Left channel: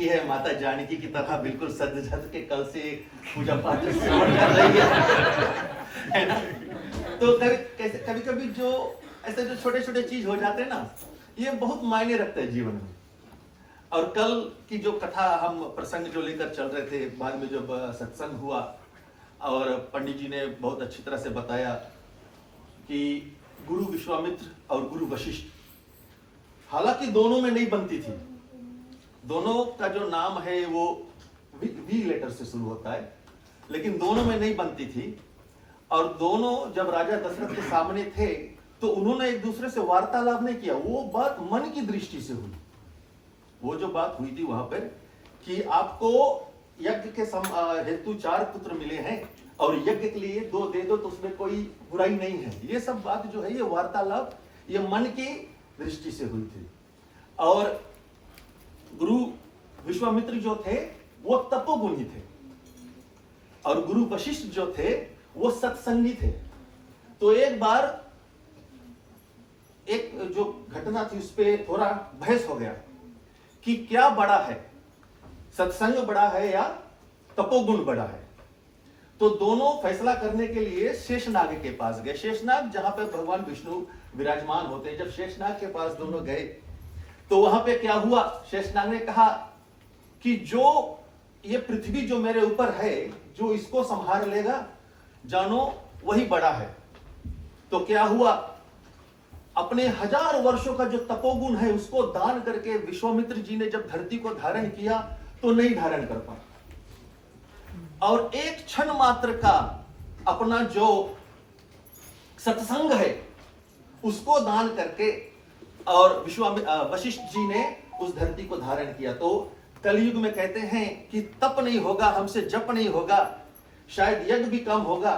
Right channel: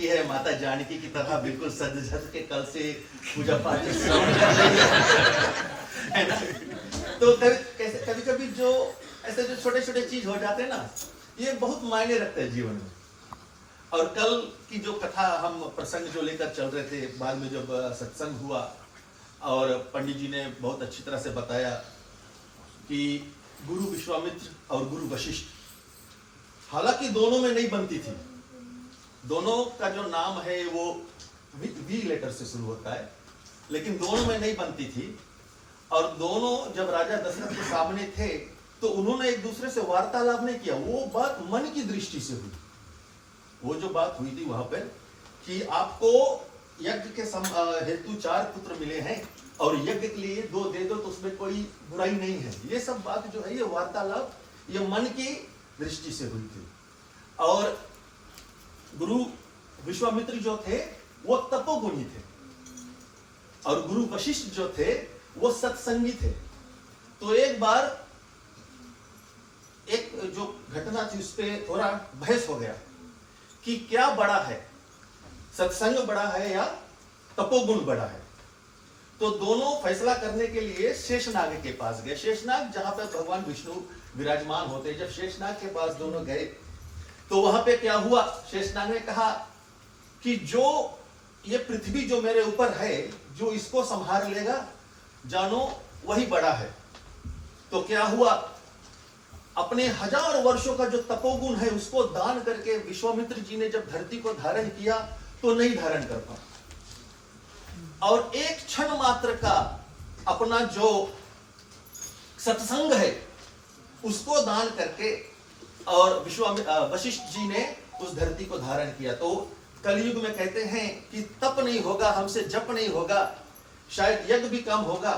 की है माता जानकी की तरह बिल्कुल सज धज के कल से पूजा पाठ शुरू कर रही है ना? तो कभी कभी जो ऐसे जो छोटे छोटे चीज हो जाते हैं ना, ये बहुत मायने रखते हैं जीवन में। और कल की जो कथा हम प्रसंग जो लेकर चल रहे थे, बाद में जब सत्संग हुआ और पंडित जी ने बहुत अच्छी तरह से बताया कि गुरु विश्वामित्र और गुरु वशिष्ठ, हालांकि दोनों में नहीं बनती थी, दोनों का जो नाम है वो वी लेटर से शुरू होता है, लेकिन दोनों में नहीं बनती थी। और दोनों जब राजा दशरथ के सामने थे तो उन्होंने एक दूसरे से वार्तालाप नहीं किया, वो बात मन की दृष्टि से हुई। वो जो बात हुई थी वहां पर कि आपको यज्ञ के हेतु 4 पुत्र मिले हैं और यज्ञ के लिए 2 दे दो, तो उसमें कोई बुराई नहीं है। ये सब बात जो है, ये वार्तालाप ये मन की दृष्टि से हुई थी। और गुरु विश्वामित्र जो थे वो तपोगुणी थे और गुरु वशिष्ठ जो थे वो सत्संगी थे। तो एक बार एक जो घटना थी उस पर थोड़ा बहस हो गया कि क्या बड़ा है, सत्संग बड़ा है या तपोगुण बड़ा है। तो दोनों फैसला करने के लिए शेषनाग के पास गए। शेषनाग जहां पे भगवान विष्णु विराजमान होते, जब शेषनाग के पास दोनों गए तो वहां पे क्या हुआ, शेषनाग ने कहा कि जो ये पृथ्वी जो मेरे ऊपर है, जो इसको संभाल लेगा जानो वही बड़ा है। तो क्या हुआ, अपने 1000 वर्षों का जो तपोगुण है उसको दान करके विश्वामित्र जी ने जब धरती को धारण किया तो नहीं धारण कर पाए। और एक क्षण मात्र का अपना जो सत्संग है उसको दान करके और वशिष्ठ जी ने उस धरती को धारण किया। तो कलयुग में कहते हैं कि तप नहीं होगा, हमसे जप नहीं होगा, शायद यज्ञ भी कम होगा,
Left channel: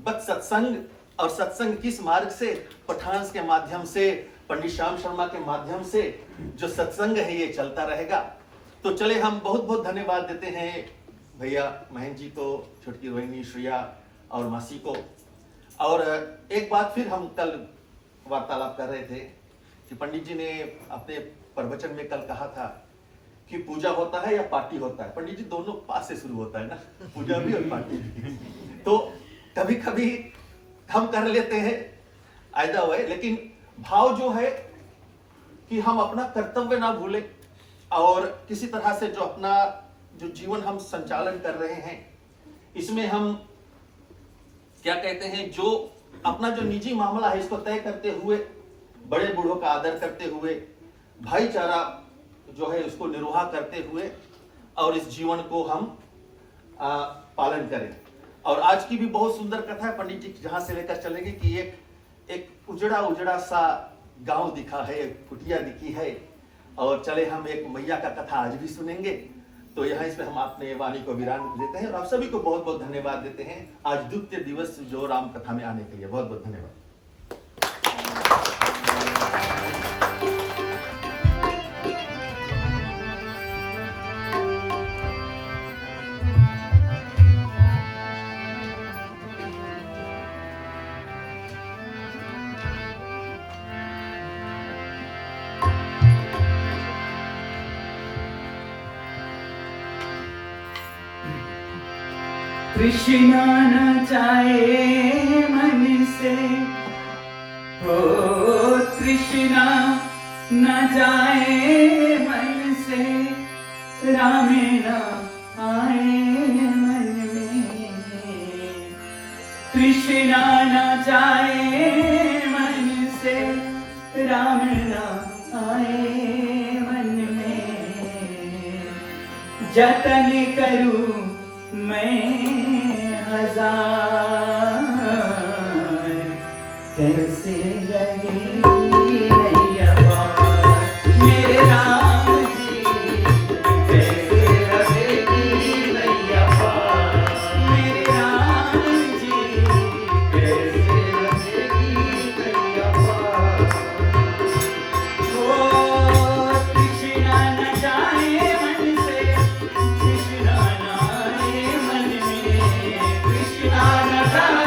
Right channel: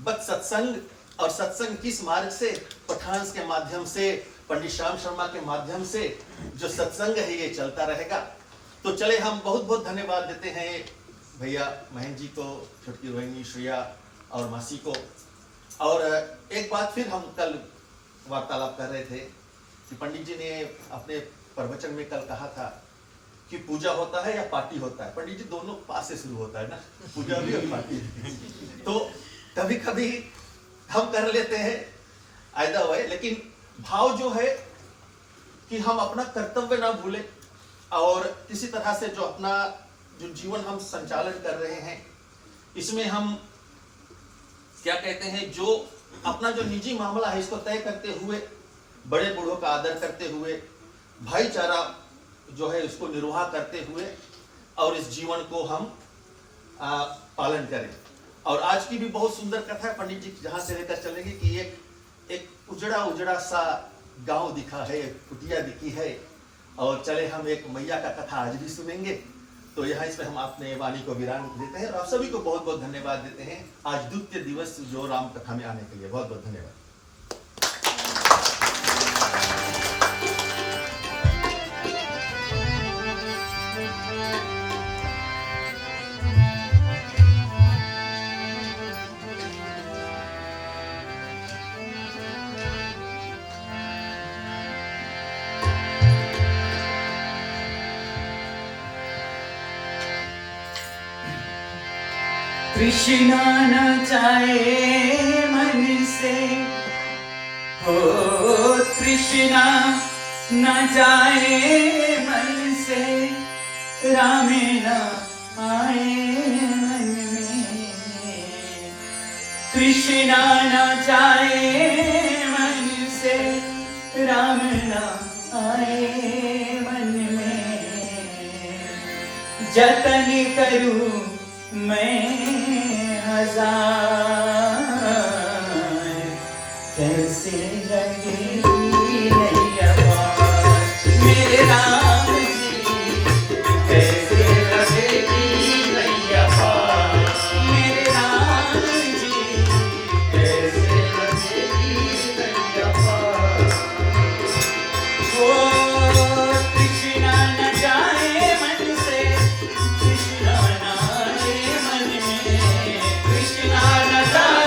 बस सत्संग। और सत्संग किस मार्ग से, पठान के माध्यम से, पंडित श्याम शर्मा के माध्यम से जो सत्संग है ये चलता रहेगा। तो चले हम बहुत बहुत धन्यवाद देते हैं भैया महेंद्र जी को, छुटकी रोहिणी, श्रिया और मासी को। और एक बात फिर हम कल वार्तालाप कर रहे थे कि पंडित जी ने अपने प्रवचन में कल कहा था कि पूजा होता है या पार्टी होता है। पंडित जी दोनों पास से शुरू होता है ना, पूजा भी और पार्टी भी। तो कभी कभी हम कर लेते हैं आयदा हुआ, लेकिन भाव जो है कि हम अपना कर्तव्य ना भूलें और किसी तरह से जो अपना जो जीवन हम संचालन कर रहे हैं इसमें हम क्या कहते हैं, जो अपना जो निजी मामला है इसको तय करते हुए, बड़े बूढ़ों का आदर करते हुए, भाईचारा जो है उसको निर्वाह करते हुए और इस जीवन को हम पालन करें। और आज की भी बहुत सुंदर कथा है, पंडित जी जहां से लेकर चलेंगे कि एक उजड़ा सा गांव दिखा है, कुटिया दिखी है, और चले हम एक मैया का कथा आज भी सुनेंगे। तो यहाँ इसमें हम अपने वाणी को विराम देते हैं और आप सभी को बहुत बहुत धन्यवाद देते हैं आज द्वितीय दिवस जो राम कथा में आने के लिए। बहुत बहुत धन्यवाद। कृष्णा न जाए मन से, हो कृष्णा न जाए मन से, राम न आए मन में। कृष्णा न जाए मन से, राम न आए मन में। जतन करूं मैं कैसे लगी नैया मेरे राम जी, कैसे लगेगी नैया मेरे राम जी, कैसे लगेगी नैया। वो कृष्णा न जाए मन से, कृष्णा न आए मन में, कृष्णा न जाए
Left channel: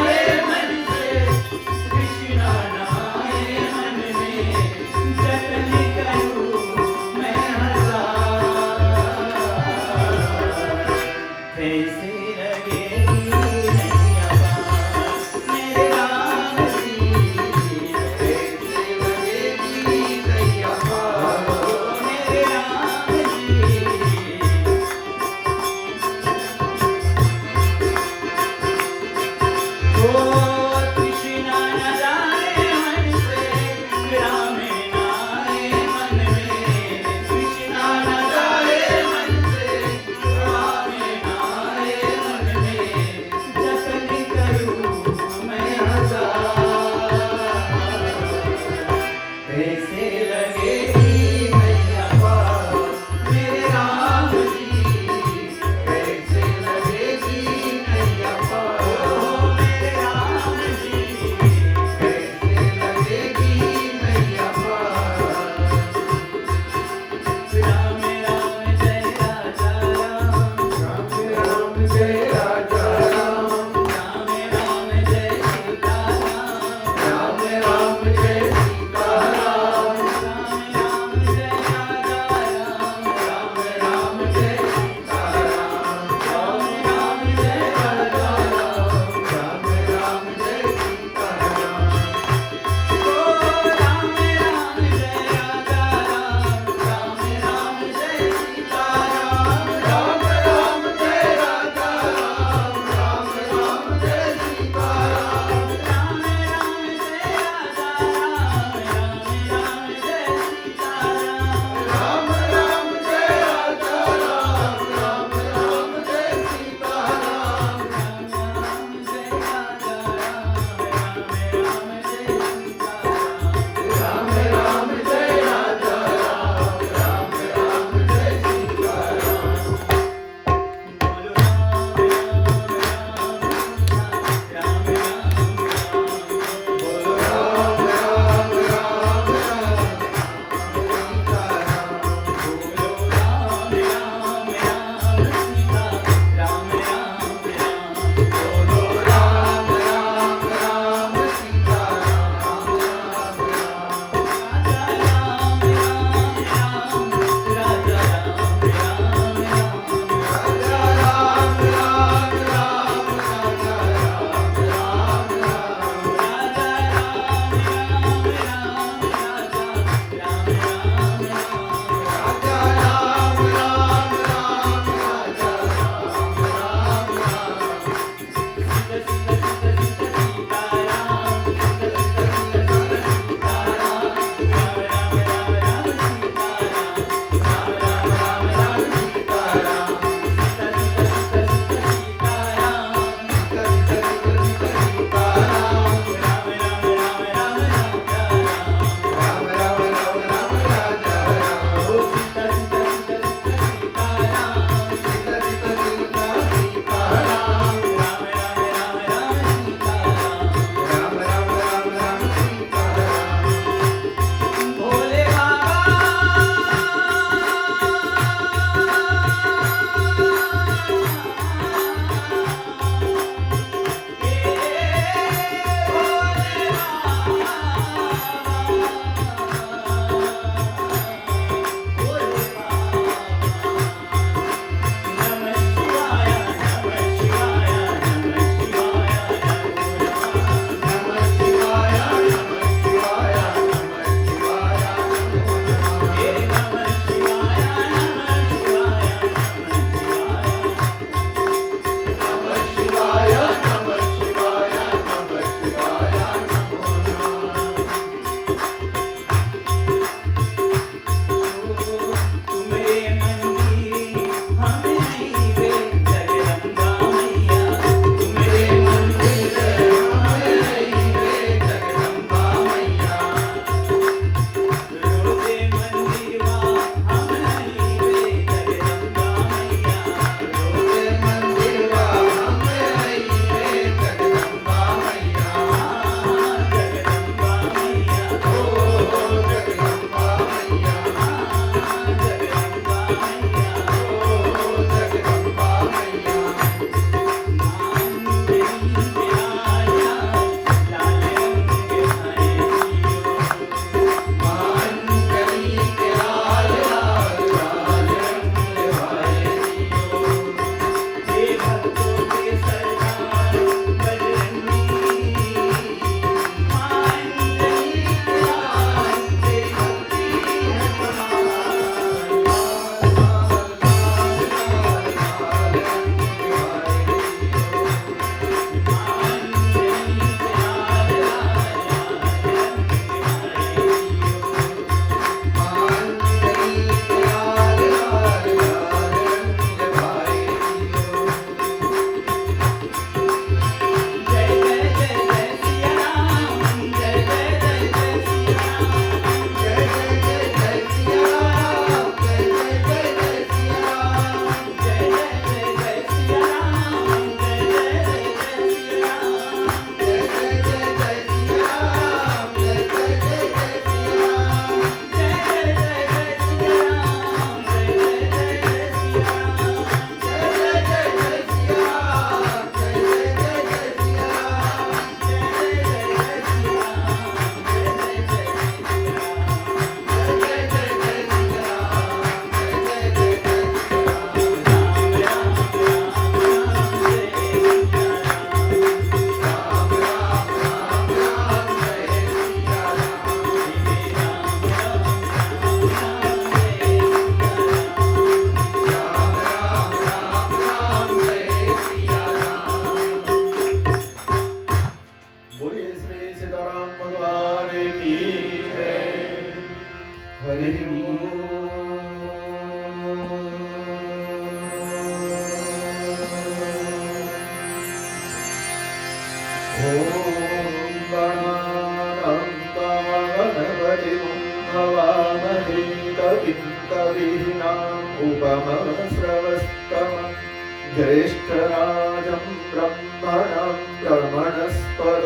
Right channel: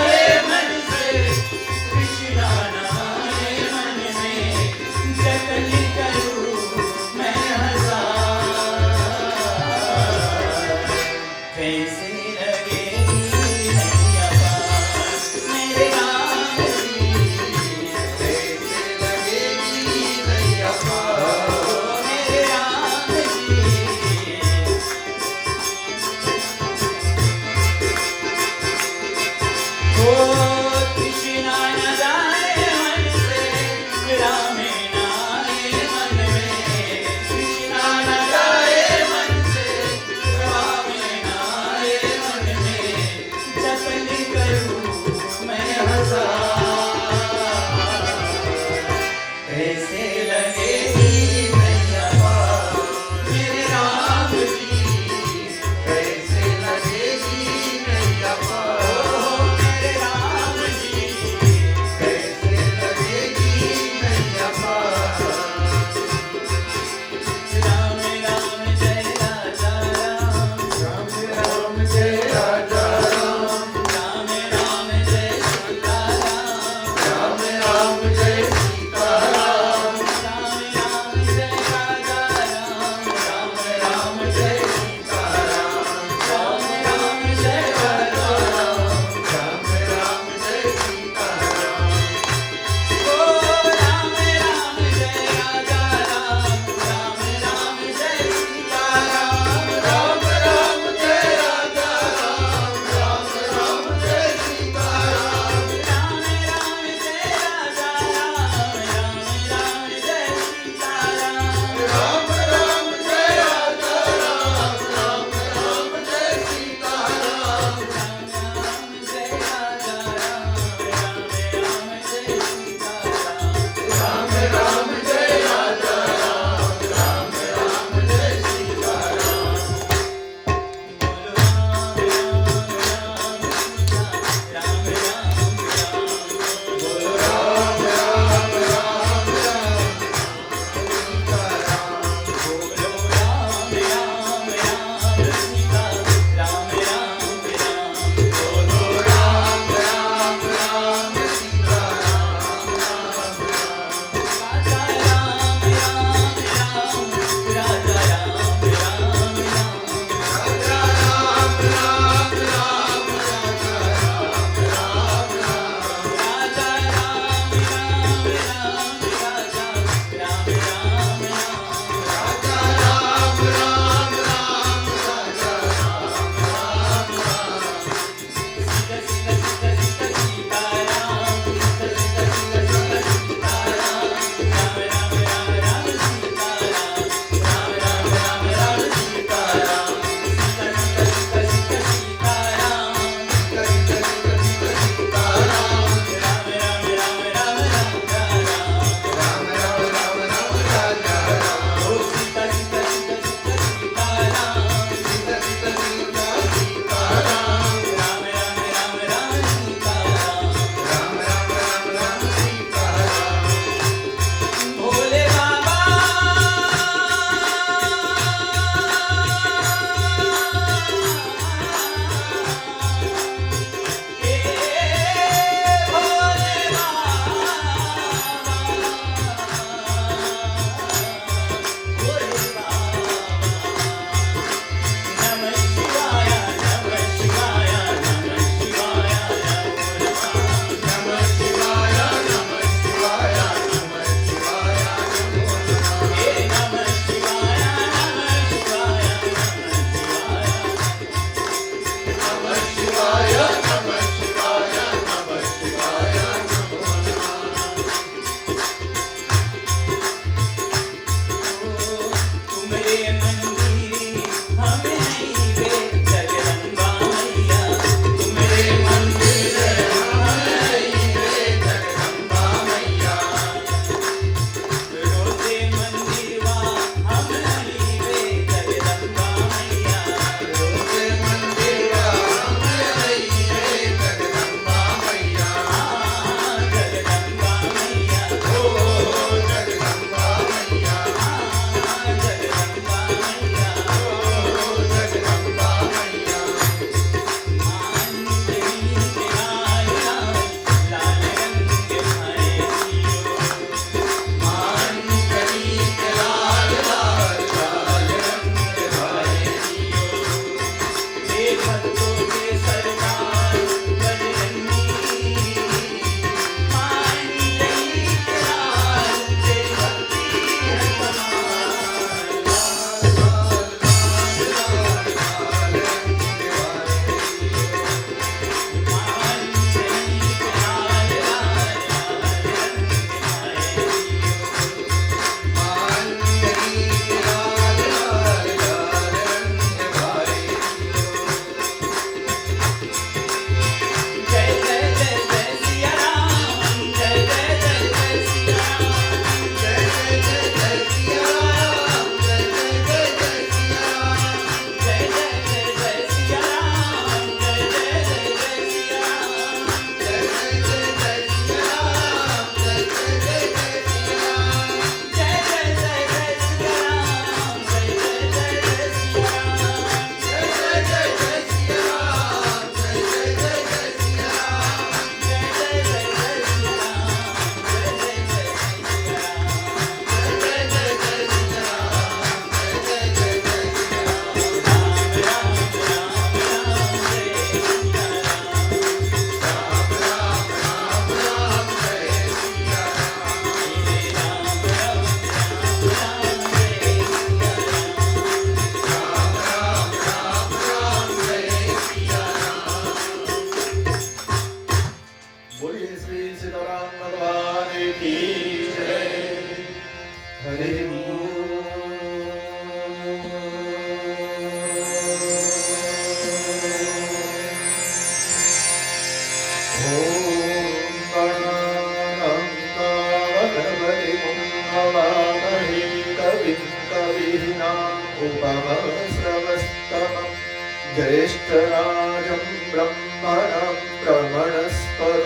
ज्येष्ठराजं ब्रह्मणं ब्रह्मणस्पद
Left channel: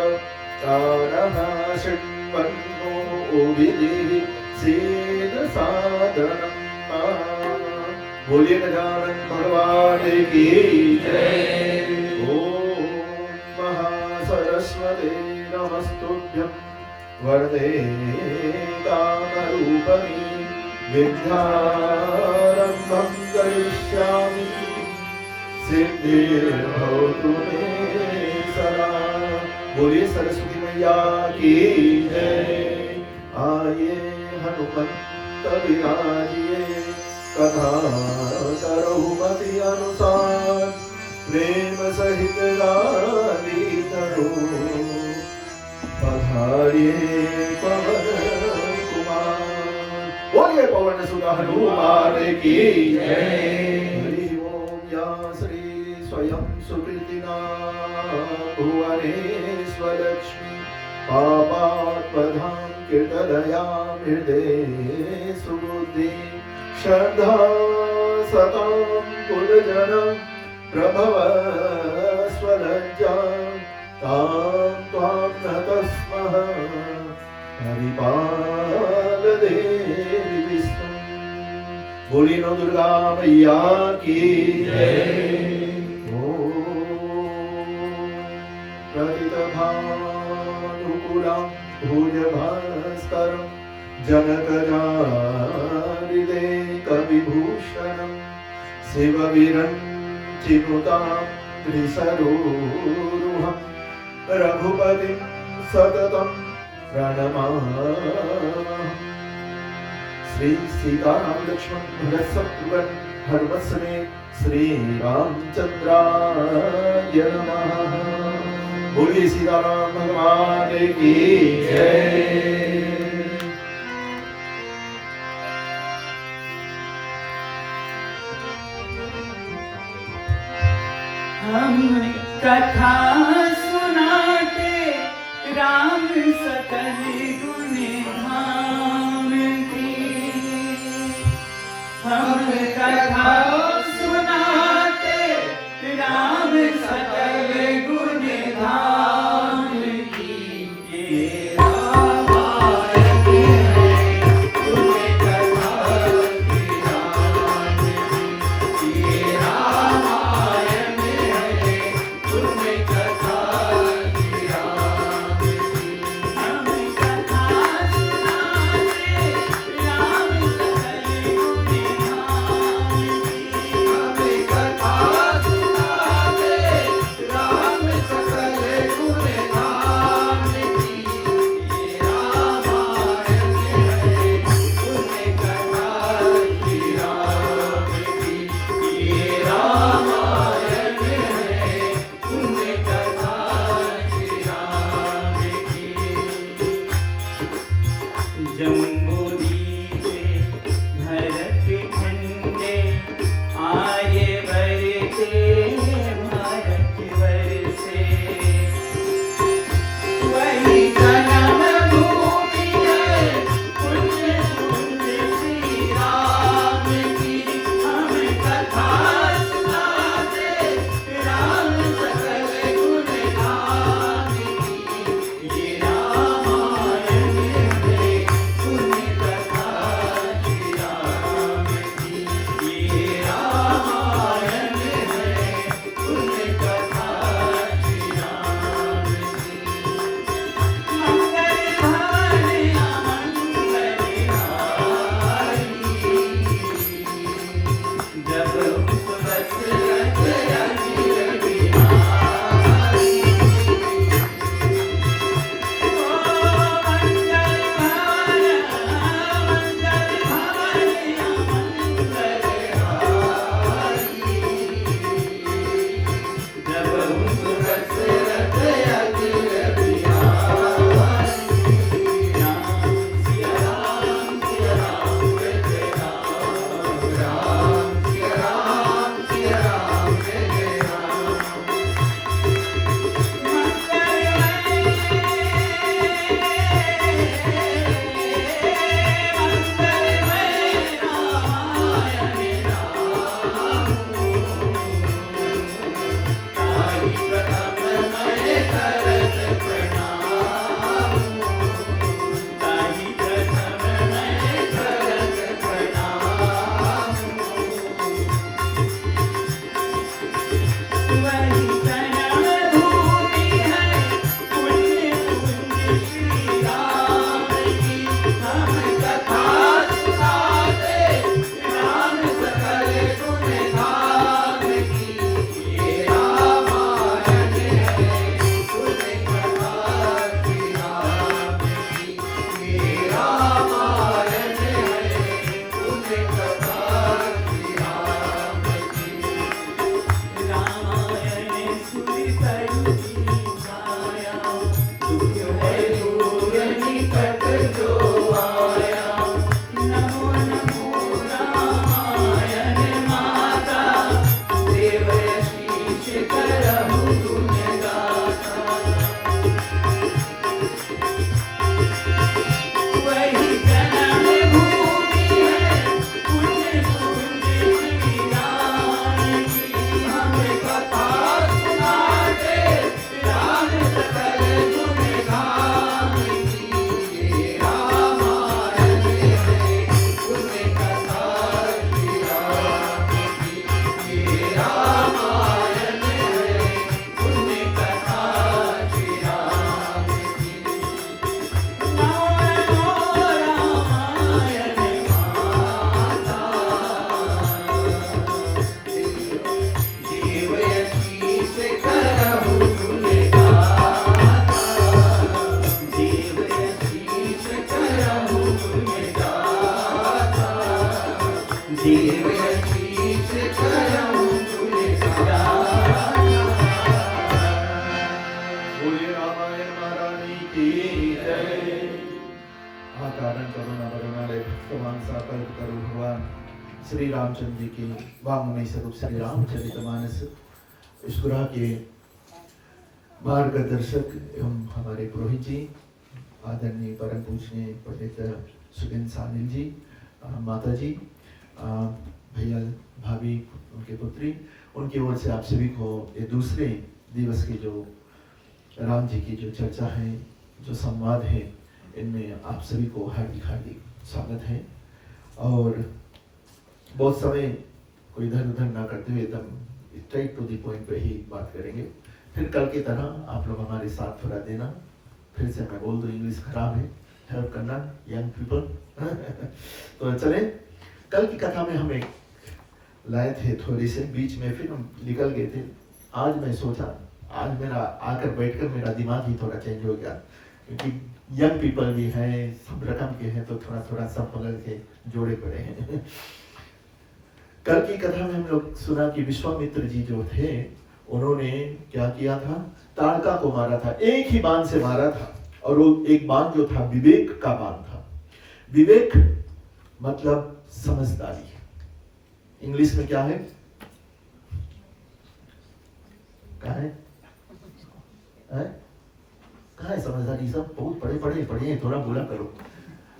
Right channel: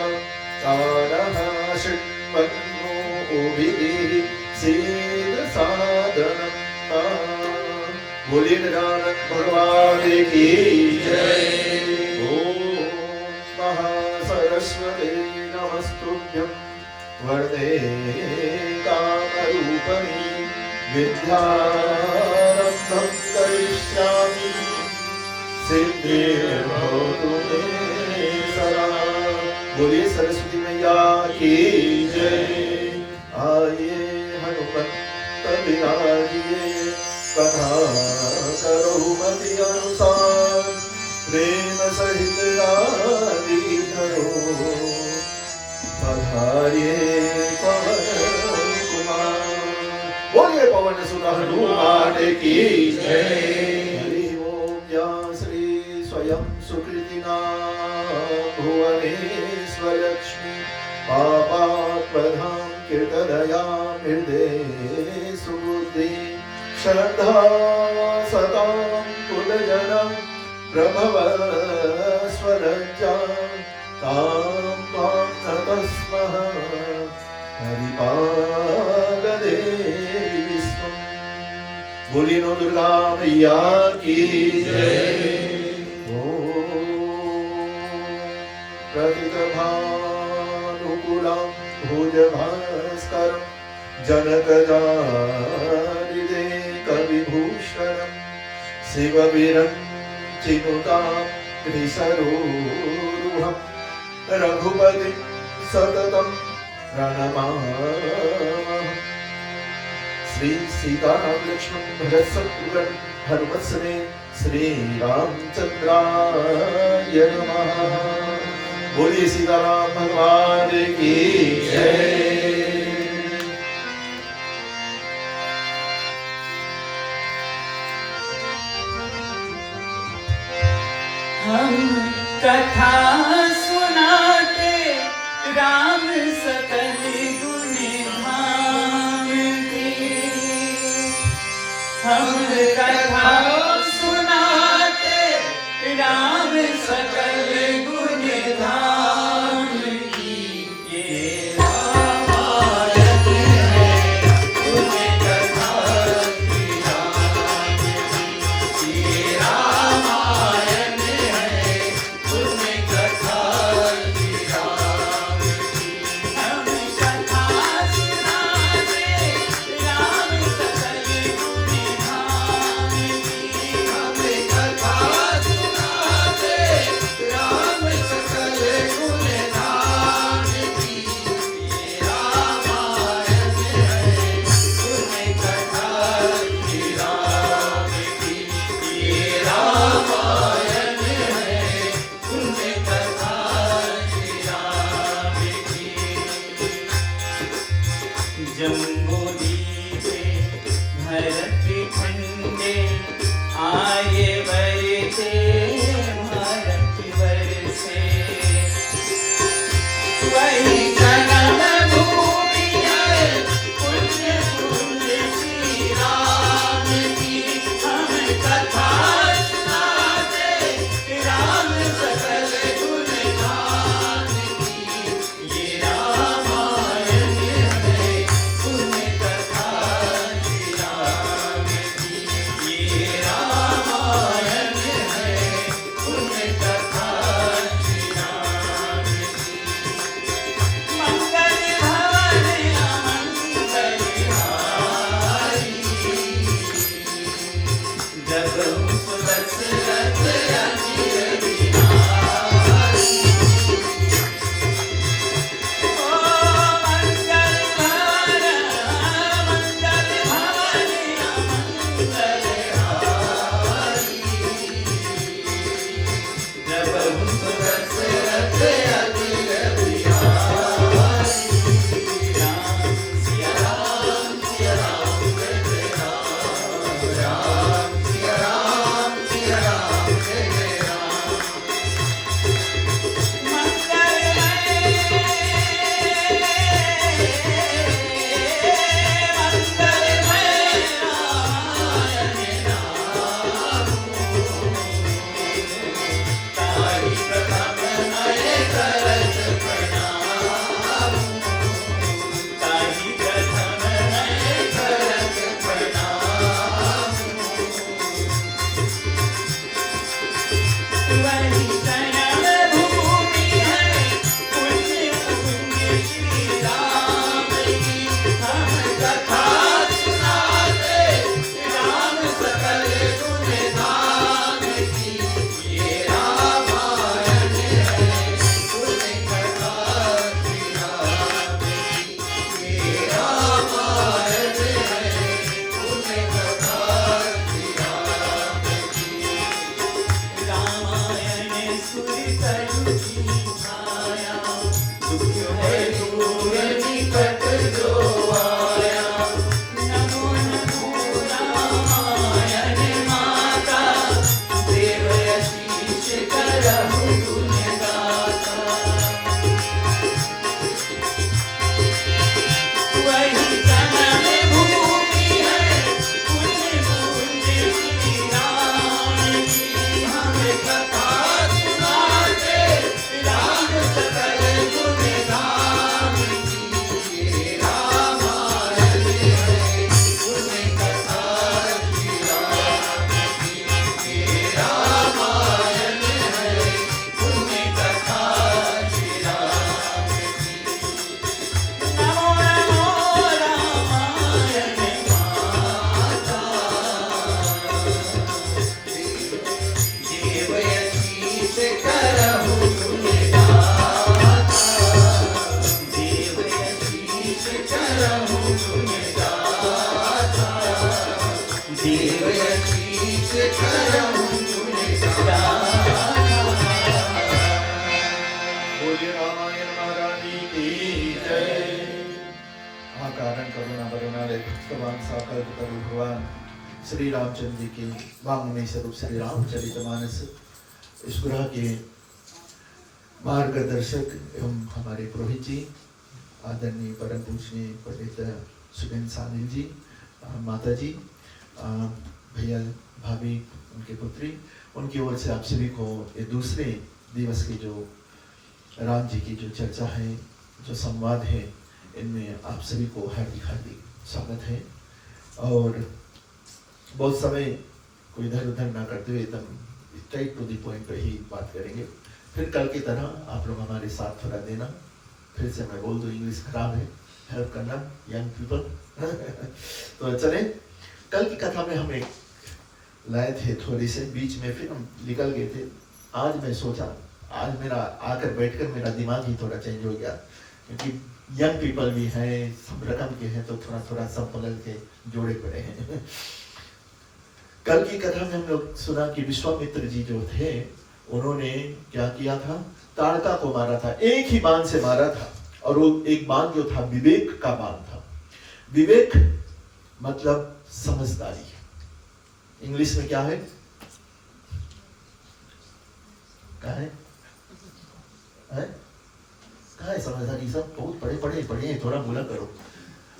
चानः शृण्वन्नो उभिः सीद सादनं बोलिए गजानन भगवान की जय। ओम महासरस्वती नमस्तुभ्यं वरदे कामरूपिणी विद्यारम्भं करिष्यामि सिद्धिर्भवतु मे सदा। बोलिए सरस्वती मैया की जय। आइए हनुमंत विराजिए कथा करो मति अनुसार प्रेम सहित गाली करो पधारिए पवन कुमार। बोलिए पवन सुत हनुमान की जय। हरि ओम या श्री स्वयं सुकृतिना भुवनेश्वर लक्ष्मी पापात्मधाम कीर्तनया हृदये सुबुद्धि श्रद्धा सतां कुलजनं प्रभव स्वलज्जा तां त्वां नतस्मः हरिपाल देवी विष्णु। बोलिए नौ दुर्गा मैया की जय। ओम प्रतिभानुकूलं भुजभास्करं जनकजारिदे कविभूषणं शिवविरञ्चिनुतां त्रिसरोरुहं रघुपतिं सततं प्रणमामः। श्री सीताराम लक्ष्मण भरत शत्रुघ्न हनुमत समेत श्री रामचंद्राय नमः। बोलिए सीताराम भगवान की जय। हम कथा सुनाते राम सकल गुण धाम की। हम कथा सुनाते राम सकल गुण धाम की। ये रामायण है तुम्हें कथा की राम की। ये रामायण है तुम्हें कथा की राम की। हम कथा सुनाते राम सकल गुण धाम की। हम कथा सुनाते राम सकल गुण धाम की। ये रामायण है तुम्हें कथा की राम की। ये रामायण है तुम्हें कथा की राम की। जम्बूरी से भरत खंडे आए बरसे भारत वर्षे। वही जन्म भूमि है पुण्य पुण्य श्री राम की। हम कथा सुनाते राम सकल गुण धाम की। ये रामायण है तुम्हें कथा की राम की। ये रामायण है तुम्हें कथा की राम की। मंगल भवन अमंगलहारी जब सुरत रत अजिर बिहारी। ओ मंगल भवन अमंगलहारी जब सुरत रत अजिर बिहारी। सिया राम कहते राम राम सिया राम श्री रामचंद्र जी के वाङ्मय स्वरूप श्री रामचरितमानस इस ग्रह के मार्गदर्शक एवं हमारे पुरोहित जी, आदरणीय परम पूजनीय पंडित सुगेंद्र सानिल जी, माता जी, भैया भाभी, उनके पुत्री, उनकी ओर से आप सभी को ये दूसरे दिवस की जो राम जी की जो चर्चा है, जो संवाद है, इनमें आप सभी को हार्दिक हार्दिक स्वागत है। और बहुत समय कोई इधर उधर ना करते हुए एकदम स्ट्रेट टू द पॉइंट पे ही बात करेंगे। फिर कल की तरह आप लोग हमारे साथ थोड़ा देना। फिर से मैं बोल दूं, इंग्लिश खराब है, हेल्प करना यंग पीपल। तो चले, कल की कथा में हम एक लाए थे थोड़ी से बीच में, फिर हम निकल गए थे। आज मैं सोचा, आज मेरा आकर बैठकर मेरा दिमाग ही थोड़ा चेंज हो गया, क्योंकि यंग पीपल भी हैं, सब रकम के हैं, तो थोड़ा थोड़ा सब बदल के जोड़े पड़े हैं। कल की कथा में हम लोग सुना कि विश्वामित्र जी जो थे, उन्होंने क्या किया था, ताड़का को मारा था, एक ही बाण से मारा था। और वो एक बाण जो था विवेक का बाण था। विवेक मतलब समझदारी। इंग्लिश में क्या है, क्या है, कहाँ है समझदारी? सब बहुत पढ़े हैं, थोड़ा बोला करो।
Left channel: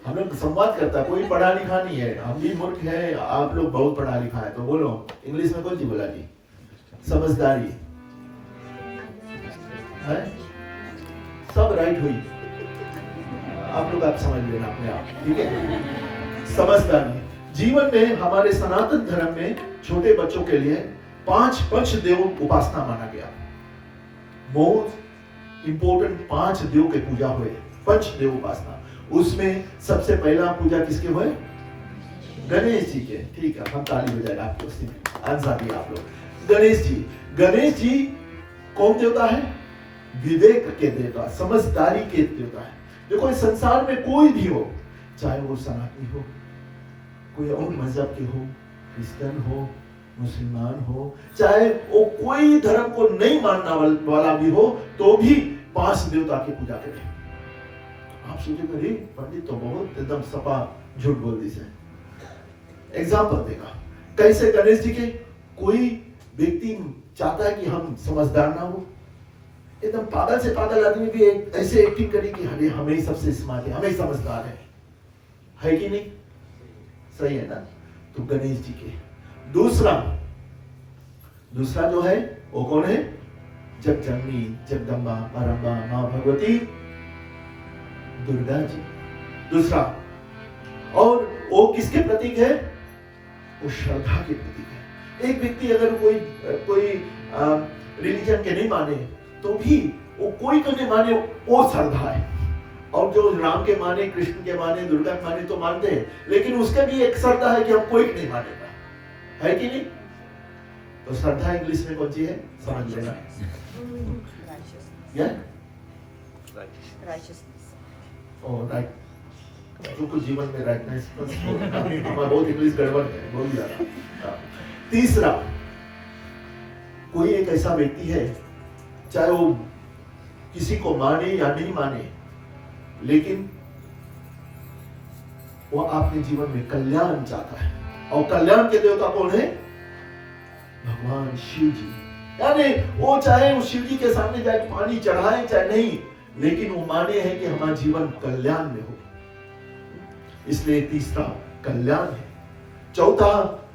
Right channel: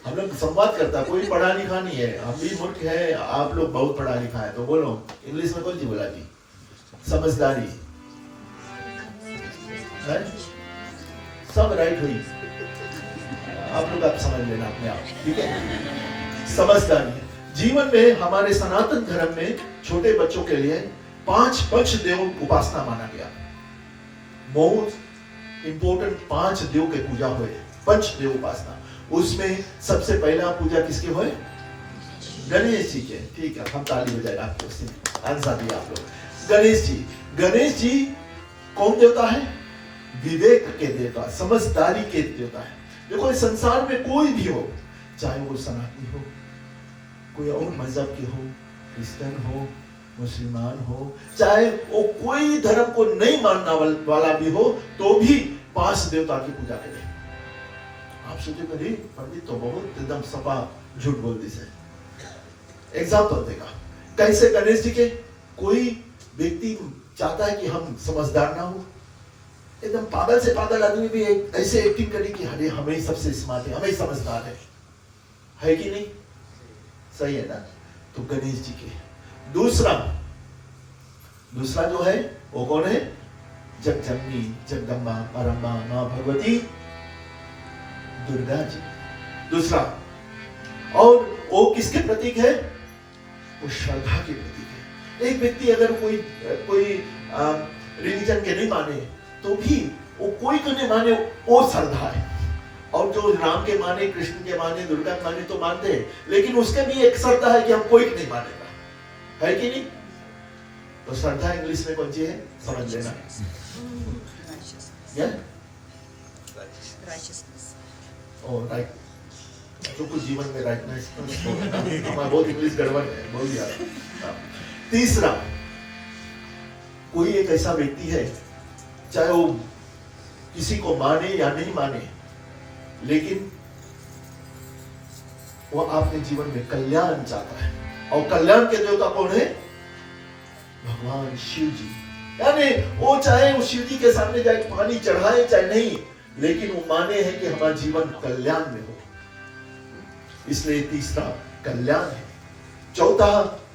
हम लोग संवाद करता, कोई पढ़ा लिखा नहीं है, हम भी मूर्ख है, आप लोग बहुत पढ़ा लिखा है, तो बोलो इंग्लिश में कौन सी बोला जी? समझदारी है, सब राइट हुई, आप लोग आप समझ लेना अपने आप, ठीक है? समझदारी। जीवन में हमारे सनातन धर्म में छोटे बच्चों के लिए 5 पंच देव उपासना माना गया। मोस्ट इंपोर्टेंट 5 देव के पूजा हुए, पंच देव उपासना। उसमें सबसे पहला पूजा किसके हुए? गणेश जी के। ठीक है, हम ताली बजाएगा आपको, आंसर दिया आप लोग। गणेश जी, गणेश जी कौन देवता है? विवेक के देवता, समझदारी के देवता है। देखो, इस संसार में कोई भी हो, चाहे वो सनातनी हो, कोई और मजहब के हो, क्रिश्चियन हो, मुसलमान हो, चाहे वो कोई धर्म को नहीं मानना वाला भी हो, तो भी 5 देवता की पूजा करें। आप सोचेगा, अरे पंडित तो बहुत एकदम सपा झूठ बोल दी से। एग्जाम्पल देगा, कैसे गणेश जी के? कोई व्यक्ति चाहता है कि हम समझदार ना हो, एकदम पागल से पागल आदमी भी ऐसे एक्टिंग करे कि अरे हमें ही सबसे स्मार्ट है, हमें ही समझदार है कि नहीं? सही है ना? तो गणेश जी के। दूसरा जो है वो कौन है? जगजननी, जगदम्बा, मारम्बा, मां भगवती दुर्गा जी। दूसरा, और वो किसके प्रतीक है? वो श्रद्धा के प्रतीक है। एक व्यक्ति अगर कोई रिलीजन के नहीं माने, तो भी वो कोई को नहीं माने, वो श्रद्धा है। और जो राम के माने, कृष्ण के माने, दुर्गा के माने तो मानते हैं, लेकिन उसके भी एक श्रद्धा है कि हम कोई नहीं मानेगा, है कि नहीं? तो श्रद्धा इंग्लिश में कौन सी है, समझ लेना। राइट, तो कुछ जीवन में राइटनेस तो हमारा बहुत इंग्लिश गड़बड़ है, बहुत ज्यादा। तीसरा, कोई एक ऐसा व्यक्ति है, चाहे वो किसी को माने या नहीं माने, लेकिन वो अपने जीवन में कल्याण चाहता है। और कल्याण के देवता कौन है? भगवान शिव जी। यानी वो चाहे उस शिव जी के सामने जाए पानी चढ़ाए चाहे नहीं, लेकिन वो माने हैं कि हमारा जीवन कल्याण में हो, इसलिए तीसरा कल्याण है। चौथा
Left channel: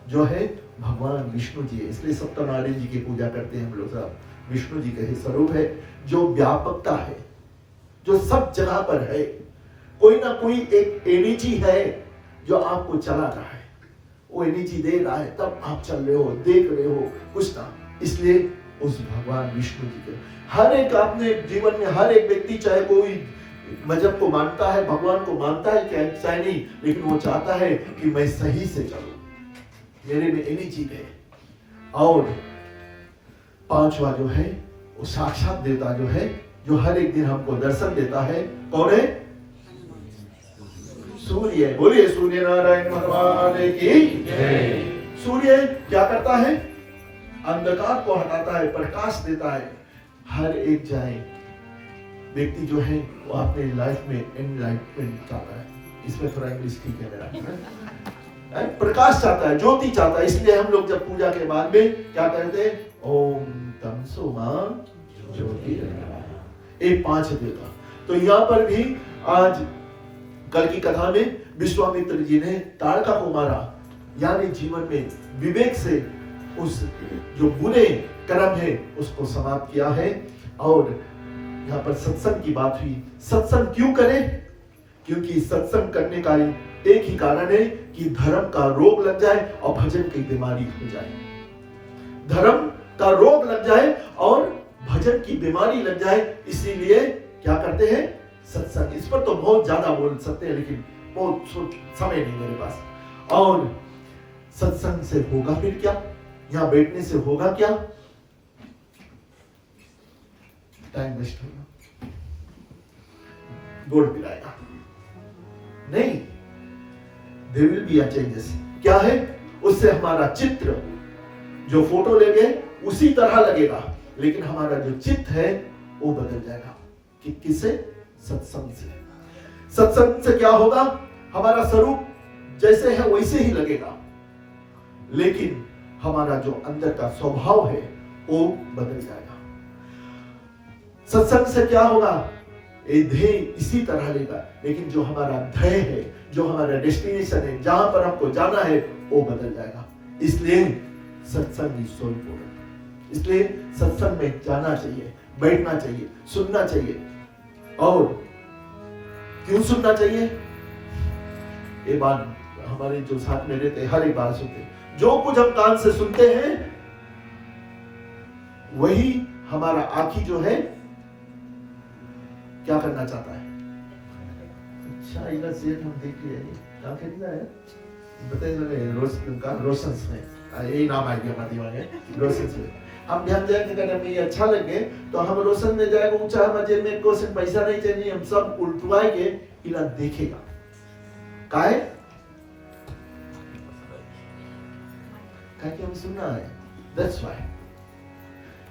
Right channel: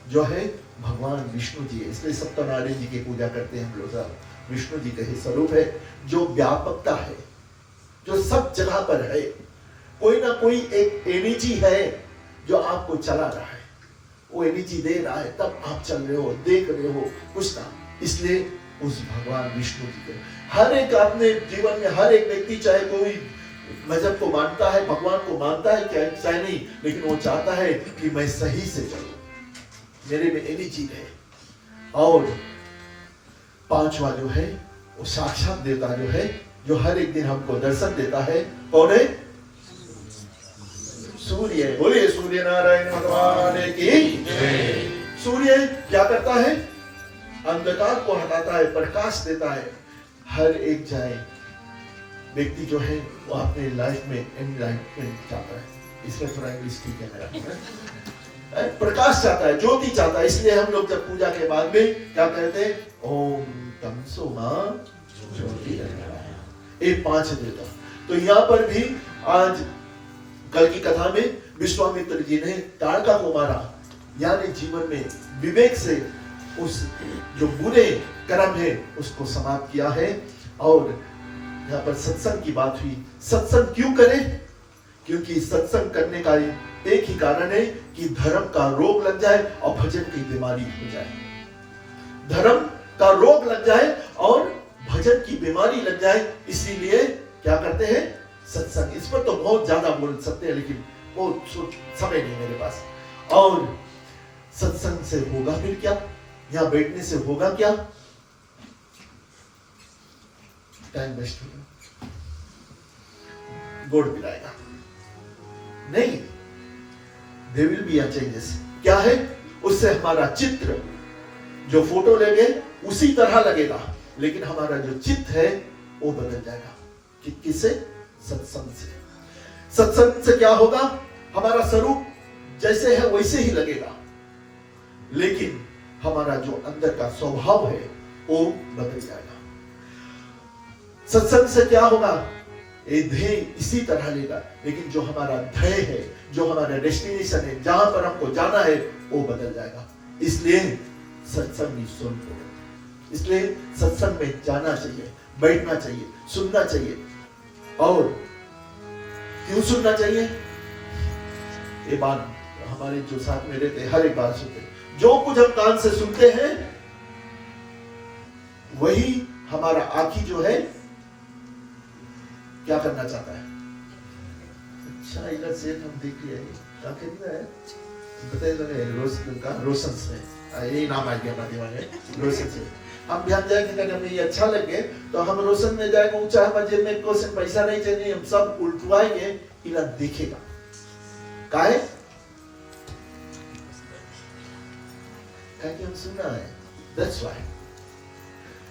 जो है भगवान विष्णु जी, इसलिए सत्यनारायण जी की पूजा करते हैं हम लोग। विष्णु जी का ही स्वरूप है, जो व्यापकता है, जो सब जगह पर है। कोई ना कोई एक एनर्जी है जो आपको चला रहा है, वो एनर्जी दे रहा है, तब आप चल रहे हो, देख रहे हो कुछ ना। इसलिए उस भगवान विष्णु जी को हर एक अपने जीवन में, हर एक व्यक्ति चाहे कोई मजहब को मानता है, भगवान को मानता है क्या चाहे नहीं, लेकिन वो चाहता है कि मैं सही से चलूं, मेरे में एनर्जी है। और पांचवा जो है वो साक्षात देवता जो है, जो हर एक दिन हमको दर्शन देता है, कौन है? सूर्य। बोलिए सूर्य नारायण भगवान की जय। सूर्य क्या करता है? अंधकार को हटाता है, प्रकाश देता है। हर एक जाए व्यक्ति जो है वो अपने लाइफ में एनलाइटमेंट चाहता है। इसमें थोड़ा इंग्लिश ठीक है मेरा, प्रकाश चाहता है, ज्योति चाहता है। इसलिए हम लोग जब पूजा के बाद में क्या कहते हैं, ओम तमसो मां ज्योति, एक 5 देता। तो यहाँ पर भी आज कल की कथा में विश्वामित्र जी ने ताड़का को मारा, यानी जीवन में विवेक से उस जो बुरे कर्म है उसको समाप्त किया है। और यहाँ पर सत्संग की बात हुई। सत्संग क्यों करें? क्योंकि सत्संग करने का एक ही कारण है कि धर्म का रोग लग जाए और भजन की बीमारी हो जाए। धर्म का रोग लग जाए और भजन की बीमारी लग जाए, इसीलिए क्या करते हैं, सत्संग। इस पर तो बहुत ज्यादा बोल सकते हैं, लेकिन बहुत समय नहीं मेरे पास। और सत्संग से होगा फिर क्या? यहाँ बैठने से होगा क्या? टाइम वेस्ट होगा, गोड़ पिलाएगा नहीं। There will be a changes. क्या है? उससे हमारा चित्र, जो फोटो लेंगे उसी तरह लगेगा, लेकिन हमारा जो चित्त है वो बदल जाएगा। किससे? सत्संग से। सत्संग से क्या होगा? हमारा स्वरूप जैसे है वैसे ही लगेगा, लेकिन हमारा जो अंदर का स्वभाव है वो बदल जाएगा। सत्संग से क्या होगा? ये ध्येय इसी तरह लेगा, लेकिन जो हमारा ध्येय है, जो हमारा डेस्टिनेशन है, जहां पर हमको जाना है, वो बदल जाएगा। इसलिए सत्संग इज सो इम्पोर्टेंट। इसलिए सत्संग में जाना चाहिए, बैठना चाहिए, सुनना चाहिए। और क्यों सुनना चाहिए? ये बात हमारे जो साथ में रहते हर एक बार सुनते हैं। जो कुछ हम कान से सुनते हैं वही हमारा आँखी जो है क्या करना चाहता है। अच्छा, इधर से हम देख लिया, क्या कितना है बताइए। रोशन से यही नाम आ गया रोशन से हम ध्यान जाएंगे। अगर हमें अच्छा लगे तो हम रोशन में जाएंगे, ऊंचा मजे में क्वेश्चन पैसा नहीं चाहिए, हम सब उल्टवाएंगे, इला देखेगा काहे हम सुनना है। That's why.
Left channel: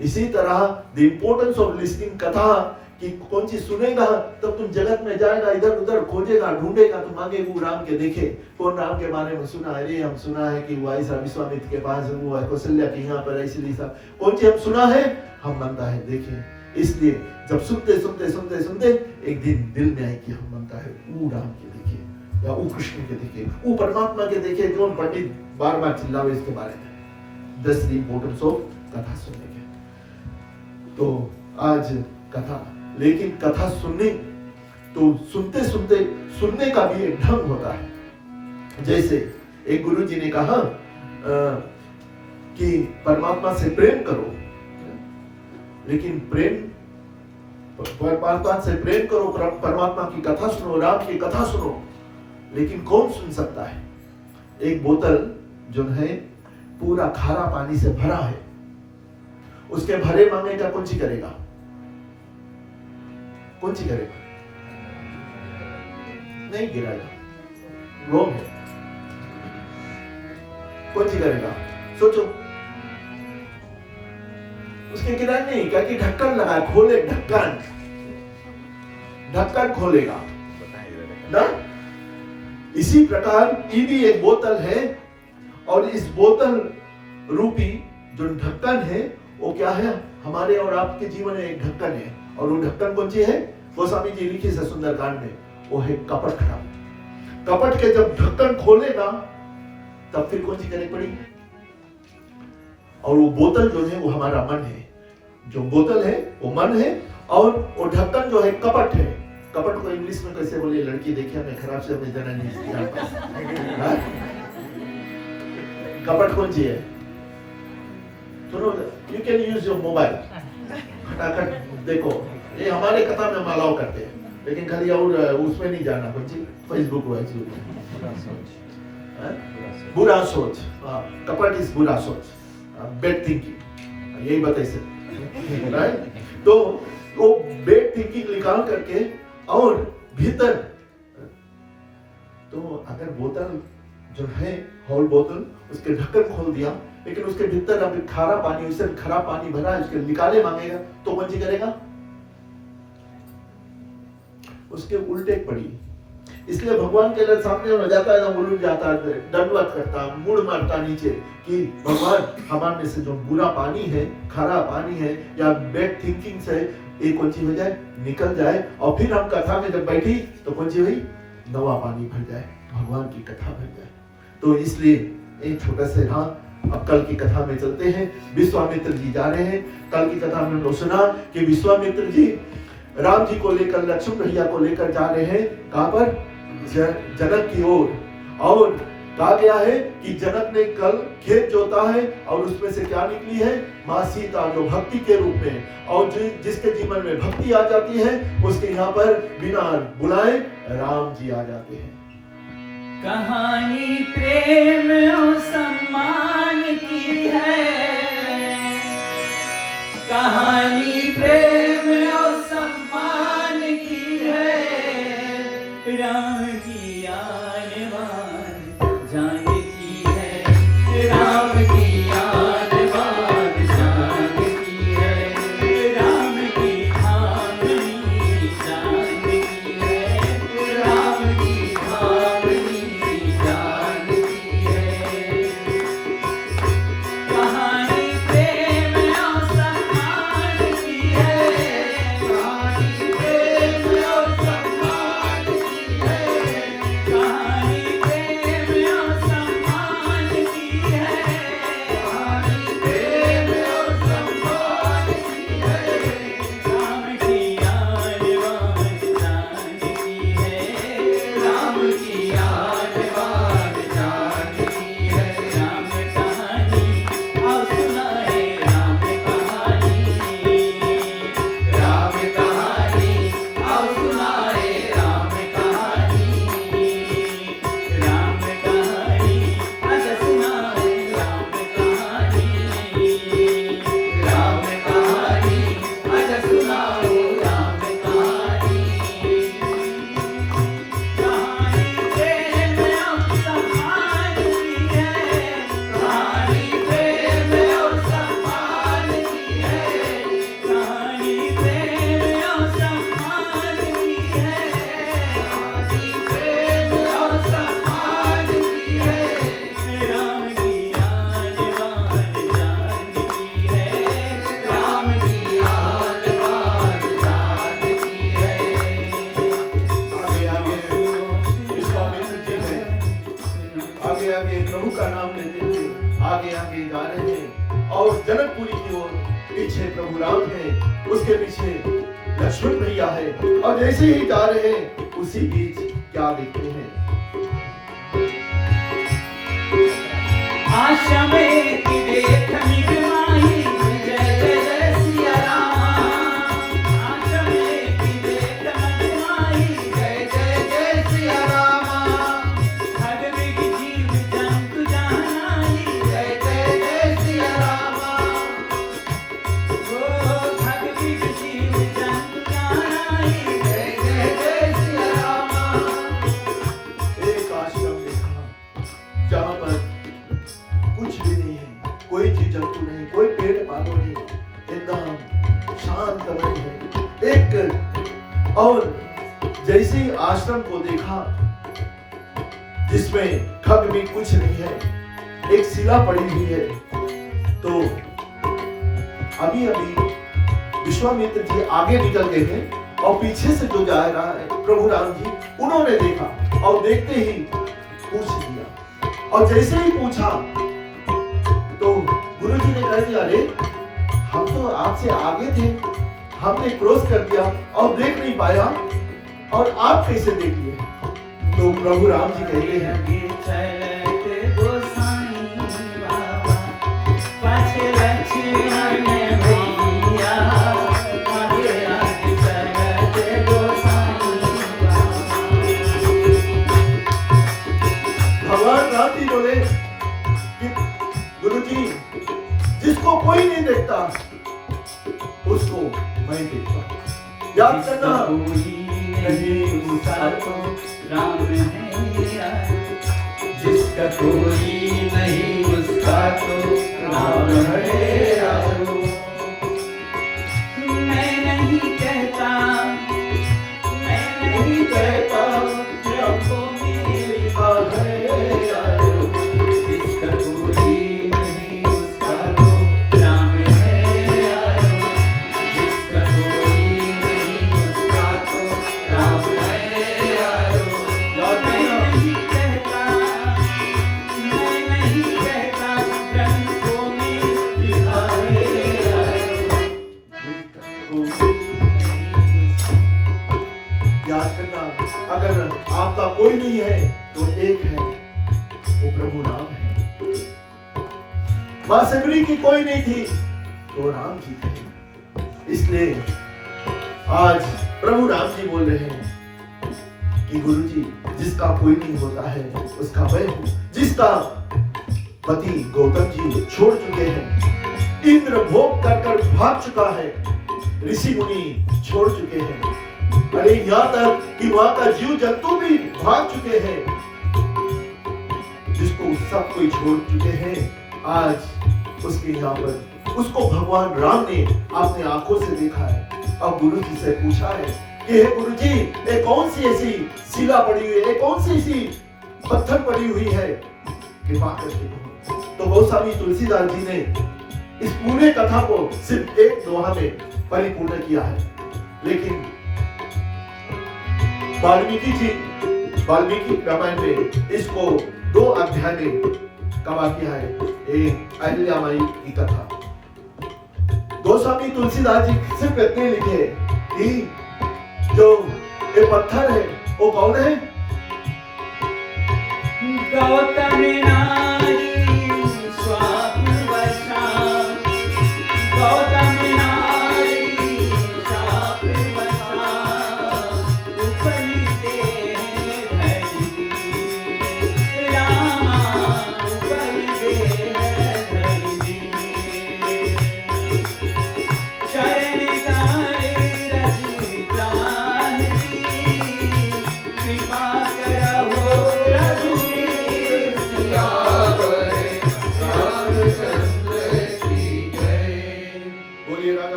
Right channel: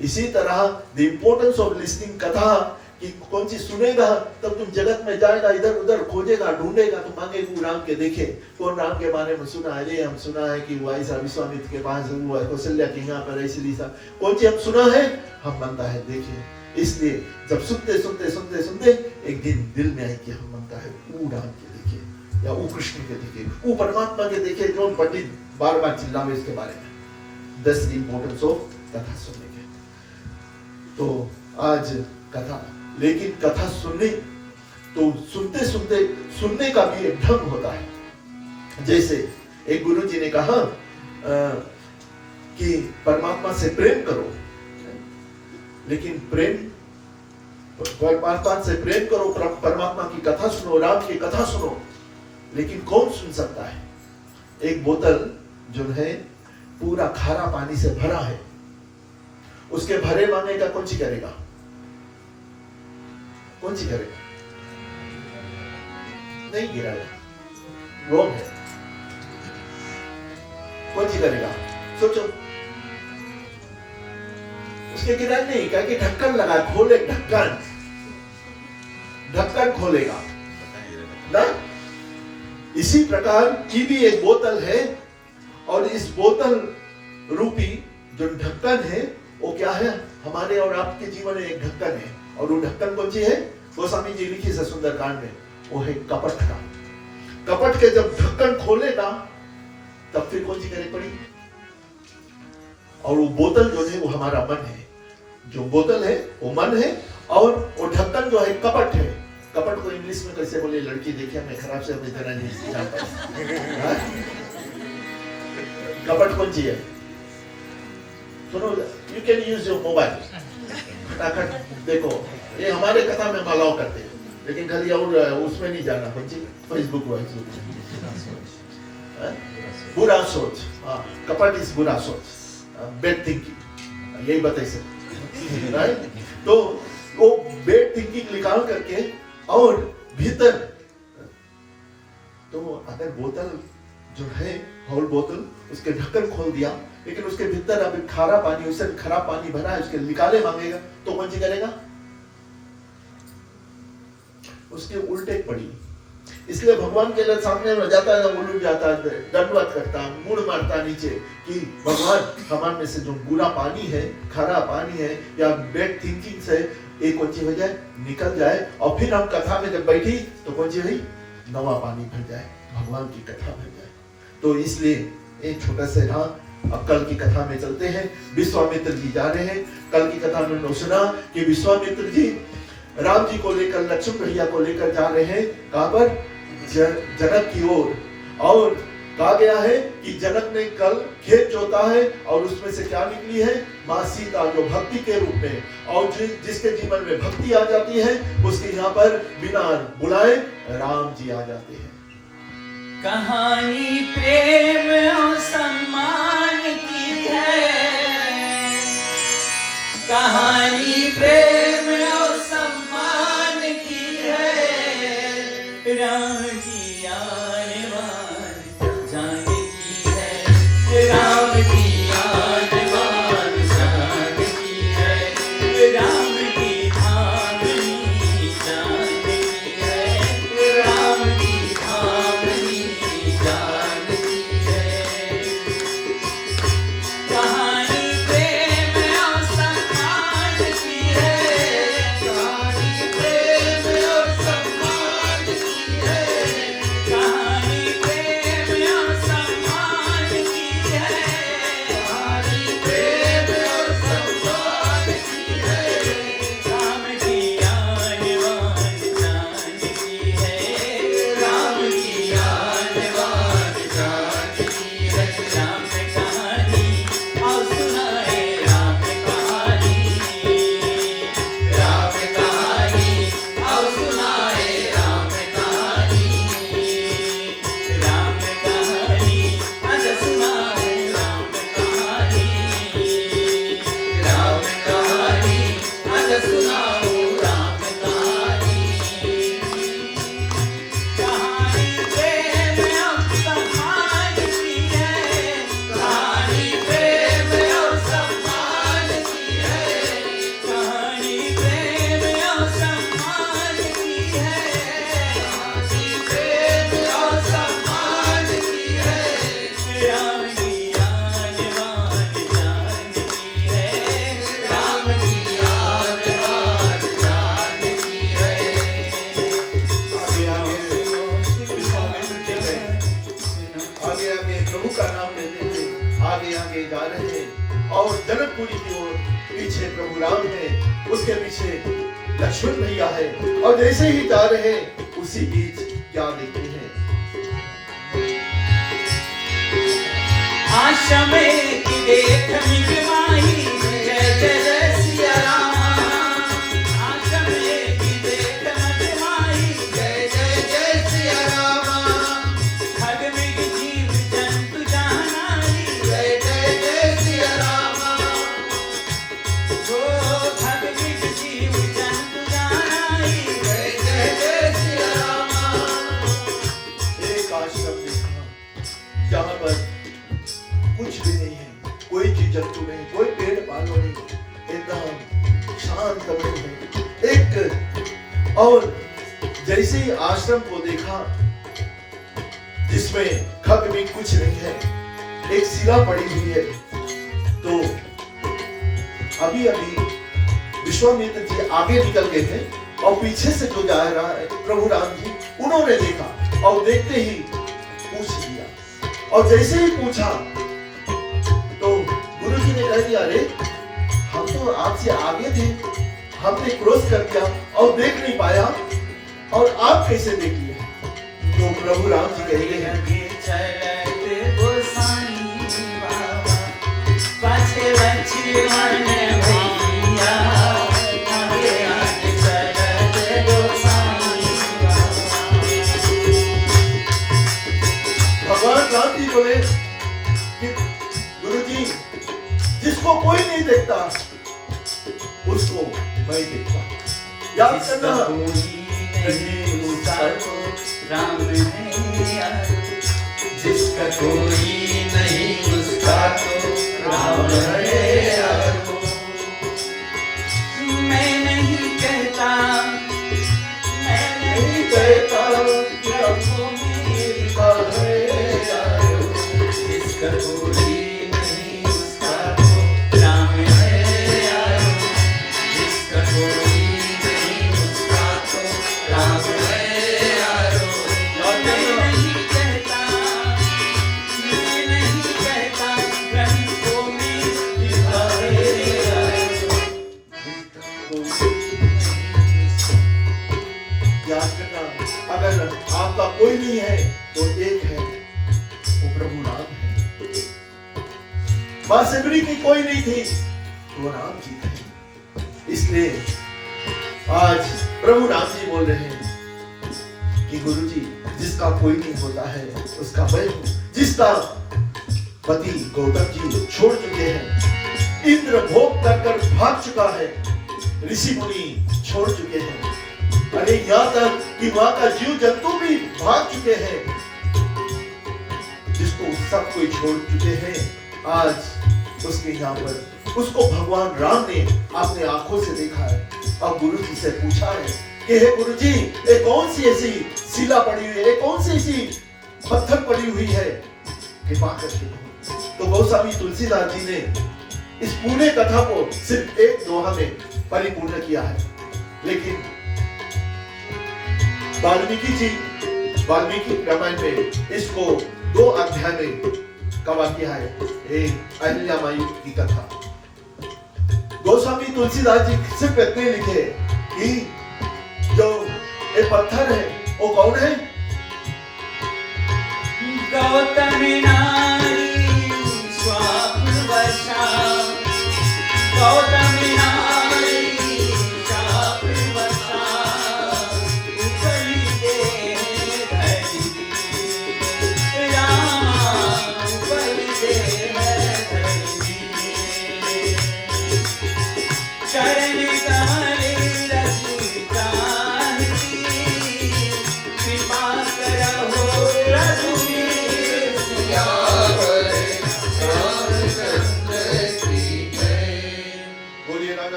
इसी तरह the importance of listening कथा, कि कौन सी सुनेगा तब तुम जगत में जाएगा, इधर उधर खोजेगा, ढूंढेगा, तो मांगेगा राम के देखे कौन राम के बारे में सुना है। ये हम सुना है कि वो ऐसा विश्वामित्र के पास वो है, कौशल्या के यहाँ पर ऐसी रीसा, कौन सी हम सुना है, हम मांगता है देखे। इसलिए जब सुनते सुनते सुनते सुनते एक दिन दिल में आए कि हम मांगता है वो राम के देखे, या वो कृष्ण के देखे, वो परमात्मा के देखे। कौन पंडित बार बार चिल्लाओ इसके बारे में। That's the importance of कथा सुनने के। तो आज कथा, लेकिन कथा सुनने तो सुनते सुनते सुनने का भी एक ढंग होता है। जैसे एक गुरु जी ने कहा कि परमात्मा से प्रेम करो, लेकिन परमात्मा से प्रेम करो, परमात्मा की कथा सुनो, राम की कथा सुनो, लेकिन कौन सुन सकता है? एक बोतल जो है पूरा खारा पानी से भरा है, उसके भरे मांगे का कौन सी करेगा? कौन सी करेगा? नहीं गिराएगा, रोग है। कौन सी करेगा? सोचो। उसके गिरा नहीं, क्या कि ढक्कन लगा, खोले ढक्कन, ढक्कन खोलेगा ना। इसी प्रकार ये भी एक बोतल है, और इस बोतल रूपी जो ढक्कन है वो क्या है? हमारे और आपके जीवन में एक ढक्कन है, और वो ढक्कन कौन सी है? गोस्वामी जी लिखे से सुंदरकांड में, वो है कपट का। कपट के जब ढक्कन खोलेगा तब फिर कौन सी करे पड़ी? और वो बोतल जो है वो हमारा मन है, जो बोतल है वो मन है, और वो ढक्कन जो है कपट है। कपट को इंग्लिश में कैसे बोले? लड़की देखिए मैं खराब से अपनी तरह नहीं जानता। कपट कौन सी है? सुनो, you can use your mobile, फटाफट देखो। ये हमारे कथा में अलाउ करते हैं, लेकिन खाली और उसमें नहीं जाना। कौन सी? फेसबुक बुरा सोच। कपट इज बुरा सोच, बैड थिंकिंग, यही बताइए सर, राइट? तो वो बैड थिंकिंग निकाल करके और भीतर, तो अगर बोतल जो है होल बोतल, उसके ढक्कन खोल दिया, लेकिन उसके भीतर अभी खारा पानी, उससे खराब पानी भरा है, उसके निकाले मांगेगा तो कौन सी करेगा? उसके उल्टे पड़ी, इसलिए भगवान के सामने हो जाता है, उलझ जाता है, दंडवत करता है, मुड़ मारता नीचे कि भगवान हमारे में से जो बुरा पानी है, खरा पानी है या बैड थिंकिंग से एक कौन सी हो जाए, निकल जाए, और फिर हम कथा में जब बैठी तो कौन सी हुई, नवा पानी भर जाए, भगवान की कथा भर जाए। तो इसलिए एक छोटा सा हाँ, अब कल की कथा में चलते हैं। विश्वामित्र जी जा रहे हैं। कल की कथा में हमने सुना कि विश्वामित्र जी राम जी को लेकर, लक्ष्मण भैया को लेकर जा रहे हैं, कहां पर, जनक की ओर। और कहा गया है कि जनक ने कल खेत जोता है और उसमें से क्या निकली है, माँ सीता, जो भक्ति के रूप में, और जिसके जीवन में भक्ति आ जाती है उसके यहाँ पर बिना बुलाए राम जी आ जाते हैं। कहानी प्रेम और सम्मान की है, कहानी प्रेम और सम्मान की है, राम की आने वाली जान की है, राम की आने वाली जान की है, राम की आमनी जान की है, राम की आमनी जान की है। कहानी प्रेम और सम्मान की है, कहानी प्रेम और सम्मान की है, कहानी प्रेम और सम्मान की है, कहानी प्रेम और सम्मान की है, राम की आने वाली जान की है, राम की आने वाली जान की है, राम कहानी और सुनाए, राम कहानी, राम कहानी और सुनाए, राम कहानी, राम कहानी अज सुनाए, राम कहानी, राम कहानी अज सुनाओ, राम कहानी। कहानी प्रेम और सम्मान की है, कहानी प्रेम और सम्मान की है, कहानी प्रेम और सम्मान की है, कहानी प्रेम और सम्मान की है, राम की आने वाली जान की है, राम की आने वाली जान की है। आगे आगे विश्वामित्र जी गए, आगे आगे प्रभु का नाम लेते हुए आगे आगे जा रहे हैं, और जनकपुरी की ओर पीछे प्रभु राम है, उसके पीछे लक्ष्मण भैया है, और जैसे ही जा रहे हैं उसी बीच क्या देखते हैं, आशा में की देख मिटवाई, जय जय जय सिया राम। आशा में की देख मिटवाई, जय जय जय सिया राम। खग मृग जीव जंतु जान आई, जय जय जय सिया राम। जो खग मृग जीव जंतु जान आई, जय जय जय सिया राम। एक आश्रम देखा जहाँ पर कुछ भी नहीं है, कोई जीव जंतु नहीं, कोई पेड़ पानी नहीं, एकदम शांत मन है। एक और जैसे ही आश्रम को देखा जिसमें खग में कुछ नहीं है, एक शिला पड़ी हुई है, तो अभी अभी विश्वामित्र जी आगे निकल गए हैं और पीछे से जो जा रहा है प्रभु राम जी, उन्होंने देखा और देखते ही पूछ दिया, और जैसे ही पूछा तो गुरु जी ने कह दिया, अरे हम तो आपसे आगे थे, हमने क्रॉस कर दिया और देख नहीं पाया, और आप कैसे देख लिए? तो प्रभु राम जी कह रहे हैं, चलते गोसाई बाबा, पाछे लक्ष्मण भैया, आगे आगे चलते गोसाई बाबा। भगवान राम जी बोले कि गुरु जी, जिसको कोई नहीं देखता उसको मैं देखता हूं। याद जिसका करना, कोई नहीं उसका तो राम है, जिसका कोई नहीं उसका तो राम है। मैं नहीं कहता, मैं नहीं कहता थी तो राम जी थे। इसलिए आज प्रभु राम जी बोल रहे हैं कि गुरु जी, जिसका कोई नहीं होता है उसका मैं हूं। जिसका पति गौतम जी छोड़ चुके हैं, इंद्र भोग कर भाग चुका है, ऋषि मुनि छोड़ चुके हैं, अरे यहाँ तक कि वहां का जीव जंतु भी भाग चुके हैं, जिसको सब कोई छोड़ चुके हैं, आज उसके यहाँ पर उसको भगवान राम ने अपने आंखों से देखा है। अब गुरु जी से पूछा है कि हे गुरु जी, ये कौन सी ऐसी शिला पड़ी हुई है, ये कौन सी ऐसी पत्थर पड़ी हुई है, कृपा करके। तो गोस्वामी तुलसीदास जी ने इस पूरे कथा को सिर्फ एक दोहा में परिपूर्ण किया है, लेकिन वाल्मीकि रामायण में इसको 2 अध्याय में कवर किया है। एक अहिल्याबाई की कथा। गोस्वामी तुलसीदास जी सिर्फ इतने लिखे कि जो ये पत्थर है वो कौन है? गौतम नारी स्वप्नवशा, गौतम नारी स्वप्नवशा, उपलिते धरी रामा, उपलिते धरी चरण तारे रचिता कृपा करहो प्रभु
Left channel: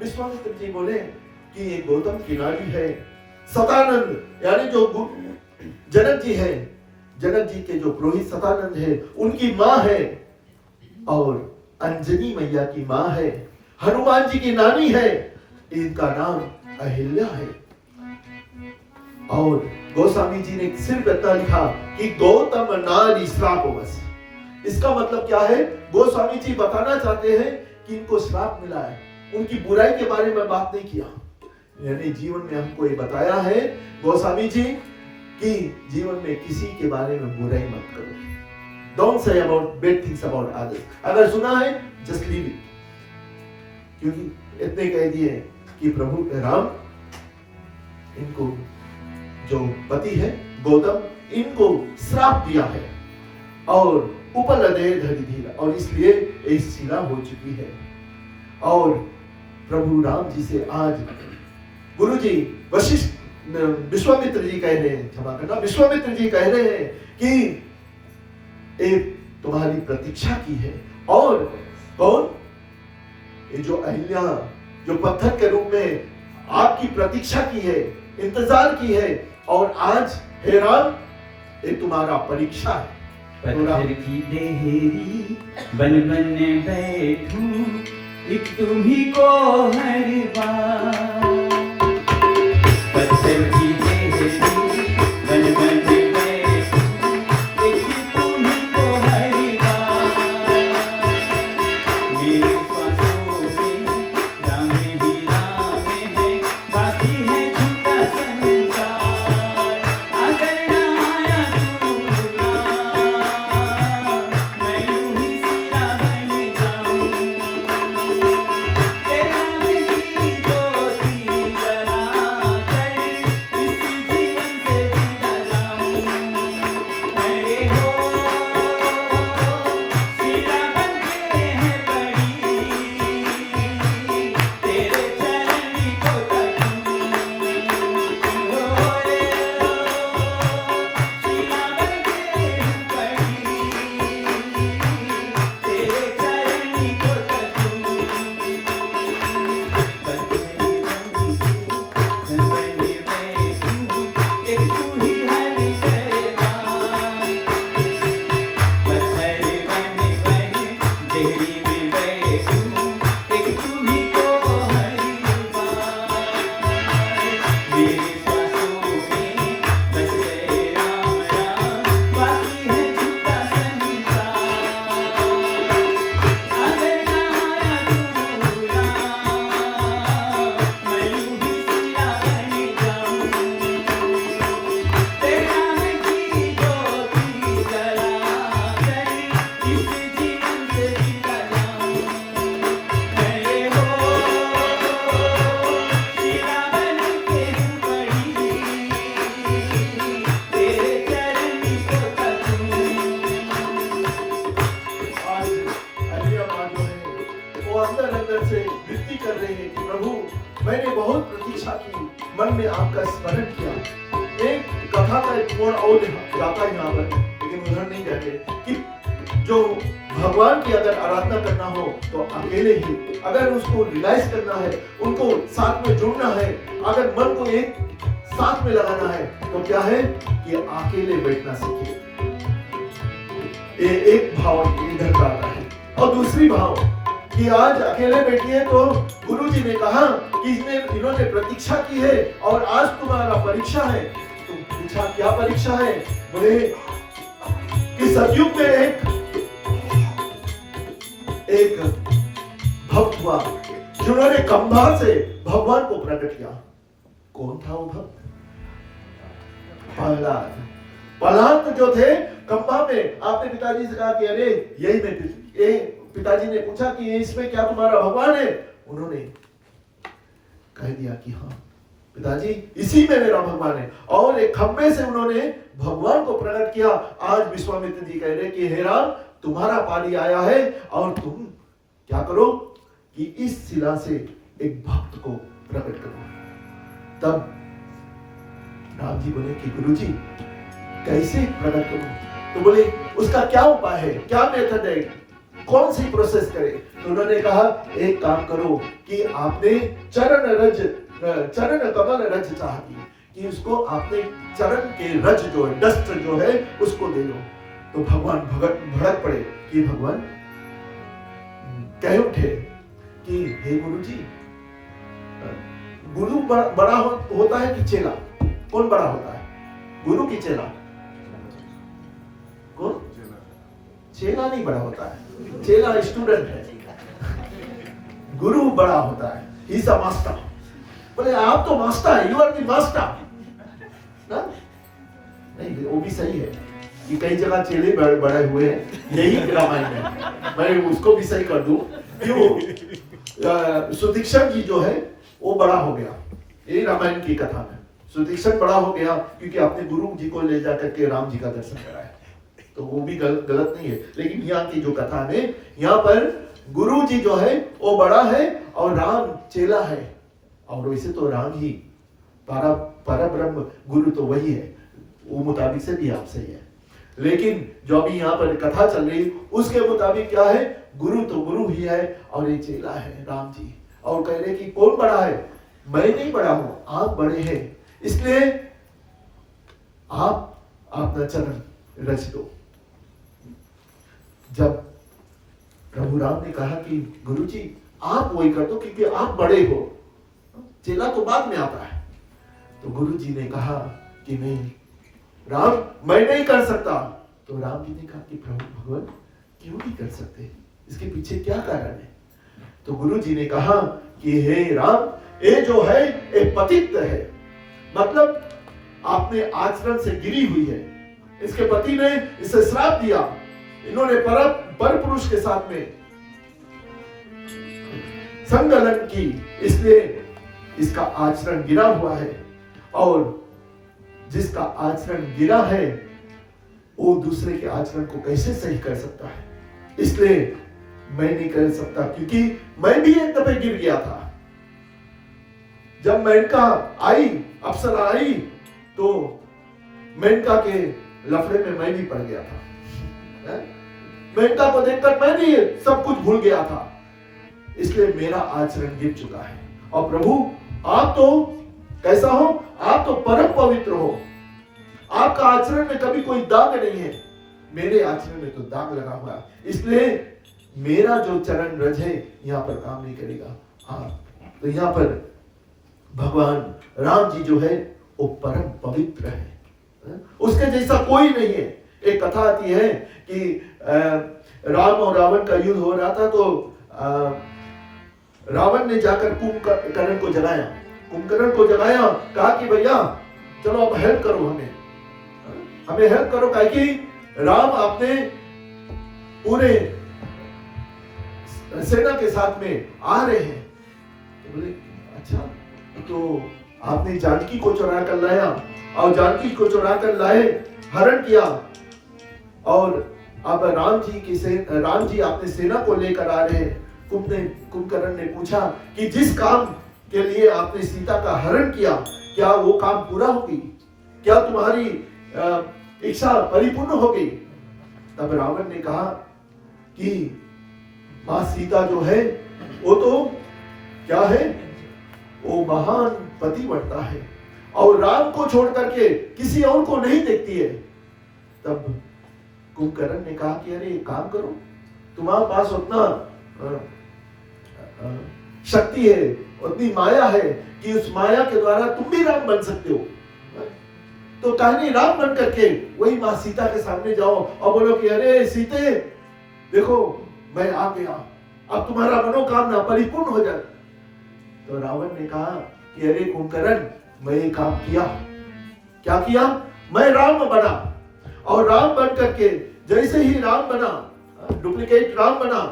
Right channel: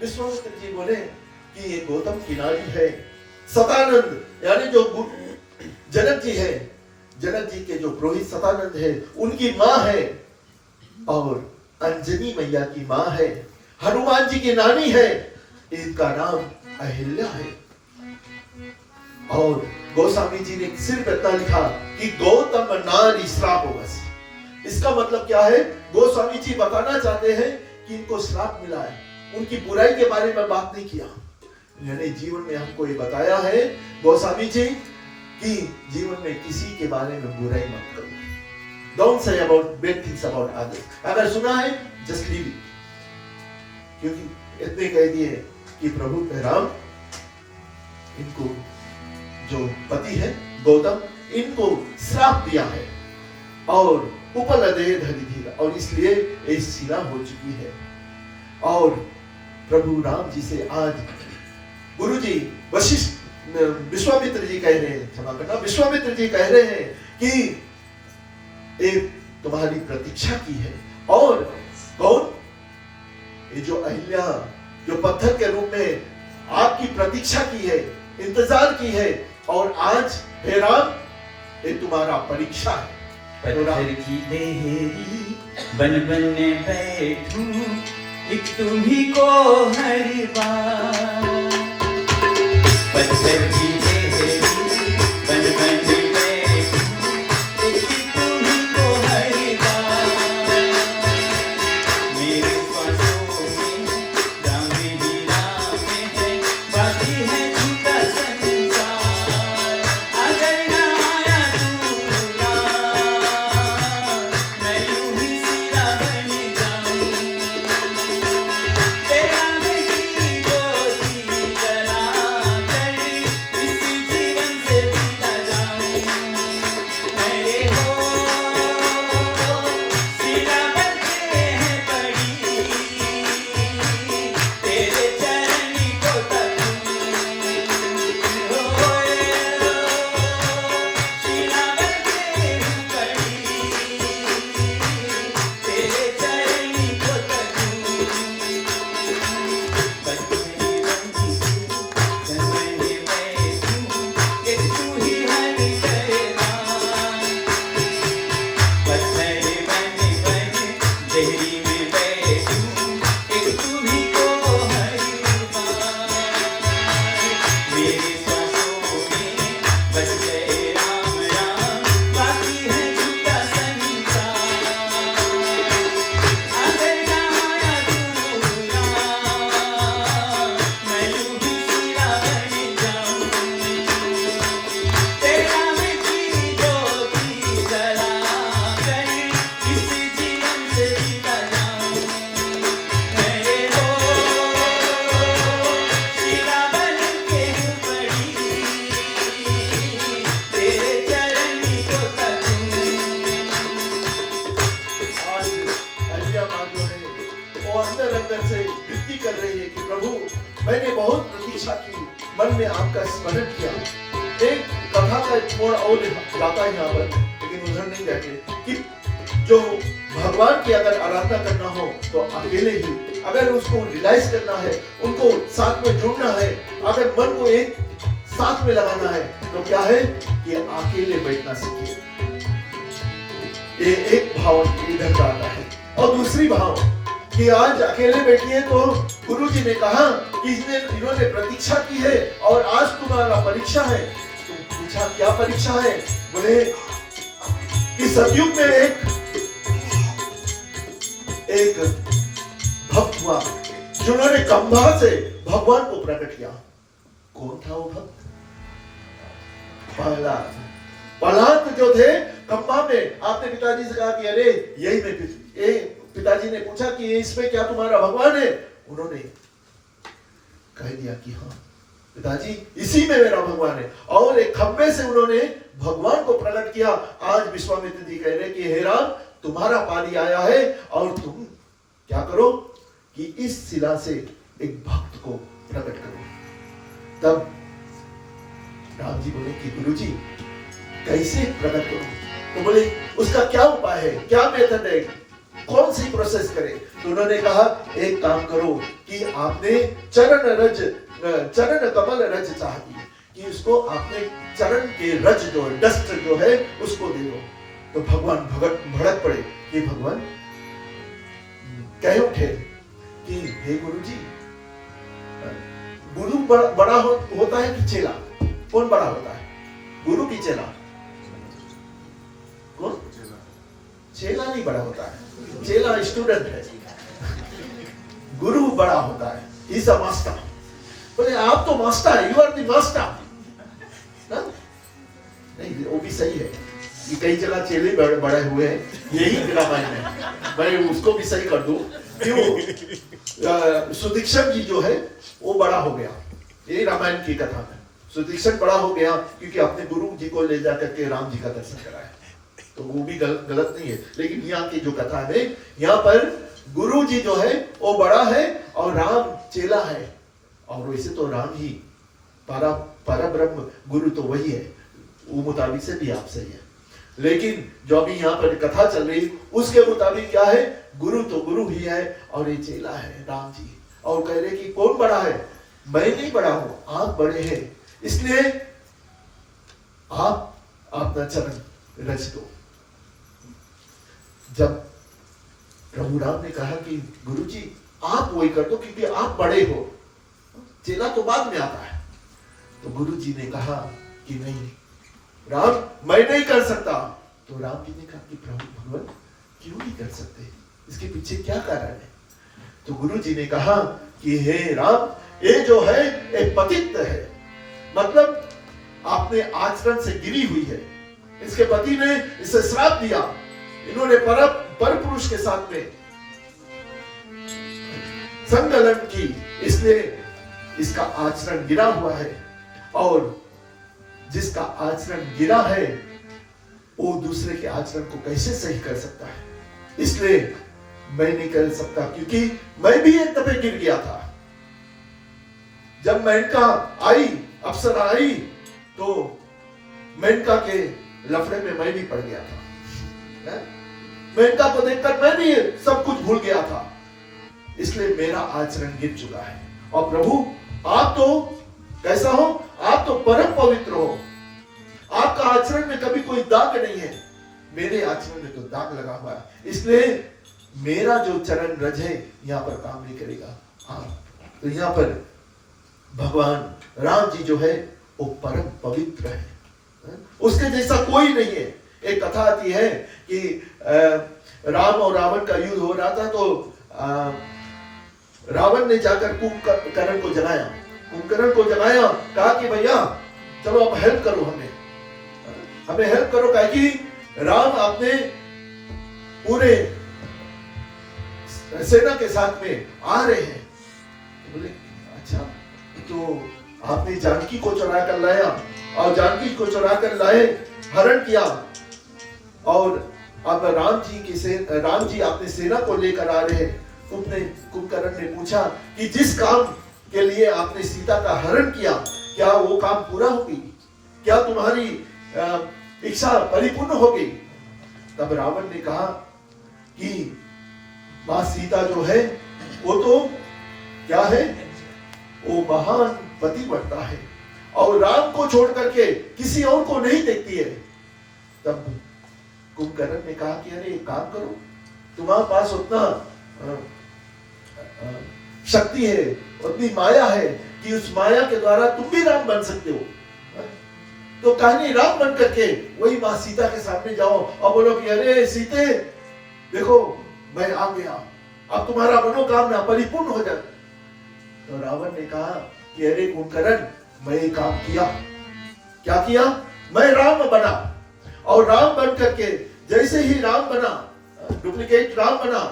विश्वामित्र जी बोले कि ये गौतम की नारी है। सतानंद यानी जो जनक जी है, जनक जी के जो पुरोहित सतानंद है, उनकी माँ है, और अंजनी मैया की माँ है, हनुमान जी की नानी है, इनका नाम अहिल्या है। और गोस्वामी जी ने सिर्फ इतना लिखा कि गौतम नारी श्राप बस। इसका मतलब क्या है? गोस्वामी जी बताना चाहते हैं कि इनको श्राप मिला है, उनकी बुराई के बारे में बात नहीं किया, यानी जीवन में हमको ये बताया है गोस्वामी जी कि जीवन में किसी के बारे में बुराई मत करो। Don't say about bad things about others. अगर सुना है just leave it, क्योंकि इतने कह दिए कि प्रभु राम इनको जो पति है गौतम, इनको श्राप दिया है और उपलदे धरी धीरा, और इसलिए ये शिला हो चुकी है। और प्रभु राम जी से आज गुरु जी विश्वामित्र जी कह रहे हैं, क्षमा करना, विश्वामित्र जी कह रहे हैं कि एक तुम्हारी प्रतीक्षा की है। और कौन? ये जो अहिल्या, जो पत्थर के रूप में आपकी प्रतीक्षा की है, इंतजार की है, और आज हे राम ये तुम्हारा परीक्षा है। पत्थर की देहरी बन बनने बैठूं, एक तुम्ही को हर बार। पत्थर की देहरी बन बनने बैठूं, एक तुम्ही को हर बार। मेरे पासों में राम ही राम है, बाकी है झूठा संसार। अगर ना आया तू मैं यूं ही सिरा बन जाऊं। तेरा भी ज्योति जला कर इस जीवन से बिना जाऊं। अरे हो सिरा बन के है पड़ी, तेरे चरण को तकूं। होए सिरा बन के है पड़ी, तेरे चरण को तकूं। पत्थर बन जंगल में तू, एक तू ही हर शैतान। पत्थर बन देहरी में बैठूं, एक तू ही को हर बार। मेरे सांसों में बस गए राम राम, बाकी है झूठा संसार। अगर ना आया तू मैं यूं ही सिरा बन जाऊं। तेरा मिठी ज्योति जला कर मैंने बहुत प्रतीक्षा की, मन में आपका स्मरण किया। एक कथा का एक मोड़ और जाता है यहाँ पर, लेकिन उधर नहीं कहते कि जो भगवान की अगर आराधना करना हो तो अकेले ही, अगर उसको रियलाइज करना है, उनको साथ में जुड़ना है, अगर मन को एक साथ में लगाना है तो क्या है कि अकेले बैठना सीखिए। ये एक भाव इधर का रहा है। और दूसरी भाव कि आज अकेले बैठी है तो गुरुजी ने कहा कि इन्होंने प्रतीक्षा की है और आज तुम्हारा परीक्षा है। तो पूछा क्या परीक्षा है? बोले कि सतयुग में एक भक्त हुआ जिन्होंने खंभा से भगवान को प्रकट किया। कौन था वो भक्त? प्रहलाद जो थे खंभा में, आपने पिताजी से कहा कि अरे यही मैं, पिताजी ने पूछा कि इसमें क्या तुम्हारा भगवान है? उन्होंने कह दिया कि हाँ पिताजी, इसी में मेरा भगवान है। और एक खंभे से उन्होंने भगवान को प्रकट किया। आज विश्वामित्र जी कह रहे कि हे राम, तुम्हारा पाली आया है और तुम क्या करो कि इस शिला से एक भक्त को प्रकट करो। तब राम जी बोले कि गुरुजी कैसे प्रकट करूं? तो बोले उसका क्या उपाय है, क्या मेथड है, कौन सी प्रोसेस करें? तो उन्होंने कहा एक काम करो कि आपने चरण कमल रज चाहिए, कि उसको आपने चरण के रज जो है, डस्ट जो है उसको दे दो। तो भगवान भड़क पड़े कि भगवान कह उठे कि हे गुरुजी, गुरु बड़ा होता है कि चेला? कौन बड़ा होता है, गुरु की चेला? कौन? चेला नहीं बड़ा होता है, चेला स्टूडेंट है, गुरु बड़ा होता है, ही इज अ मास्टर। बोले आप तो मास्टर है, यू आर द मास्टर ना? नहीं, वो भी सही है कि कई जगह चेले बड़े हुए हैं, यही रामायण है। मैं उसको भी सही कर दूं। क्यों? सुदीक्षण जी जो है वो बड़ा हो गया, यही रामायण की कथा में। सुदीक्षण बड़ा हो गया क्योंकि अपने गुरु जी को ले जाकर के राम जी का दर्शन कराया। तो वो भी गलत नहीं है, लेकिन यहाँ की जो कथा है, यहाँ पर गुरु जी जो है वो बड़ा है और राम चेला है। और वैसे तो राम ही परब्रह्म, गुरु तो वही है, वो मुताबिक से भी आप सही है। लेकिन जो अभी यहाँ पर कथा चल रही उसके मुताबिक क्या है, गुरु तो गुरु ही है और ये चेला है राम जी। और कह रहे कि कौन बड़ा है? मैं नहीं बड़ा हूं, आप बड़े हैं, इसलिए आप अपना चरण रच दो। जब प्रभु राम ने कहा कि गुरुजी आप वही कर दो क्योंकि आप बड़े हो, चेला तो बाद में आता है। तो गुरुजी ने कहा कि नहीं राम, मैं नहीं कर सकता। तो राम जी ने कहा कि प्रभु भगवान क्यों नहीं कर सकते, इसके पीछे क्या कारण है? तो गुरु जी ने कहा कि हे राम, ये जो है एक पतित है, मतलब आपने आचरण से गिरी हुई है। इसके पति ने इसे श्राप दिया, इन्होंने पर पुरुष के साथ में संगलन की, इसलिए इसका आचरण गिरा हुआ है। और जिसका आचरण गिरा है वो दूसरे के आचरण को कैसे सही कर सकता है? इसलिए मैं नहीं कर सकता, क्योंकि मैं भी एक दफे गिर गया था। जब मेनका आई, अप्सरा आई, तो मेनका के लफड़े में मैं भी पड़ गया था। मेनका को देखकर मैं भी सब कुछ भूल गया था, इसलिए मेरा आचरण गिर चुका है। और प्रभु आप तो कैसा हो? आप तो परम पवित्र हो, आपका आचरण में कभी कोई दाग नहीं है, मेरे आचरण में तो दाग लगा हुआ है, इसलिए मेरा जो चरण रज है यहाँ पर काम नहीं करेगा। हाँ, तो यहाँ पर भगवान राम जी जो है वो परम पवित्र है, उसके जैसा कोई नहीं है। एक कथा आती है कि राम और रावण का युद्ध हो रहा था, तो रावण ने जाकर कुंभकर्ण को जगाया, कहा कि भैया चलो अब हेल्प करो, हमें हेल्प करो, कहा कि राम आपने पूरे सेना के साथ में आ रहे हैं। तो बोले अच्छा, तो आपने जानकी को चुरा कर लाया, और जानकी को चुरा कर लाए, हरण किया, और अब राम जी आपने सेना को लेकर आ रहे हैं। कुंभकर्ण ने पूछा कि जिस काम के लिए आपने सीता का हरण किया, क्या वो काम पूरा होगी? क्या तुम्हारी इच्छा परिपूर्ण होगी? तब रावण ने कहा कि मां सीता जो है वो तो क्या है, वो महान पतिव्रता है और राम को छोड़ करके किसी और को नहीं देखती है। तब कुंभकर्ण ने कहा कि अरे एक काम करो, तुम्हारे पास उतना शक्ति है, उतनी माया है कि उस माया के द्वारा तुम भी राम बन सकते हो। तो कहानी राम बन करके वही मां सीता के सामने जाओ और बोलो कि अरे सीते देखो मैं आ गया, अब तुम्हारा मनोकामना परिपूर्ण हो जाए। तो रावण ने कहा कि अरे कुंभकर्ण, मैं ये काम किया, क्या किया? मैं राम बना और राम बन करके जैसे ही राम बना, डुप्लीकेट राम बना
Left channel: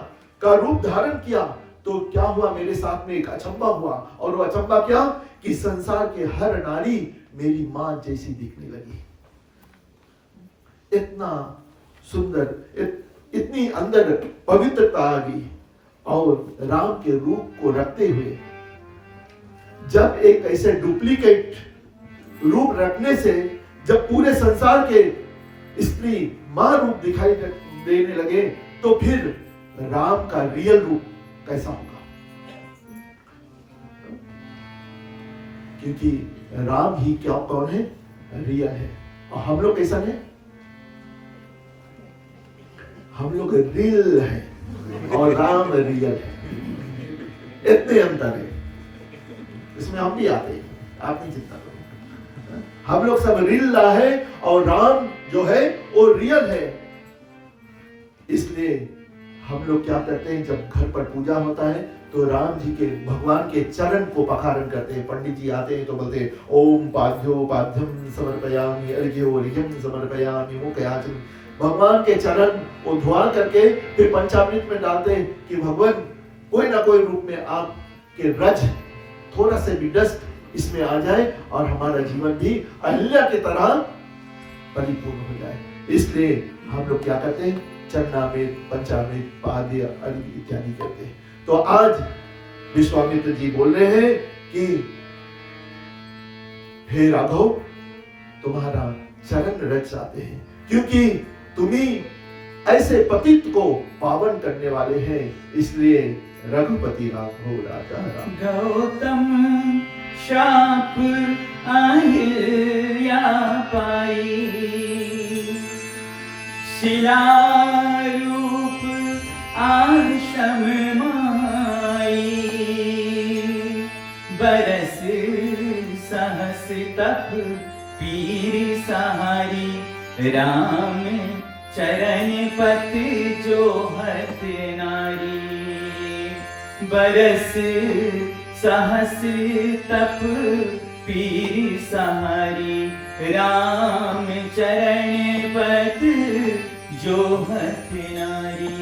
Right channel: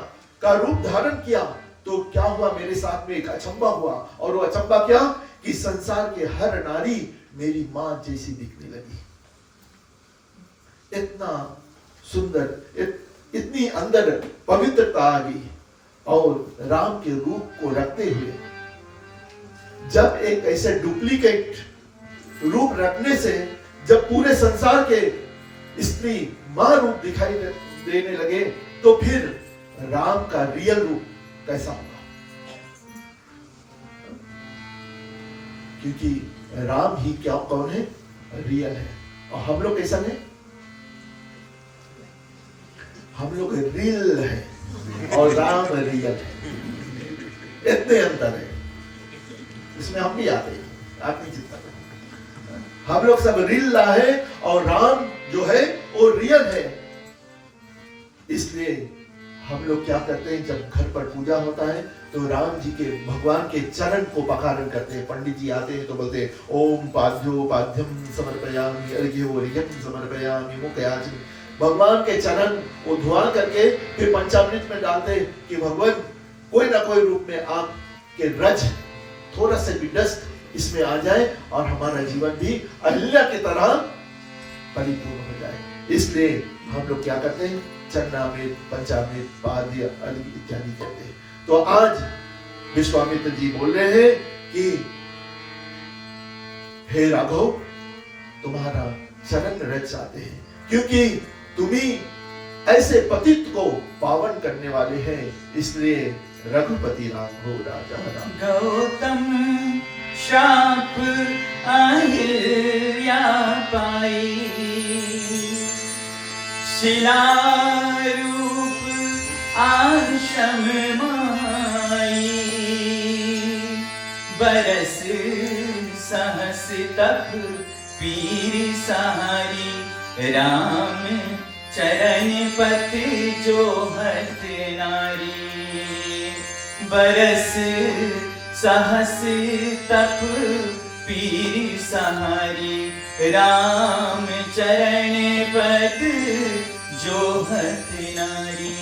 का रूप धारण किया, तो क्या हुआ, मेरे साथ में एक अचंबा हुआ। और वो अचंबा क्या कि संसार के हर नारी मेरी मां जैसी दिखने लगी। इतना सुंदर, इतनी अंदर पवित्रता आ गई। और राम के रूप को रखते हुए जब एक ऐसे डुप्लीकेट रूप रखने से जब पूरे संसार के स्त्री मां रूप दिखाई देने लगे, तो फिर राम का रियल रूप कैसा होगा? क्योंकि राम ही क्या कौन है? रियल है। और हम लोग कैसा है? हम लोग रियल है और राम रियल है। इतने अंतर है, इसमें हम भी आते हैं, आप नहीं चिंता करो। हम लोग सब रियल है और राम जो है वो रियल है। इसलिए हम लोग क्या करते हैं, जब घर पर पूजा होता है तो राम जी के, भगवान के चरण को पखारण करते हैं। पंडित जी आते हैं तो बोलते हैं ओम पाद्यो पाद्यम समर्पयामि, अर्घ्यो अर्घ्यम समर्पयामि, मुखयाचन। भगवान के चरण वो धुआ करके फिर पंचामृत में डालते हैं कि भगवान कोई ना कोई रूप में आपके रज, थोड़ा से भी डस्ट इसमें आ जाए और हमारा जीवन भी अहिल्या की तरह परिपूर्ण हो जाए। इसलिए हम लोग क्या करते हैं, चरणामृत, पंचामृत, पाद्य, अर्घ्य इत्यादि करते हैं। तो आज विश्वामित्र जी बोल रहे हैं कि हे राघव, तुम्हारा चरण रज चाहते हैं, क्योंकि तुम्ही ऐसे पतित को पावन करने वाले हैं। इसलिए रघुपति राघव राजा राम। गौतम शाप अहिल्या पाई, शिला रूप आश्रम माई, बरस सहस तप पीर सहारी, राम चरण पथ जो हत नारी। बरस सहस तप पीर सहारी, राम चरण पथ जो हत नारी।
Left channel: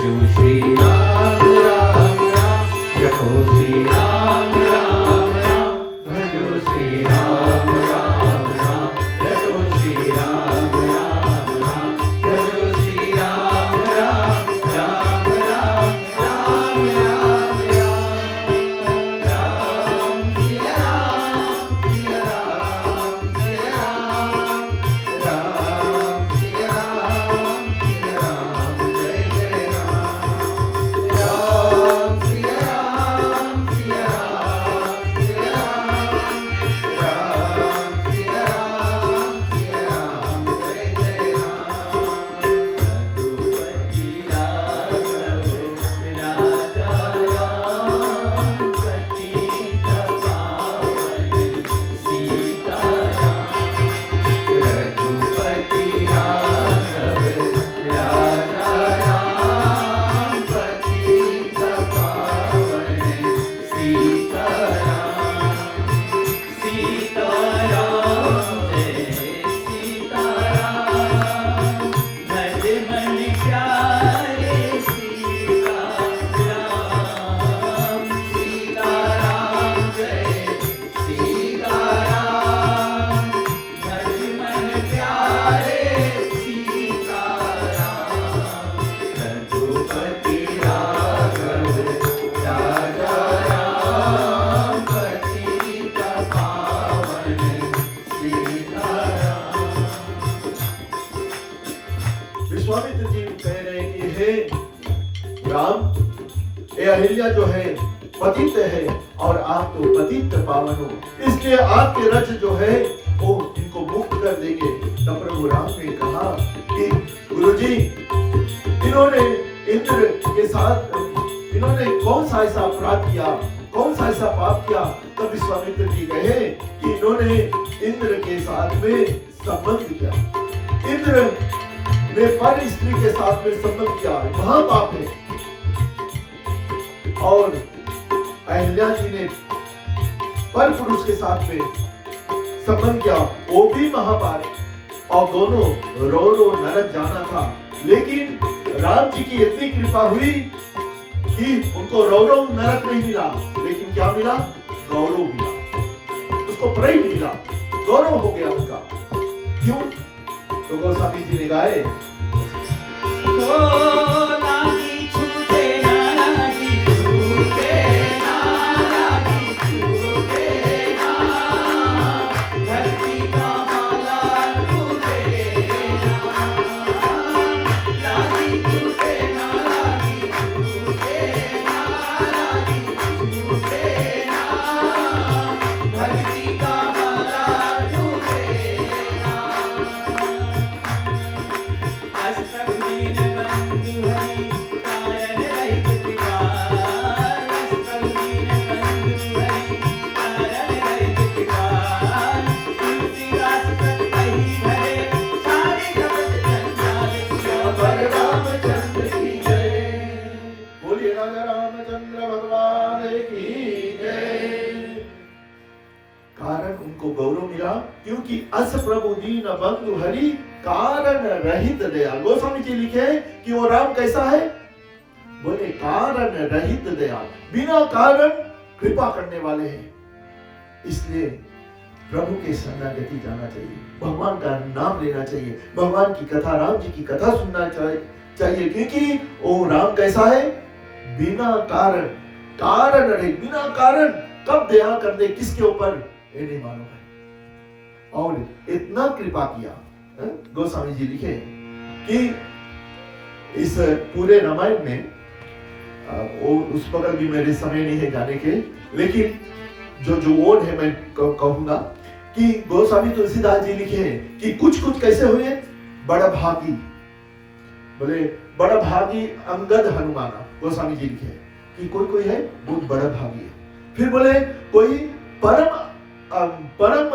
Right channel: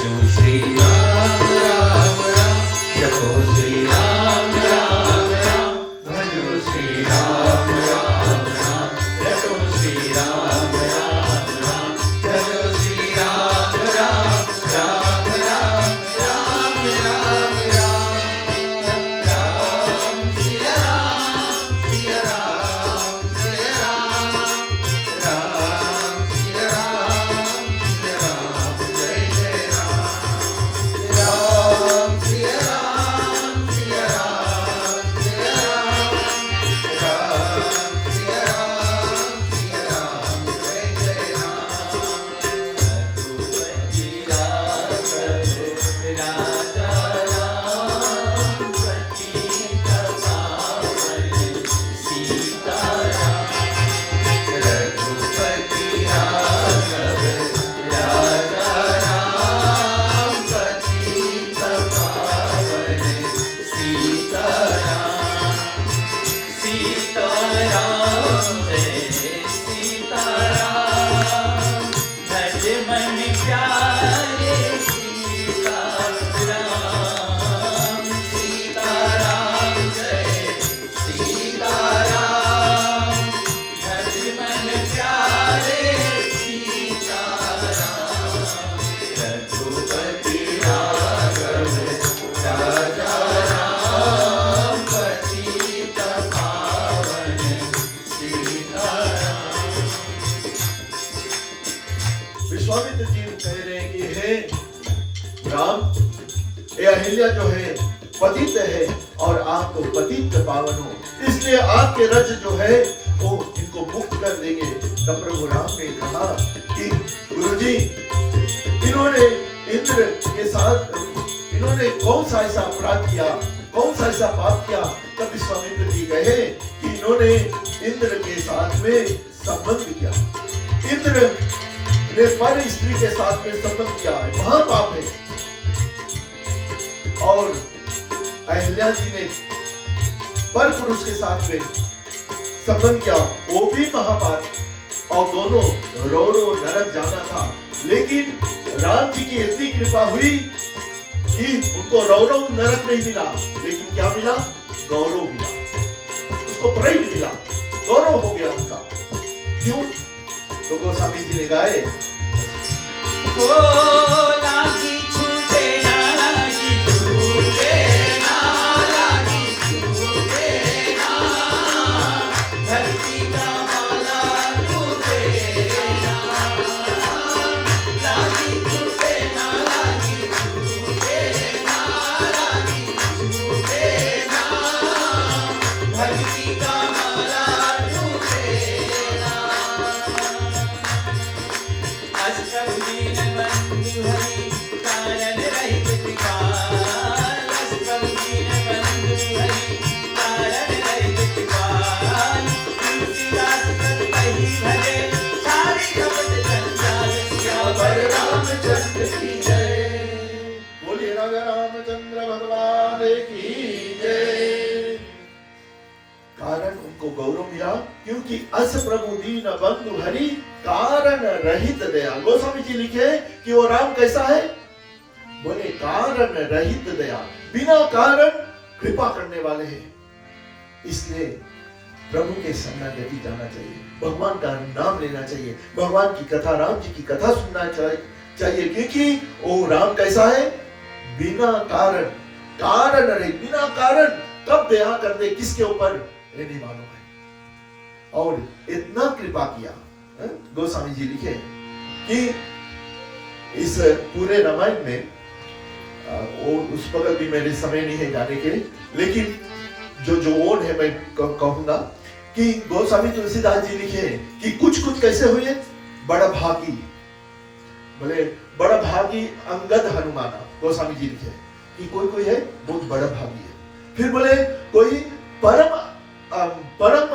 जो श्री राम राम राम, जपो श्री राम राम राम, भजो श्री राम राम राम, जपो श्री राम राम राम, भजो श्री राम राम राम राम, राम राम राम, राम श्री राम, श्री राम, श्री राम, राम श्री राम, जय जय राम, राम श्री राम, विश्वामित्र जी कह रहे हैं कि हे राम, ये अहिल्या जो है पतित है और आप तो पतित पावन हो, इसलिए आपके रज जो है वो इनको मुक्त कर देंगे। तब प्रभु राम ने कहा कि गुरुजी, इन्होंने इंद्र के साथ इन्होंने कौन सा ऐसा अपराध किया, कौन सा ऐसा पाप किया? तब विश्वामित्र जी कहे कि इन्होंने इंद्र के साथ में संबंध किया, इंद्र ने पर स्त्री के साथ में संबंध किया, महापाप है। और अहिल्या जी ने पर पुरुष के साथ में संबंध किया, वो भी महापाप। और दोनों रो रो नरक जाना था, लेकिन राम जी की इतनी कृपा हुई कि उनको रौरव नरक नहीं मिला, लेकिन क्या मिला? गौरव मिला, उसको प्राइड मिला, गौरव हो गया उनका। क्यों? तो गोस्वामी जी ने गाए, क्योंकि अस प्रभु दीन बंधु हरि कारण रहित दया। गोस्वामी जी लिखे कि वो राम कैसा है? बोले कारण रहित दया, बिना कारण कृपा करने वाले हैं। इसलिए प्रभु के शरणागति जाना चाहिए, भगवान का नाम लेना चाहिए, भगवान की कथा, राम जी की कथा सुनना चाहिए, क्योंकि वो राम कैसा है? बिना कारण, कारण रहित, बिना कारण कब दया कर दे किसके ऊपर ये नहीं मालूम है। और इतना कृपा किया, गोस्वामी जी लिखे कि इस पूरे रामायण में वो उस पर भी मेरे समय नहीं है जाने के, लेकिन जो वर्ड है मैं कहूंगा कि गोस्वामी तुलसीदास जी लिखे हैं कि कुछ कुछ कैसे हुए? बड़ा भागी, बोले बड़ा भागी अंगद हनुमाना। गोस्वामी जी लिखे कि कोई है बहुत बड़ा भागी है, फिर बोले कोई परम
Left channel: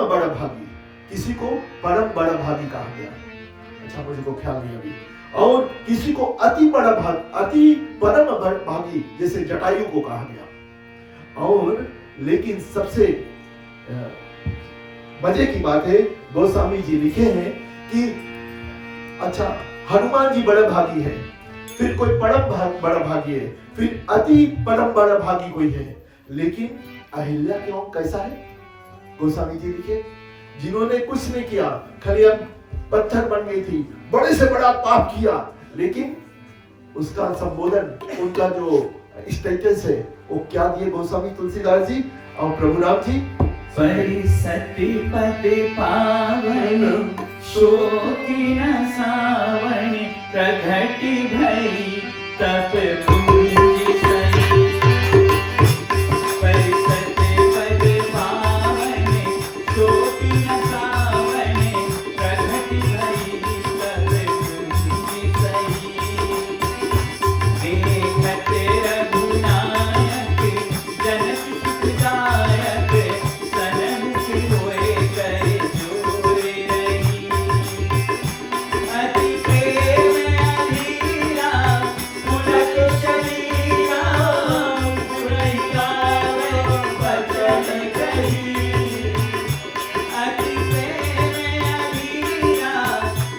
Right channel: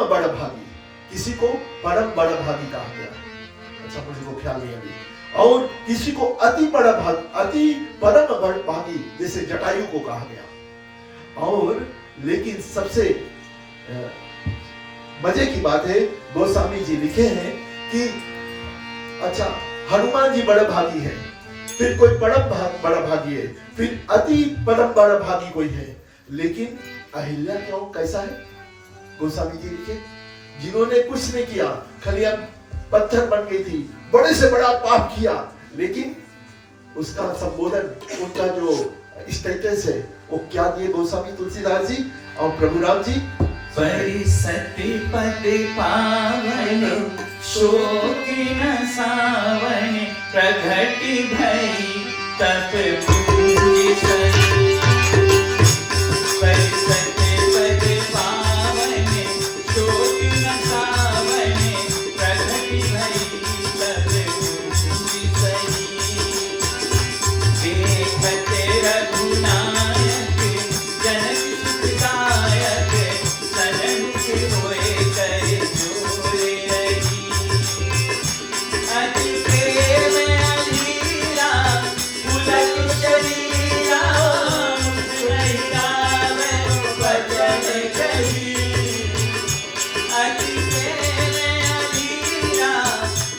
बड़ा भागी, किसी को परम बड़ा भागी कहा गया, अच्छा मुझे को ख्याल नहीं अभी। और किसी को अति बड़ा अति परम भागी जैसे जटायु को कहा गया। और लेकिन सबसे मजे की बात है, गोस्वामी जी लिखे हैं कि अच्छा हनुमान जी बड़ा भागी है, फिर कोई बड़ा भागी है, फिर अति परम बड़ा भागी कोई है, लेकिन अहिल्या क्यों कैसा है? गोस्वामी जी लिखे जिन्होंने कुछ नहीं किया, खाली अब पत्थर बन गई थी, बड़े से बड़ा पाप किया, लेकिन उसका संबोधन, उनका जो स्टेटस है वो क्या दिए गोस्वामी तुलसीदास जी और प्रभु राम जी? परिसति पति पावन शोकी न सावन प्रगति भई तप पूजी सही। परिसति पति पावन शोकी न सावन प्रगति भई तप पूजी सही। देखत रघुनायक जनक सुखदायक सनमुख होए कर जोर रही। अति प्रेम अधीरा पुलक शरीरा मुस्कुराई गावे बचन कही। अति प्रेम अधीरा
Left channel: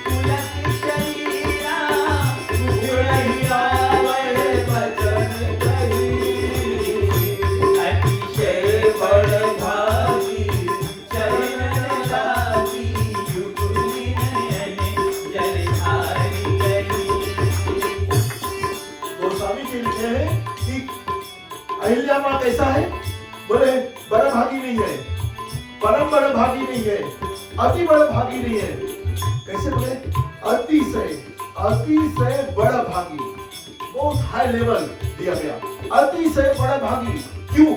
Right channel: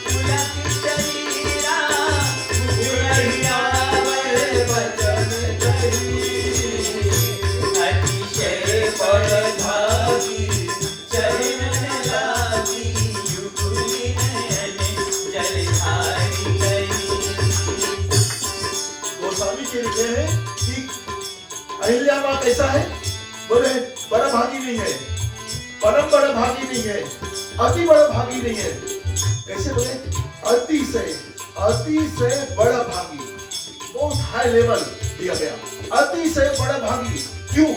पुलक शरीरा मुस्कुराई गावे बचन कही। अतिशय बड़ भागी चरण लागी युगुनि नयन जलधारी गई। गोस्वामी जी लिखे हैं कि अहिल्या माँ कैसा है? बोले बड़ा भागी नहीं है, परम बड़ा भागी नहीं है, अति बड़ा भागी नहीं है। कैसे बोले? अति से बड़ा भागी, बहुत हाई लेवल दिया गया, अति से बड़ा भागी। क्यों?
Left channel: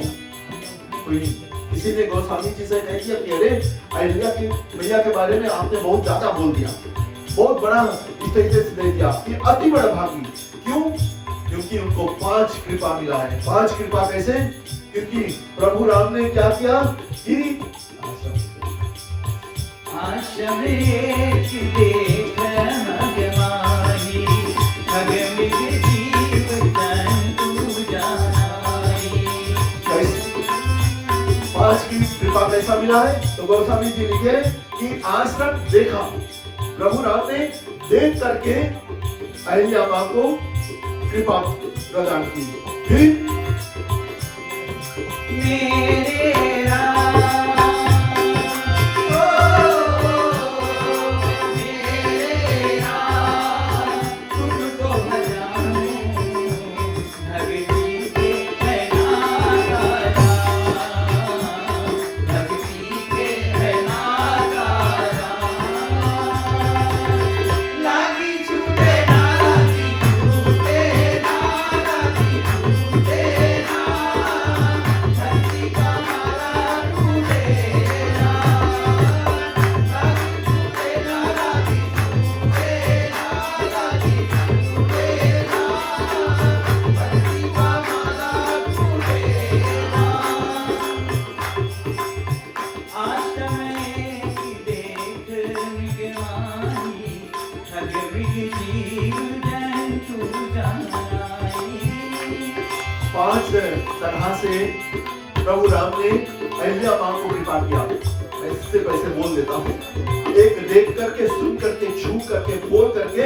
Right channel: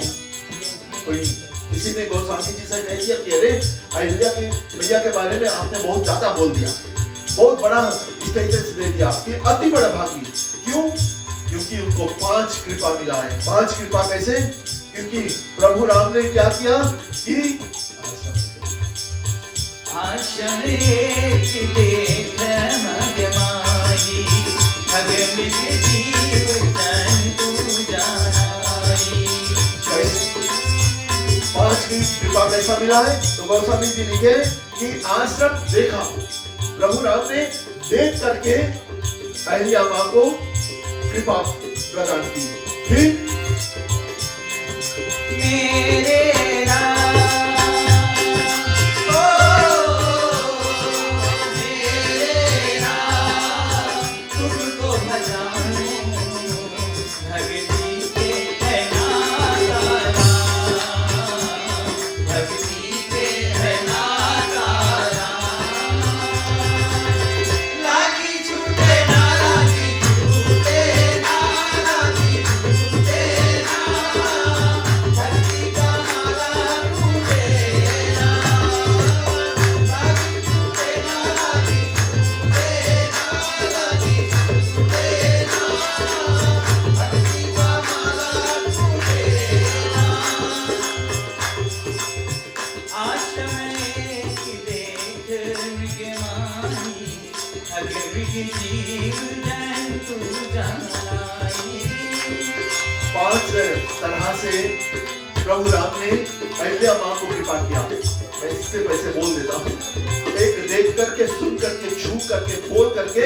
कोई किसी ने गोस्वामी जी से कह दिया कि अरे अहिल्या की मैया के बारे में आपने बहुत ज्यादा बोल दिया, बहुत बड़ा स्टेटस दे दिया कि अति बड़ा भागी। क्यों? क्योंकि उनको 5 कृपा मिला है। 5 कृपा कैसे? क्योंकि प्रभु राम ने क्या किया कि आश्रम एक देख मगमाई, अगमित जीव जंतु जानाई। 5 की कृपा कैसा मिला है? तो गोस्वामी जी लिखे कि आश्रम देखा, प्रभु राम ने देख करके अहिल्या मां को कृपा प्रदान की। फिर मेरे राम, मेरे राम, तुमको भजाऊं, भक्ति के है नाता राम, भक्ति के है नाता राम। लागी छूटे नाती, छूटे नाती, छूटे ना, धरती का नाला टूटे ना, लागी छूटे नाती, छूटे नाती, छूटे ना, धरती का नाला टूटे ना। आश्रम एक देख मगमाई, अगमित जीव जंतु जानाई। 5 तरह से प्रभु राम ने अहिल्या मां को कृपा किया। मैं इससे वैसे बोल देता हूँ, एक देख करके, सुन करके, छू करके, बोल करके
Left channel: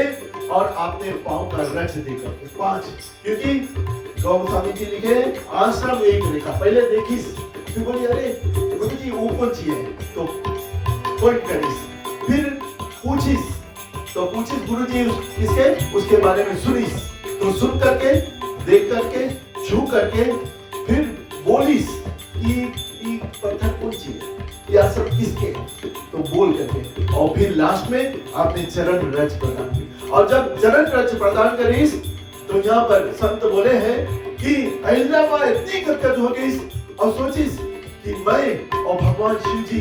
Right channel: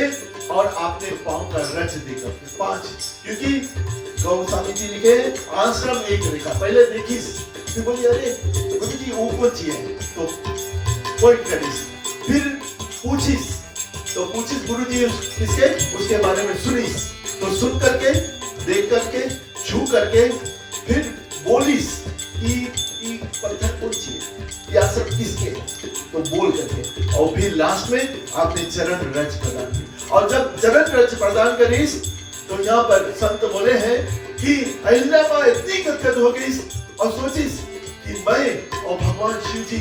और आपने पांव का रच देखा। 5 क्योंकि गोस्वामी जी लिखे आश्रम एक देखा, पहले देखिस, फिर बोली अरे गुरु जी ऊपर चाहिए तो पॉइंट करिस, फिर पूछिस तो पूछिस गुरु जी किसके, उसके बारे में सुनिस, तो सुन करके, देख करके, छू करके, फिर बोलिस कि पत्थर कौन चाहिए, या सब किसके, तो बोल करके, और फिर लास्ट में आपने चरण रज प्रदान की। और जब चरण रज प्रदान करीस तो यहाँ पर संत बोले हैं कि अहिल्या मां इतनी गदगद हो गई और सोचिस कि मैं और भगवान शिव जी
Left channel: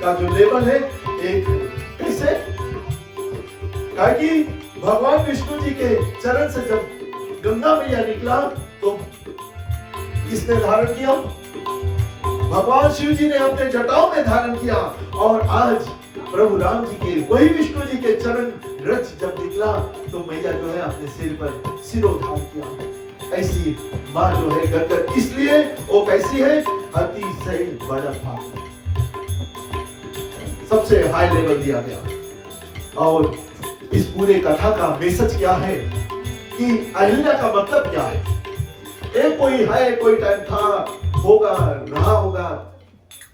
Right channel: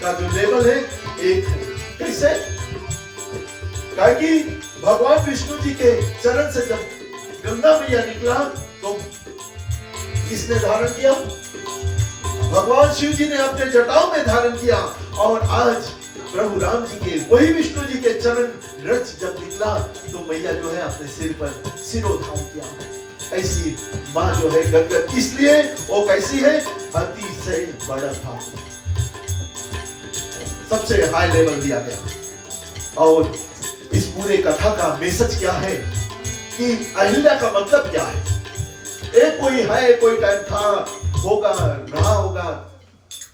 का जो लेवल है एक कैसे, कहा कि भगवान विष्णु जी के चरण से जब गंगा मैया निकला तो किसने धारण किया? भगवान शिव जी ने अपने जटाओं में धारण किया। और आज प्रभु राम जी के, वही विष्णु जी के चरण रज जब निकला तो मैया जो है अपने सिर पर सिरोधान किया। ऐसी माँ जो है गदगद, इसलिए वो कैसी है? अतिशय बड़ा भागी, सबसे हाई लेवल दिया गया। और इस पूरे कथा का मैसेज क्या है कि अहिल्या का मतलब क्या है? एक कोई है, कोई टाइम था, होगा, रहा होगा,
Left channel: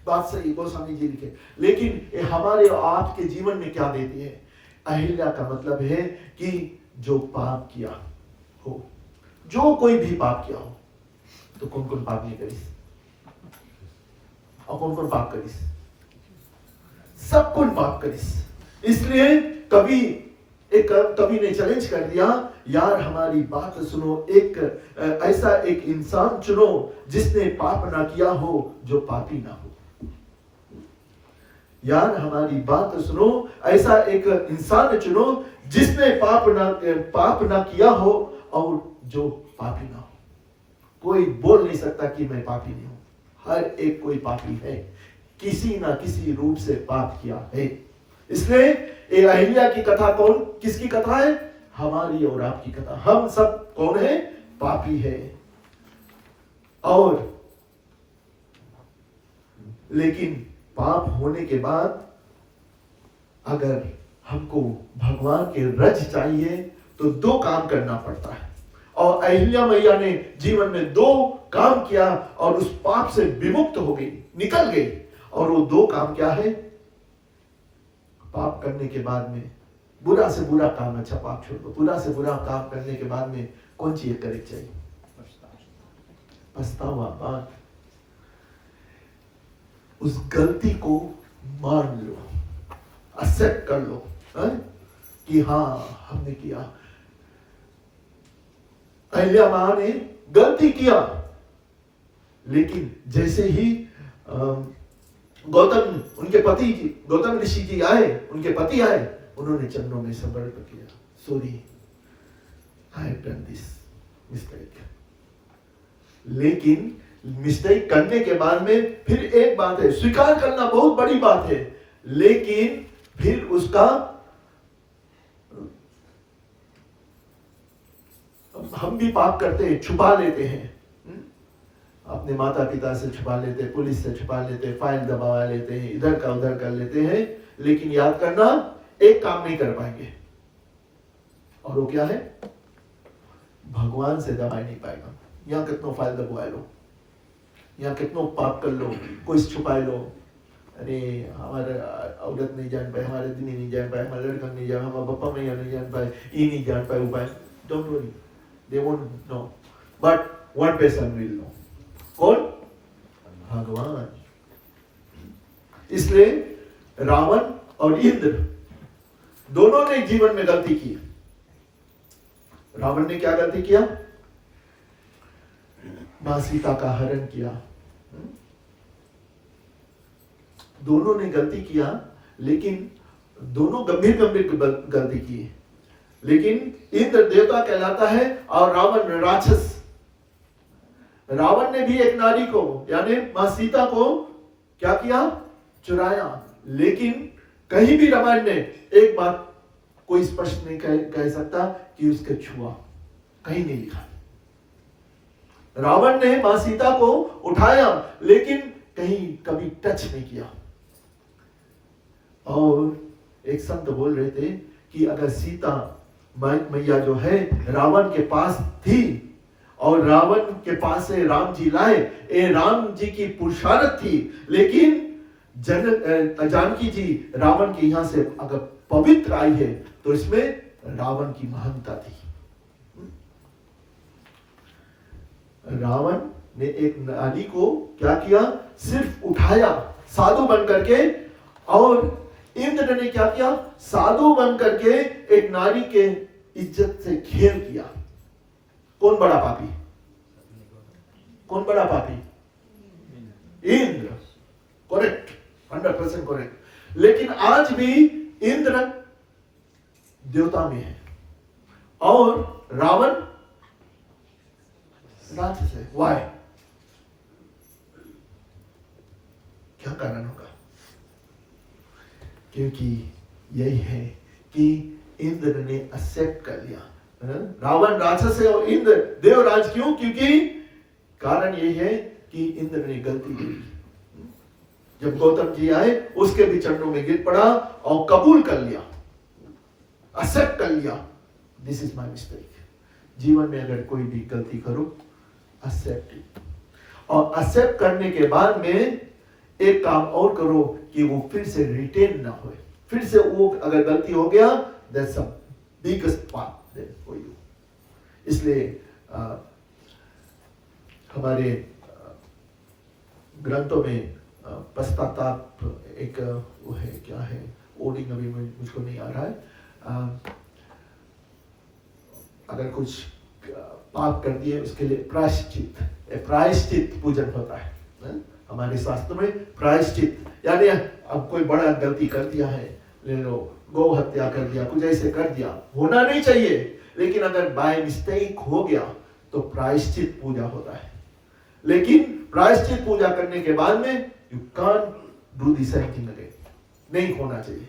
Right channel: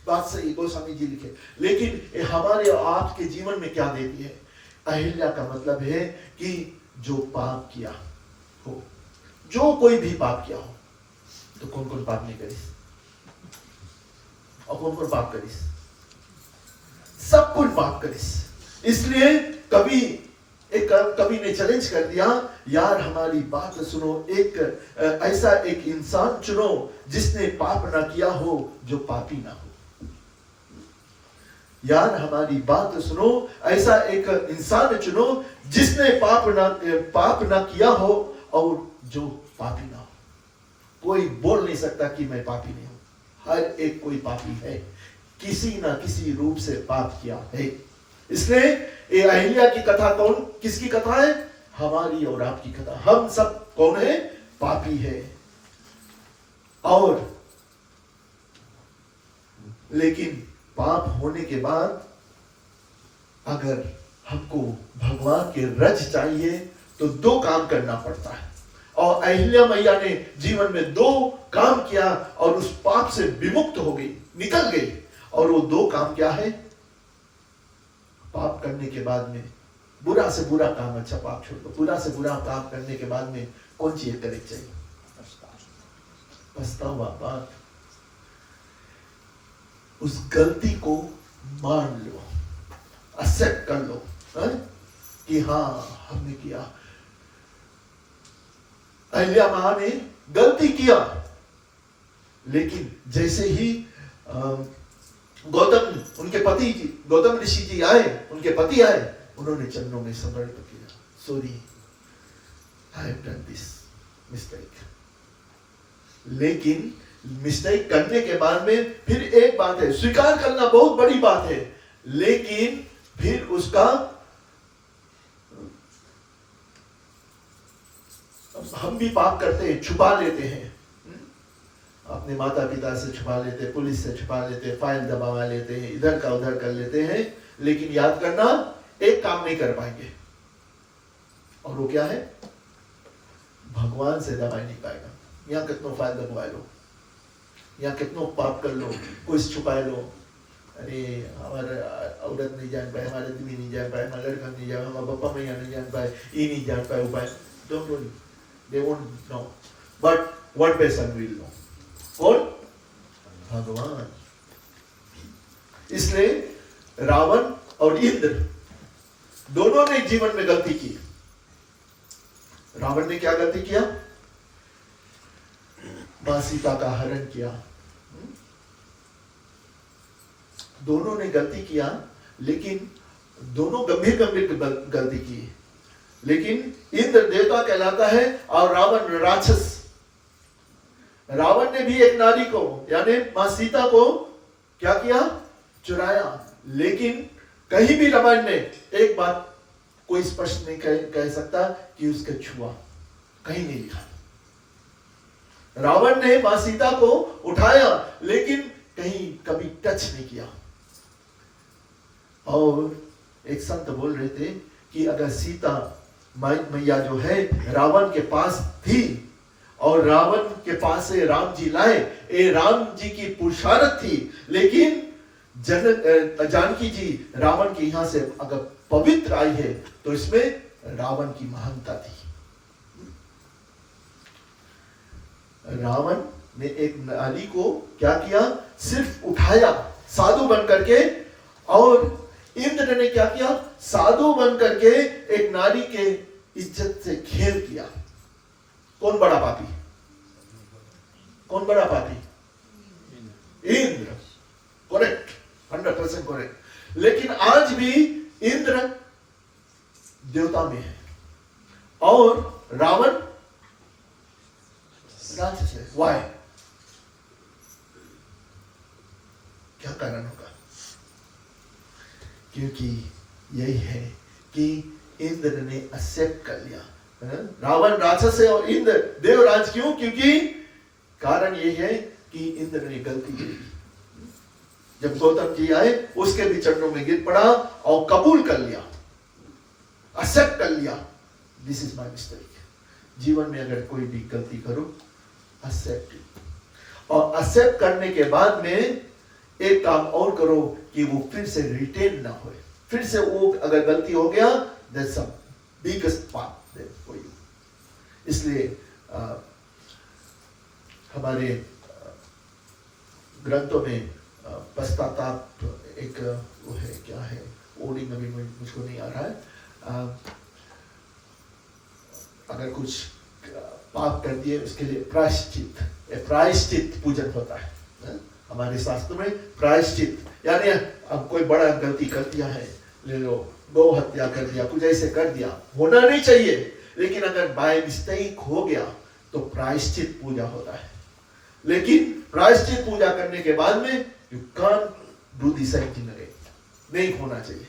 बात सही गोस्वामी जी लिखे, लेकिन ये हमारे और आपके जीवन में क्या देती है? अहिल्या का मतलब है कि जो पाप किया हो, जो कोई भी पाप किया हो, तो कौन कौन पाप नहीं करिस और कौन कौन पाप करिस? सब कौन पाप करिस। इसलिए कभी ने चैलेंज कर दिया, यार हमारी बात सुनो, एक ऐसा एक इंसान चुनो जिसने पाप ना किया हो, जो पापी ना हो। यार हमारी बात सुनो, ऐसा एक इंसान चुनो जिसने पाप ना किया हो और जो पापी ना हो। कोई बोल नहीं सकता कि मैं पापी नहीं हूं, हर एक कोई पापी है, किसी ना किसी रूप से पाप किया है। इसलिए ये अहिल्या की कथा किसकी कथा है? हमारी और आपकी कथा। हम सब कौन है? पापी है। और लेकिन पाप होने के बाद अगर हमको भगवान के रज चाहिए तो 2 काम करना पड़ता है। और अहिल्या मैया ने जीवन में 2 काम किया और उस पाप से विमुक्त हो गई, निकल गई। और वो 2 काम क्या है? पाप करने के बाद में बुरा से बुरा काम, अच्छा पाप छोड़ दो, बुरा से बुरा काम करने के बाद में कौन चीज करे चाहिए? पछतावा बात। उस गलती को मान लो, एक्सेप्ट कर लो, है? कि हाँ हमने किया। अहिल्या मां ने गलती किया, लेकिन जैसे ही गौतम ऋषि जी आए, उनके पति आए, उन्होंने चरणों में समर्पित किया, sorry I have done this mistake. लेकिन मिस्टेक करने के बाद में फिर एक बात है, स्वीकार करना बहुत बड़ी बात है, लेकिन फिर उसका हम भी पाप करते हैं, छुपा लेते हैं, अपने माता पिता से छुपा लेते हैं, पुलिस से छुपा लेते हैं, फाइल दबा लेते हैं, इधर का उधर कर लेते हैं, लेकिन याद करना एक काम नहीं कर पाएंगे, और वो क्या है? भगवान से दबाई नहीं पाएगा। यहाँ कितनों फाइल दबवा लो, यहाँ कितनों पाप कर लो, कोई छुपाए लो, अरे हमारे औरत नहीं जान पाए, हमारे आदमी नहीं जान पाए, हमारे लड़का नहीं जान पाए, हमारे पप्पा मैया नहीं जान पाए, ये नहीं जान पाए, उपाय don't worry, they won't know, but one person will know. कौन? भगवान। इसलिए रावण और इंद्र दोनों ने जीवन में गलती की। रावण ने क्या गलती किया? मां सीता का हरण किया। दोनों ने गलती किया, लेकिन दोनों गंभीर गलती की। लेकिन इंद्र देवता कहलाता है और रावण राक्षस। रावण ने भी एक नारी को, यानी मां सीता को क्या किया? चुराया। लेकिन कहीं भी रामायण में एक बात कोई स्पष्ट नहीं कह सकता कि उसके छुआ, कहीं नहीं लिखा। रावण ने मां सीता को उठाया, लेकिन कहीं कभी टच नहीं किया। और एक संत बोल रहे थे कि अगर सीता मैया जो है रावण के पास थी और रावण के पास से राम जी लाए, ये राम जी की पुरुषार्थ थी, लेकिन जानकी जी रावण के यहां से अगर पवित्र आई है तो इसमें रावण की महानता थी। रावण ने एक नारी को क्या किया? सिर्फ उठाया साधु बन करके, और इंद्र ने क्या किया? साधु बन करके एक नारी के इज्जत से खेल किया। कौन बड़ा पापी? कौन बड़ा पापी? इंद्र। Correct, 100% correct. लेकिन आज भी इंद्र देवता में है और रावण राक्षस है। वाई? क्या कारण होगा? क्योंकि यही है कि इंद्र ने एक्सेप्ट कर लिया। रावण राक्षस है और इंद्र देवराज। क्यों? क्योंकि कारण यही है कि इंद्र ने गलती की। जब गौतम जी आए उसके भी चरणों में गिर पड़ा और कबूल कर लिया, एक्सेप्ट कर लिया, दिस इज माय मिस्टेक। जीवन में अगर कोई भी गलती करो, एक्सेप्ट इट, और एक्सेप्ट करने के बाद में एक काम और करो कि वो फिर से रिटेन ना हो। फिर से वो अगर गलती हो गया, दैट्स अ बिगेस्ट पाप देयर फॉर यू। इसलिए हमारे ग्रंथों में पश्चाताप एक वो है, क्या है ओडिंग अभी मुझको नहीं आ रहा है। अगर कुछ पाप कर दिए उसके लिए प्रायश्चित पूजन होता है। हमारे शास्त्र में प्रायश्चित, यानी अब कोई बड़ा गलती कर दिया है, गौ हत्या कर दिया, कुछ ऐसे कर दिया, होना नहीं चाहिए, लेकिन अगर बाय मिस्टेक हो गया तो प्रायश्चित पूजा होता है। लेकिन प्रायश्चित पूजा करने के बाद में you can't do the same thing again, नहीं होना चाहिए।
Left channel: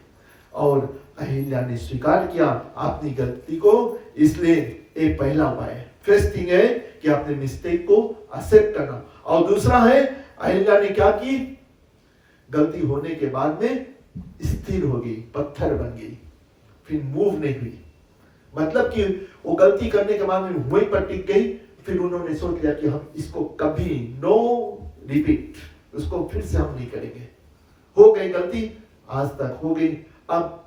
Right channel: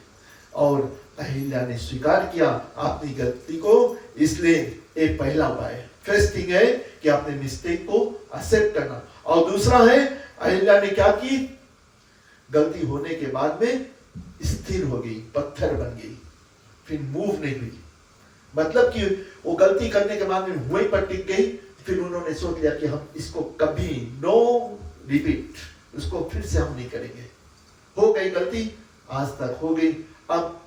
और अहिल्या ने स्वीकार किया अपनी गलती को, इसलिए एक पहला उपाय है, फर्स्ट थिंग है कि अपने मिस्टेक को एक्सेप्ट करना। और दूसरा है, अहिल्या ने क्या की? गलती होने के बाद में स्थिर हो गई, पत्थर बन गई, फिर मूव नहीं हुई। मतलब कि वो गलती करने के बाद में वहीं पर टिक गई। फिर उन्होंने सोच लिया कि हम इसको कभी नो रिपीट, उसको फिर से हम नहीं करेंगे। हो गई गलती, आज तक हो गई, अब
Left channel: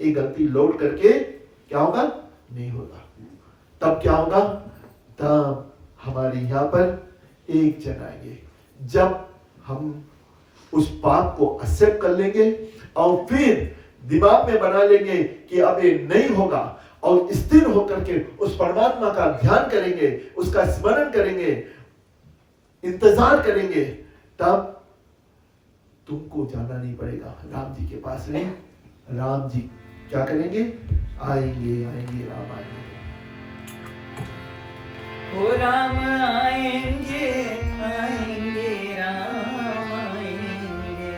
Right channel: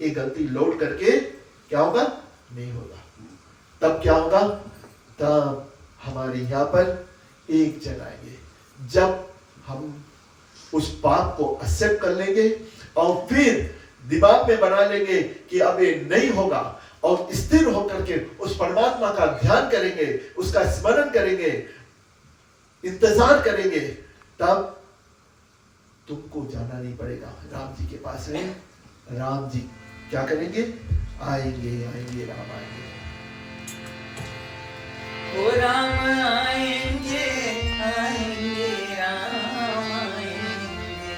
एक गलती लौट करके क्या होगा? नहीं होगा। तब क्या होगा? तब हमारे यहाँ पर एक जन आएंगे, जब हम उस पाप को एक्सेप्ट कर लेंगे और फिर दिमाग में बना लेंगे कि अब ये नहीं होगा, और स्थिर होकर के उस परमात्मा का ध्यान करेंगे, उसका स्मरण करेंगे, इंतजार करेंगे, तब तुमको जाना नहीं पड़ेगा राम जी के पास में। राम जी क्या करेंगे? आएंगे आएंगे राम आएंगे। ओ राम आएंगे आएंगे राम आएंगे,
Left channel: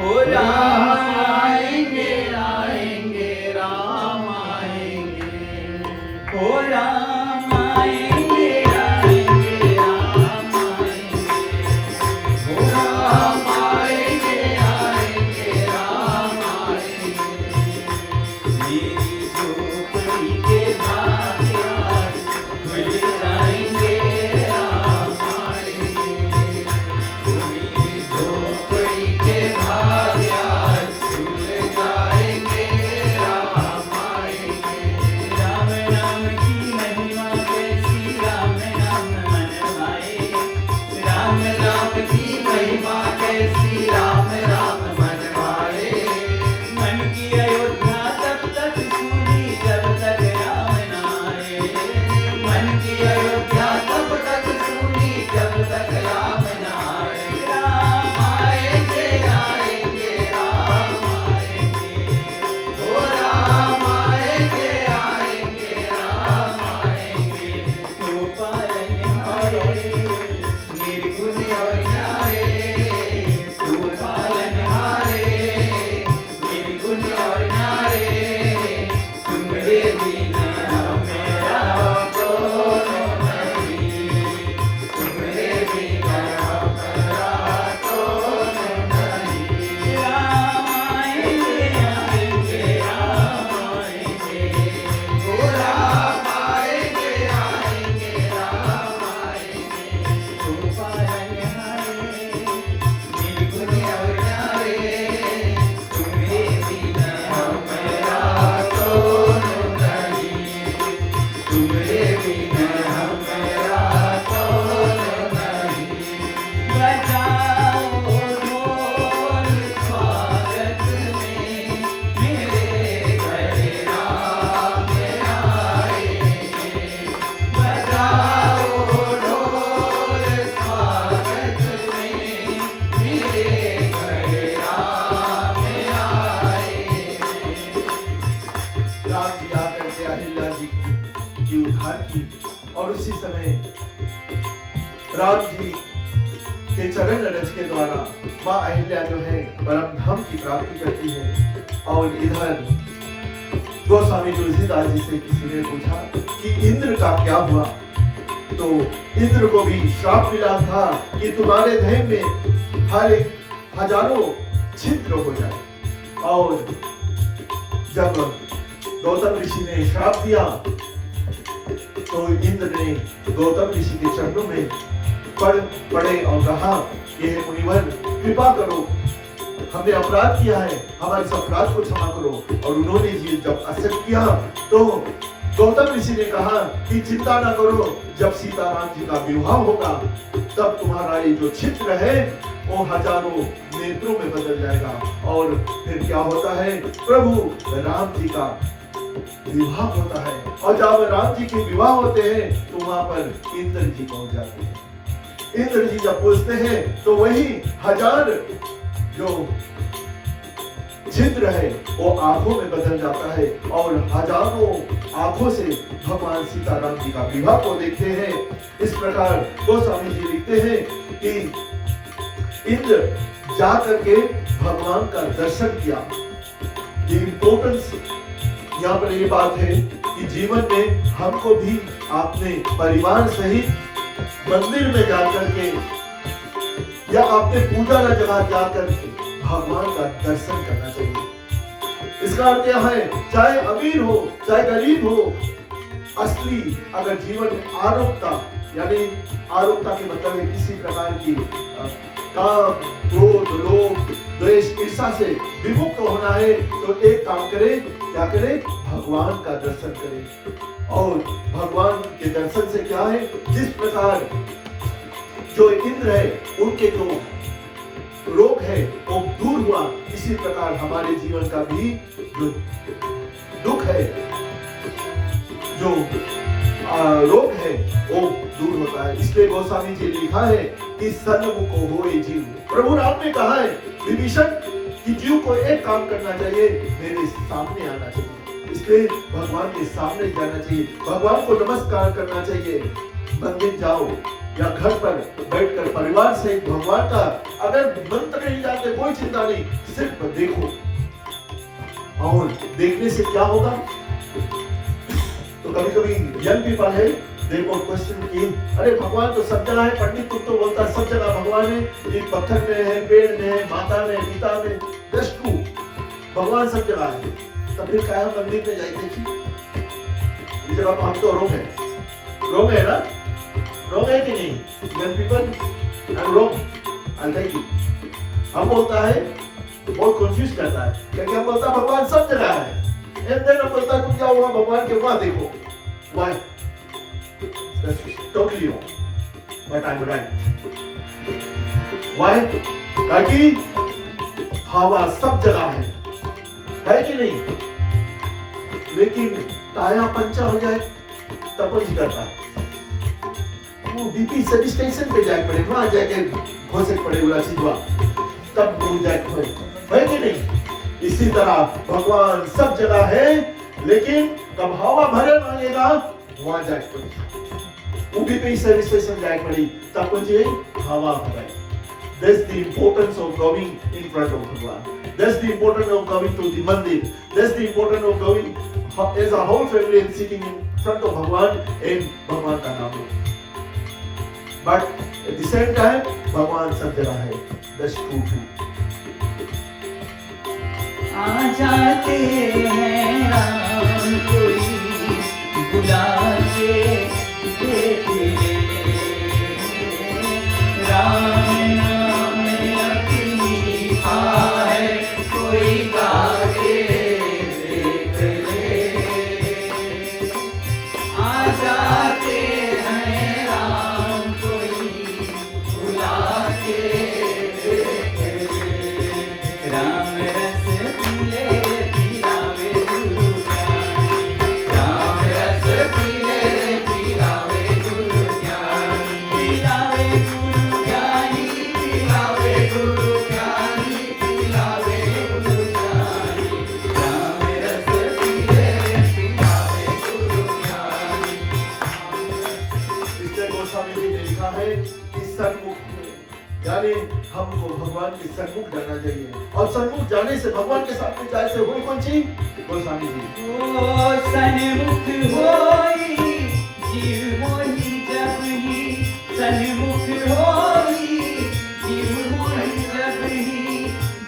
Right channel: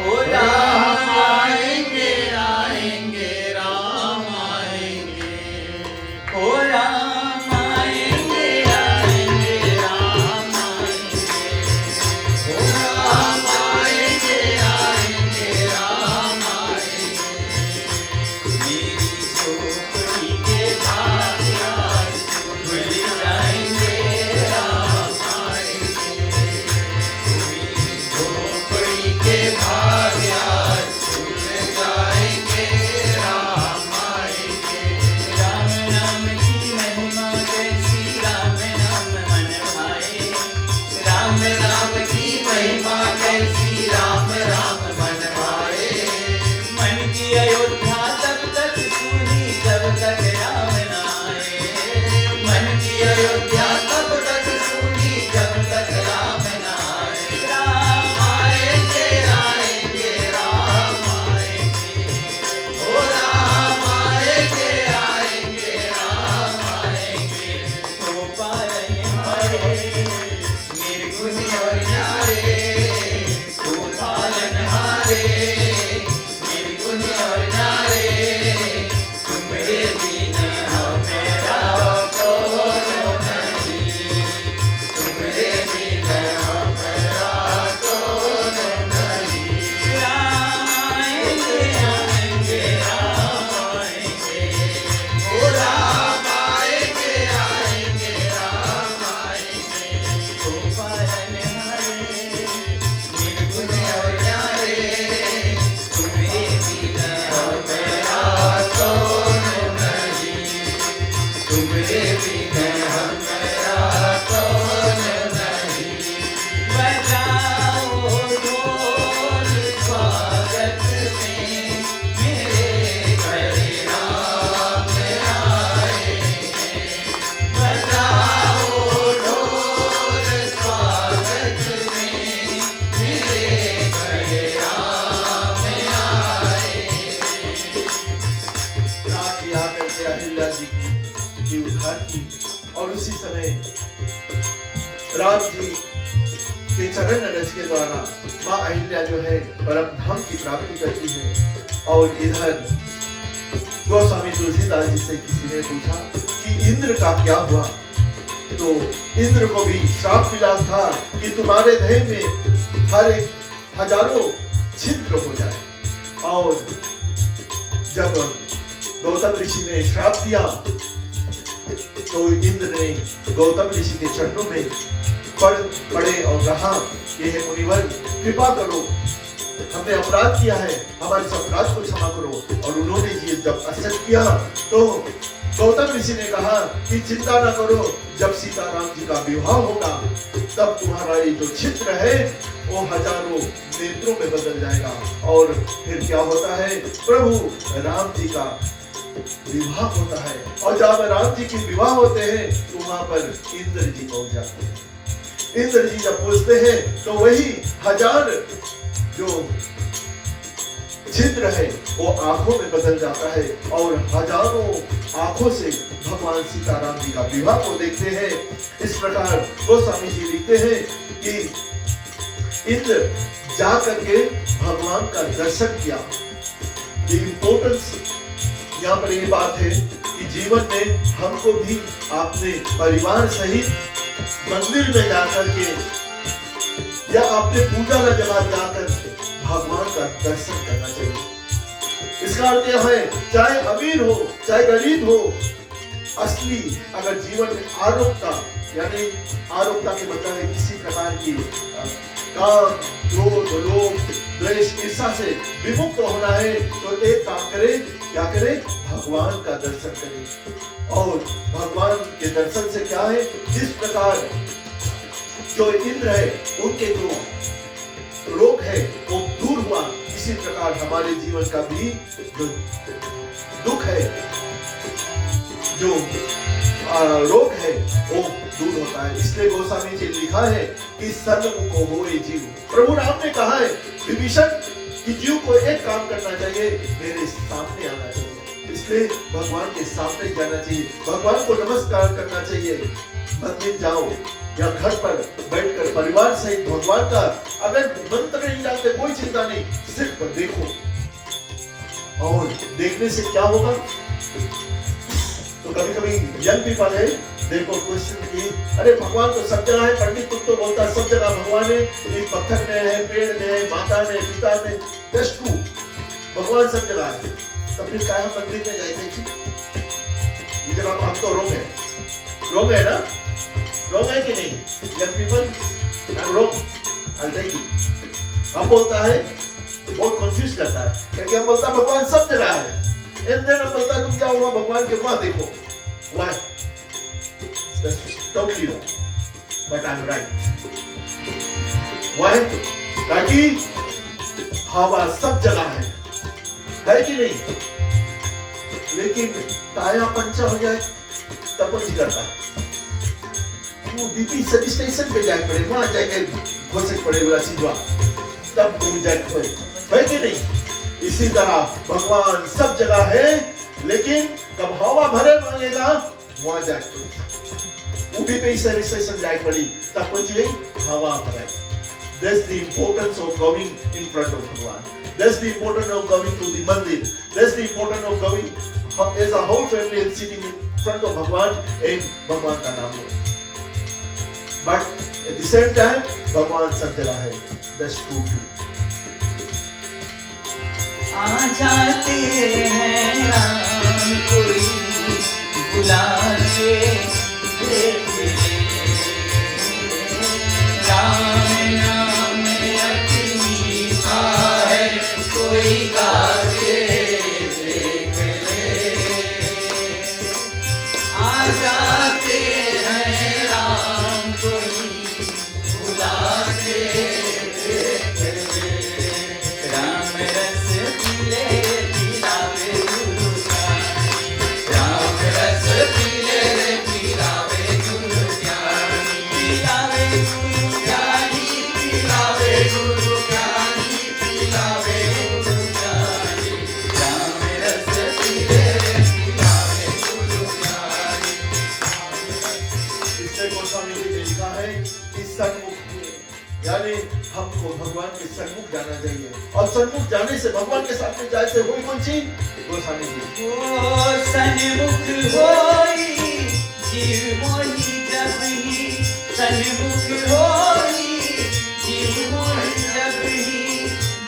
ओ राम आएंगे आएंगे राम आएंगे, ओ राम आएंगे आएंगे राम आएंगे, ओ राम आएंगे आएंगे राम आएंगे। मेरी झोपड़ी के बाहर मिल जाएंगे राम आएंगे, मेरी झोपड़ी के बाहर मिल जाएंगे राम आएंगे। राम नाम की महिमा कैसी, राम नाम मन भाए, राम नाम की महिमा कैसी, राम राम मन भाए। मन की अयोध्या तब तक सुनी जब तक राम न आए, मन की अयोध्या तब तक सुनी जब तक राम न आए। राम आएंगे आएंगे राम आएंगे, ओ राम आएंगे आएंगे राम आएंगे। तो पालनहारे निर्गुण और न्यारे, तो पालनहारे निर्गुण और न्यारे, तुम्हारे बिना मेरा कौन नहीं, तुम्हारे बिना मेरा कौन नहीं। राम आएंगे आएंगे राम आएंगे, ओ राम आएंगे आएंगे राम आएंगे। तो पालनहारे निर्गुण और न्यारे, तुम्हारे बिना मेरा कौन नहीं, तुम्हारे बिना मेरा कौन नहीं। बजाओ ढोल स्वागत में, मेरे घर राम आएंगे। बजाओ ढोल स्वागत में, मेरे घर राम आएंगे। राम जी आकर के अहिल्या जी की उद्धार की, और उसी समय राम जी के चरण रज के द्वारा माँ अहिल्या जो है परम धाम की प्राप्ति करती है। और इधर गोस्वामी तुलसीदास जी से किसी ने पूछा कि इंद्र का क्या हुआ, तो इंद्र को भी श्राप मिला था कि तुम्हारे देह में हर एक हजारों छिद्र हो जाए। और जब गौतम ऋषि ने श्राप दिया तो इंद्र ने गौतम ऋषि के चरणों में पड़े और कहा कि हे मुनिवर, कृपा करो, हमने अपराध किया है, हमारे इस अपराध को क्षमा करो। और उन्होंने ये जब असर किया तो गौतम ऋषि ने कहा कि चिंता न करो, जब सीताराम जी का विवाह होगा तब तुम्हारा ये जो छिद्र है वो हजारों नेत्रों में बदल जाएगा। और फिर क्या होता है, प्रभु राम जी का विवाह होता है, और जब राम जी के विवाह होते हैं तो वहां पर इंद्र जी पहुंच जाते हैं। इंद्र जी जब पूछते हैं तो वही हजार जो छिद्र है वो आंखों में बदल जाता है, और हजारों आंखों से भगवान सीताराम जी का विवाह को देखते हैं। इस प्रकार गोस्वामी जी लिखते हैं कि इंद्र जा करके भगवान का दर्शन किया। ये इम्पोर्टेंस यहाँ पर ये बात है कि जीवन में हमको भी अपने परिवार सहित मंदिर में जाकर के या अपने पूजा का जगह जाकर के भगवान का दर्शन करना चाहिए। इसका अर्थ यह है, चाहे अमीर हो चाहे गरीब हो, असली अगर जीवन में आरोग्यता, यानी आरोग्यता के मतलब है किसी प्रकार की काम, क्रोध, लोभ, द्वेष, ईर्ष्या से विमुक्त होना है तो एक काम करे, क्या करे, भगवान का दर्शन करे। और भगवान के दर्शन से क्या है, जिस प्रकार जो इंद्र है उनके जो रोग है वो दूर हुआ, इसी प्रकार हमारे जीवन का भी जो दुख है, जो रोग है, वो दूर होता है। इसलिए गोस्वामी जी ने लिखा है कि सन्मुख हो ये जीव। प्रभु राम ने कहा है विभीषण कि जीव को एक काम करना चाहिए, मेरे सामने आना चाहिए। इसलिए भगवान के सामने जाना चाहिए, भगवान को नमस्कार करना चाहिए। मंदिर जाओ या घर पर बैठकर परिवार सहित भगवान का, अगर मंत्र नहीं जानते कोई चिंता नहीं, सिर्फ देखो। और देखने से क्या होगा? तो कभी कभी यंग पीपल है, देखो क्वेश्चन की, अरे भगवान तो सब जगह है, पंडित तुम तो बोलता है सब जगह भगवान है, ये पत्थर में है, पेड़ में है, माता में, पिता में। दैट्स ट्रू, भगवान सब जगह है। तब फिर क्या मंदिर में जाते थी? जब हम तो रोग है ना, रोग है कि नहीं? यंग पीपल आई रोग, आई टेल यू। हम बोलता है, बहुत कंफ्यूज करता है, क्योंकि हम बोलता है भगवान सब जगह है, एंड देन हम बोलता है तुम क्या हुआ भगवान के वहां देखो। Why? That's totally wrong. But I'm right. Why? ताकि हवा सब जगह है कि नहीं? लेकिन टाया पंचा हो जाए तब कुछ करता, बीपी सब स्टेशन पे जाए पड़े, वहां जाके घोषे पड़े बोला सीधवा, तब घूम जाए है कि नहीं? इसी तरह भगवान सब जगह है, लेकिन जब हवा भरे मांगेगा वहां जाए पड़ी, उभी पे सर्विस स्टेशन जाए पड़ी, तब कुछ हवा भरे। That's the importance of coming in front of Bhagwan. That's the importance of coming to the mandir. That's the importance of coming as a whole family and sitting in front of Bhagwan and Bhagwan का नाम लो। But at the same time, Bhagwan सब जगह है। That's true too. आ जाते हैं राम कोई बुलाते देखे, राम नाम अति मीठा है कोई गाते देखे। आ जाते हैं राम कोई बुलाते देखे, राम रस यानी हमको भगवान के सन्मुख जाना चाहिए, और सन्मुख जाने से भगवान के साथ में जाए से हुई कौन सी? गोस्वामी जी ओ सन्मुख होई जीव मोहि जबहि, सन्मुख होई जीव मोहि जबहि,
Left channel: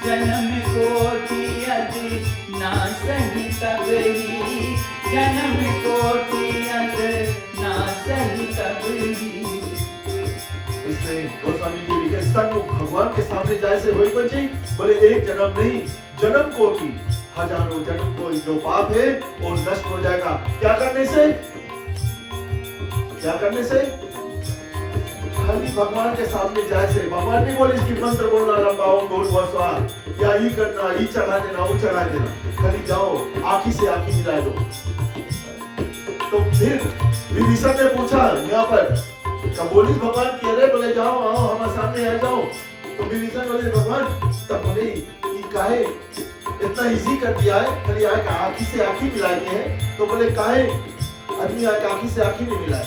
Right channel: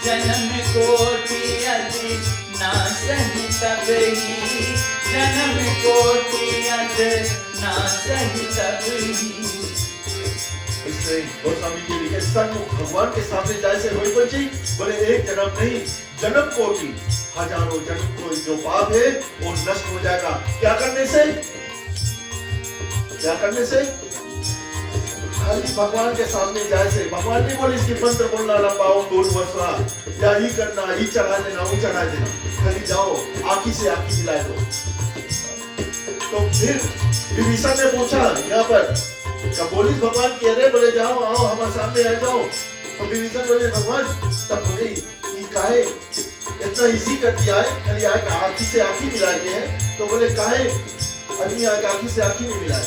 जन्म कोटि अति नासहि तबहि, जन्म कोटि अति नासहि तबहि। इसलिए गोस्वामी जी लिखे सन्मुख भगवान के सामने जाए से हुई बच्ची, बोले एक जन्म नहीं, जन्म कोटि हजारों जन्म को जो पाप है वो नष्ट हो जाएगा। क्या करने से? क्या करने से? खाली भगवान के सामने जाए से। भगवान नहीं बोले इसकी मंत्र बोलना लंबा हो दूर बसवा, या ही करना, ही चढ़ा देना, वो चढ़ा देना, खाली जाओ आँखी से आँखी मिला दो। तो फिर विभीषण ने पूछा यहाँ पर, बोली भगवान कह रहे, बोले जाओ आओ हमारे सामने आ जाओ। तो विभीषण बोले भगवान, तब बोले काहे इतना इजी कर दिया है, खाली आँखी से आँखी मिलाते हैं। तो बोले काहे आदमी आँखी से आँखी नहीं मिलाए,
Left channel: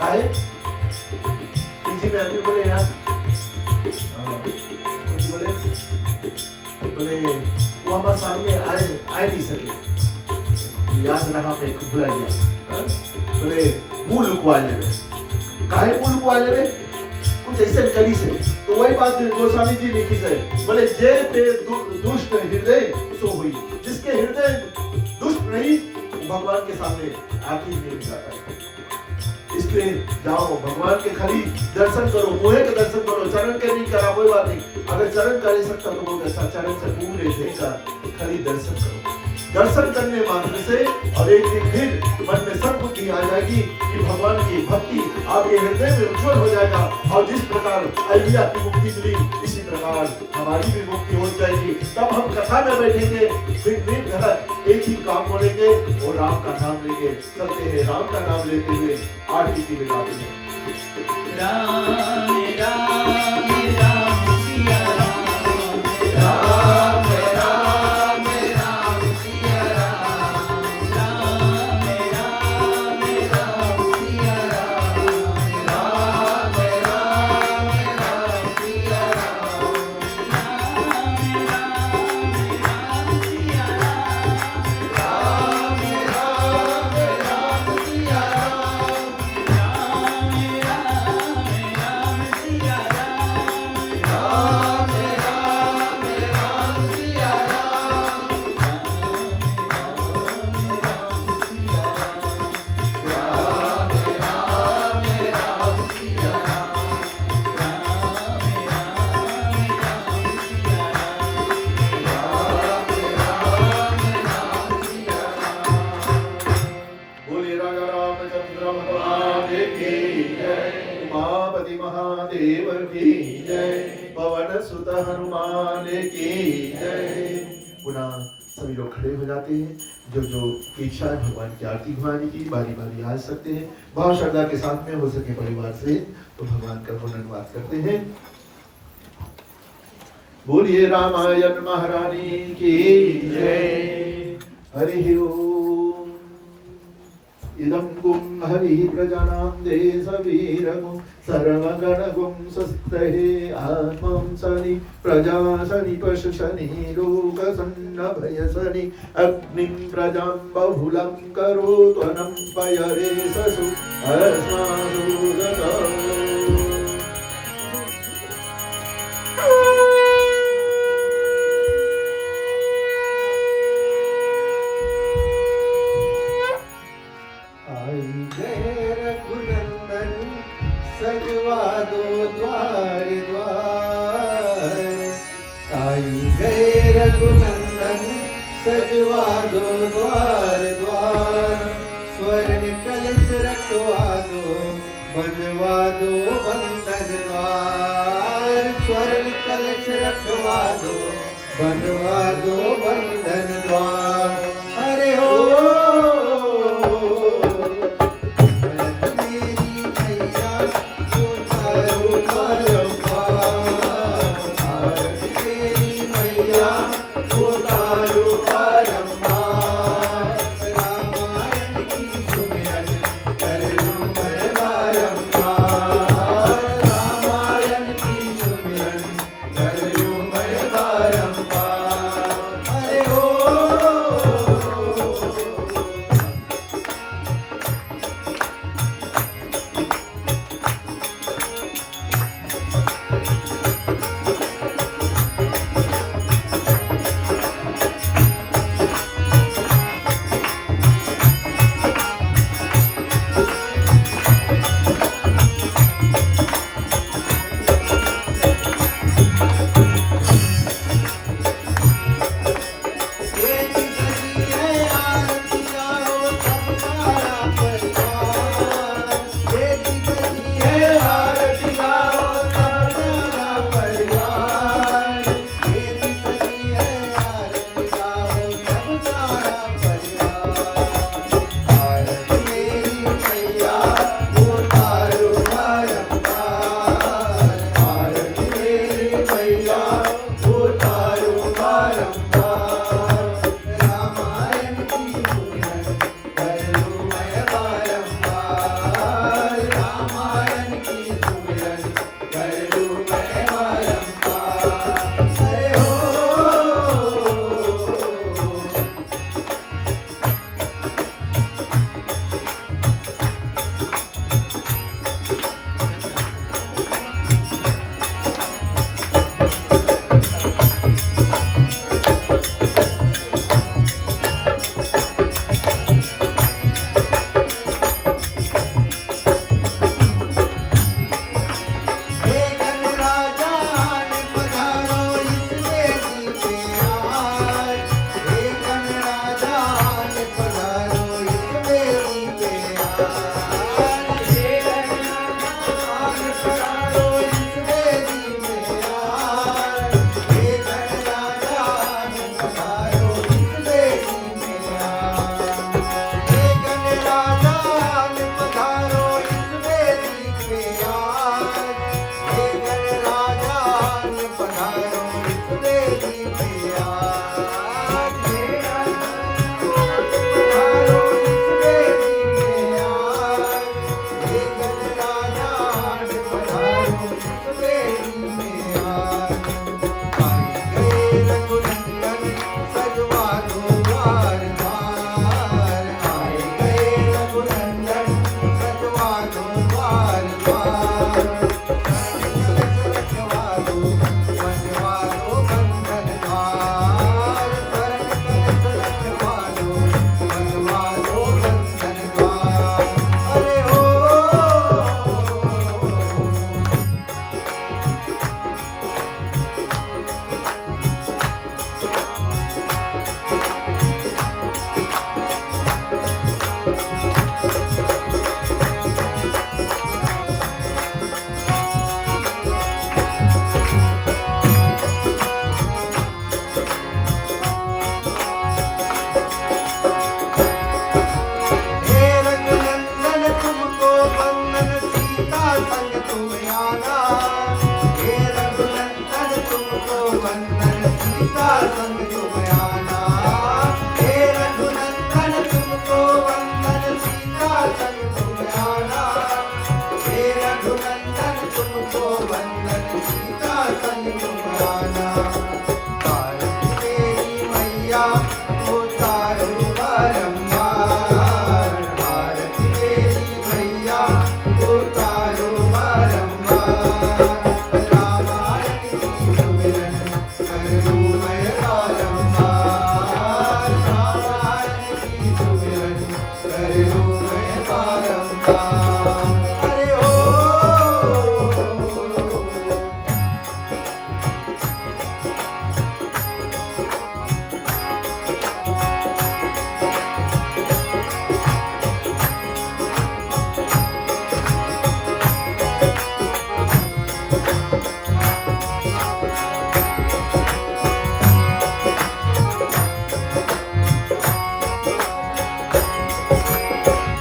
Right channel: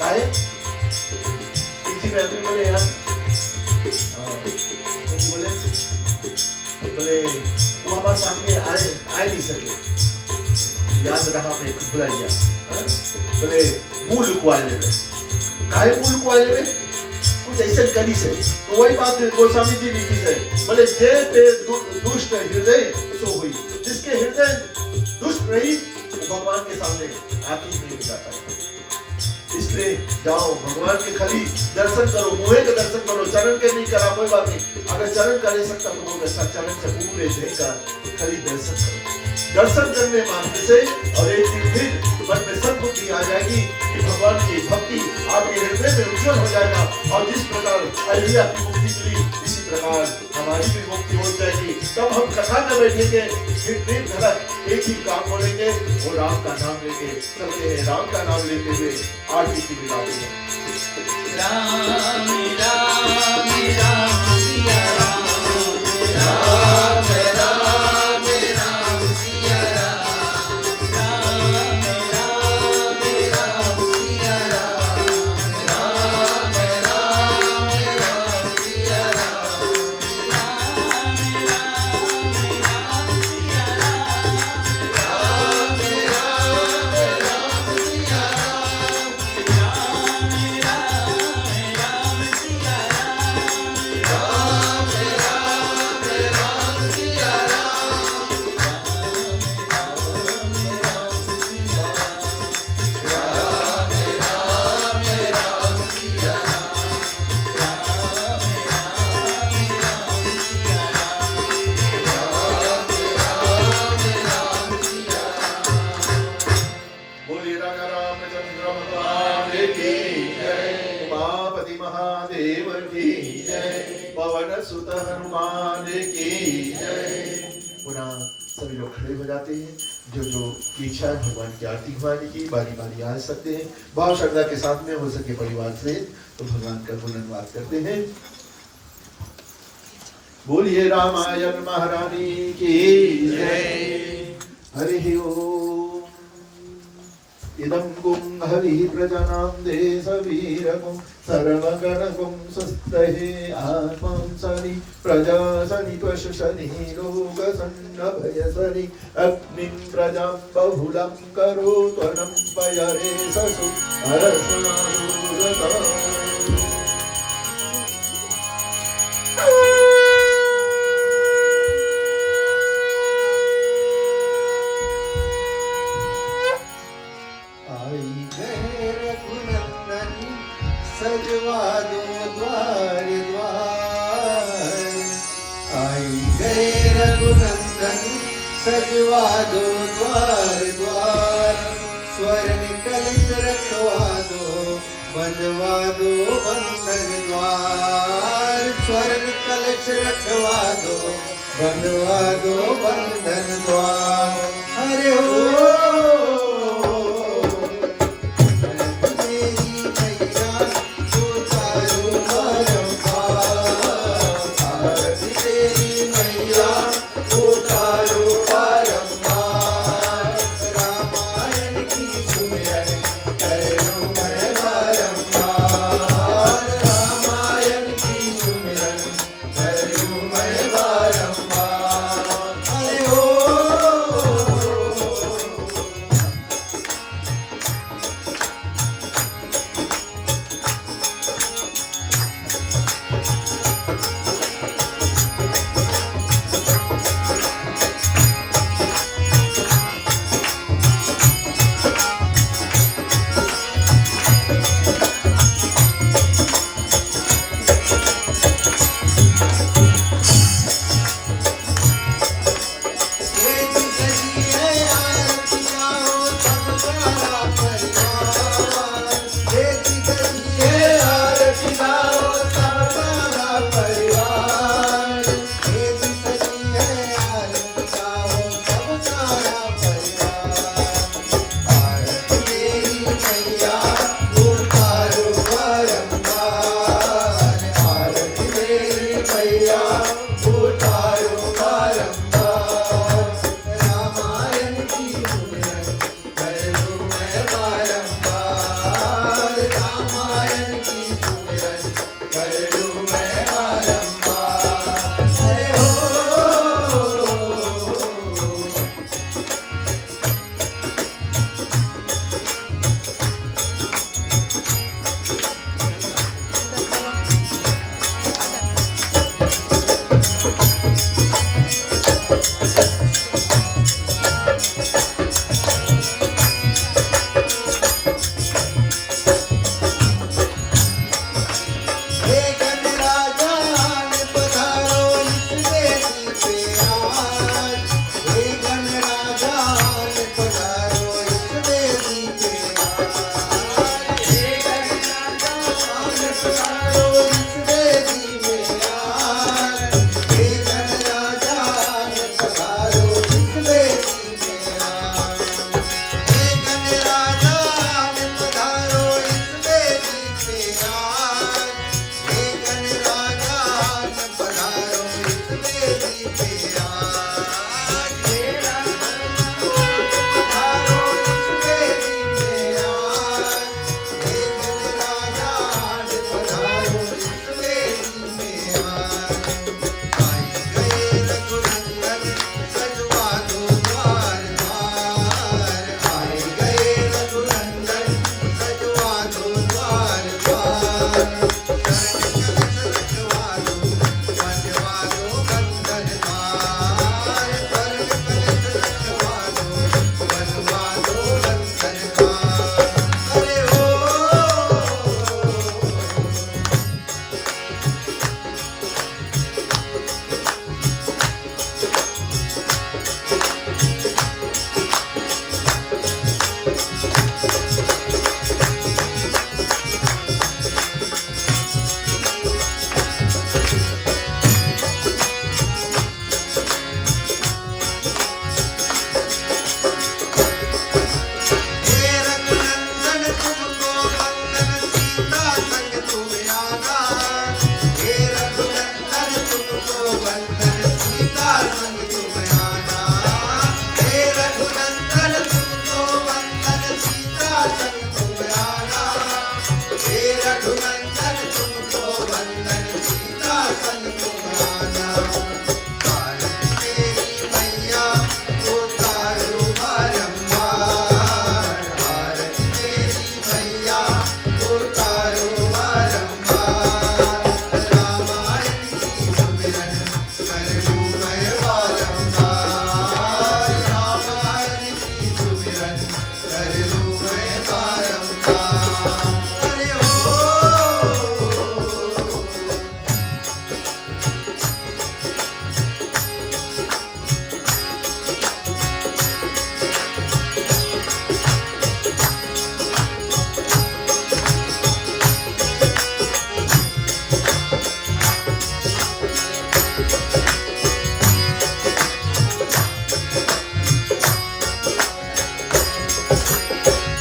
काहे? हिंदी में आदमी बोले यार, बोले वो हमारे सामने आए नहीं सके, याद रहा मैं भुला गया। बोले मुंह लुकवा ले, काहे मुंह लुकवा ले? कुछ ऐसे करी से। तो वही बात गोस्वामी जी लिखी है, बोले जे पे दुष्ट हृदय सो हुई, जिसके हृदय दुष्ट रही भगवान के सामने आके नहीं जाता है। इसलिए जाओ भगवान के खाली दर्शन करो, मुहे के दर्शन करो, चरण के नहीं करा कोई बात नहीं, अगर चरण कर सकता तो बहुत अच्छा, चरण से पूरे देह का खाली दर्शन करो। दर्शन करने मात्र से और एक दिन फिर मन में सद्बुद्धि आ जाएगी कि भगवान की भक्ति आपके हृदय में उज्जवल हो जाएगा। और जिस प्रकार प्रकार अहिल्या की मुक्ति मिली, इसी प्रकार हमारी भी मुक्ति हो जाएगी। तब हम कथा में बैठेंगे, फिर दिन भर एक ही काम बोलेंगे और राम का नाम लेंगे। चलते हैं राम का नाम लेते हुए आरती की विदा देंगे। राम राम राम सिया राम, राम राम राम सिया राम, राम राम राम सिया राम, राम राम राम सिया राम, राम राम राम सिया राम, राम राम राम सिया राम, राम राम सिया बोलिए राजा रामचंद्र भगवान की जय, उमापति महादेव की जय, पवन सुत हनुमान की जय। पुनः सभी लोग खड़े हो जाते हैं। जो इच्छा है भगवान की आरती घुमाने की बारी बारी आ सकते हैं। बहुत श्रद्धा के साथ में हो सके परिवार से तो भगवान का धन्यवाद करते हैं। बोलिए रामायण महारानी की जय। हरि ओम। इदं गुं हरि प्रजानां देशवीरगुं सर्वगणगुं स्वस्तये आत्मां सनि प्रजासनि पशुसनि लोकसन्नभयसनि अग्निं प्रजां बहुलं करोत्वनं पयरे ससु अस्मादुरतम्। आई गए रघुनंदन सजवा दो द्वार द्वार, आई गए रघुनंदन सजवा दो द्वार द्वार, स्वर्ण कलश रखवा दो बनवा दो बंधन द्वार, स्वर्ण कलश रखवा दो बनवा दो बंधन द्वार। हरे हो तुमको वंदनवान। अरे ओ हे रघुनंदन तुमको वंदन, सीता संग तुम आना। हे रघुनंदन तुमको वंदन, सीता संग तुम आना। हे रघुनंदन तुमको वंदन, सीता संग तुम आना। हे रघुनंदन तुमको वंदन, सीता संग तुम आना। भारत तेरी मैया उतारो बारंबार। भारत तेरी मैया उतारो बारंबार। रामायण की सुमिरन कर लूं मैं बारंबार। रामायण की सुमिरन कर लूं मैं बारंबार। अरे ओ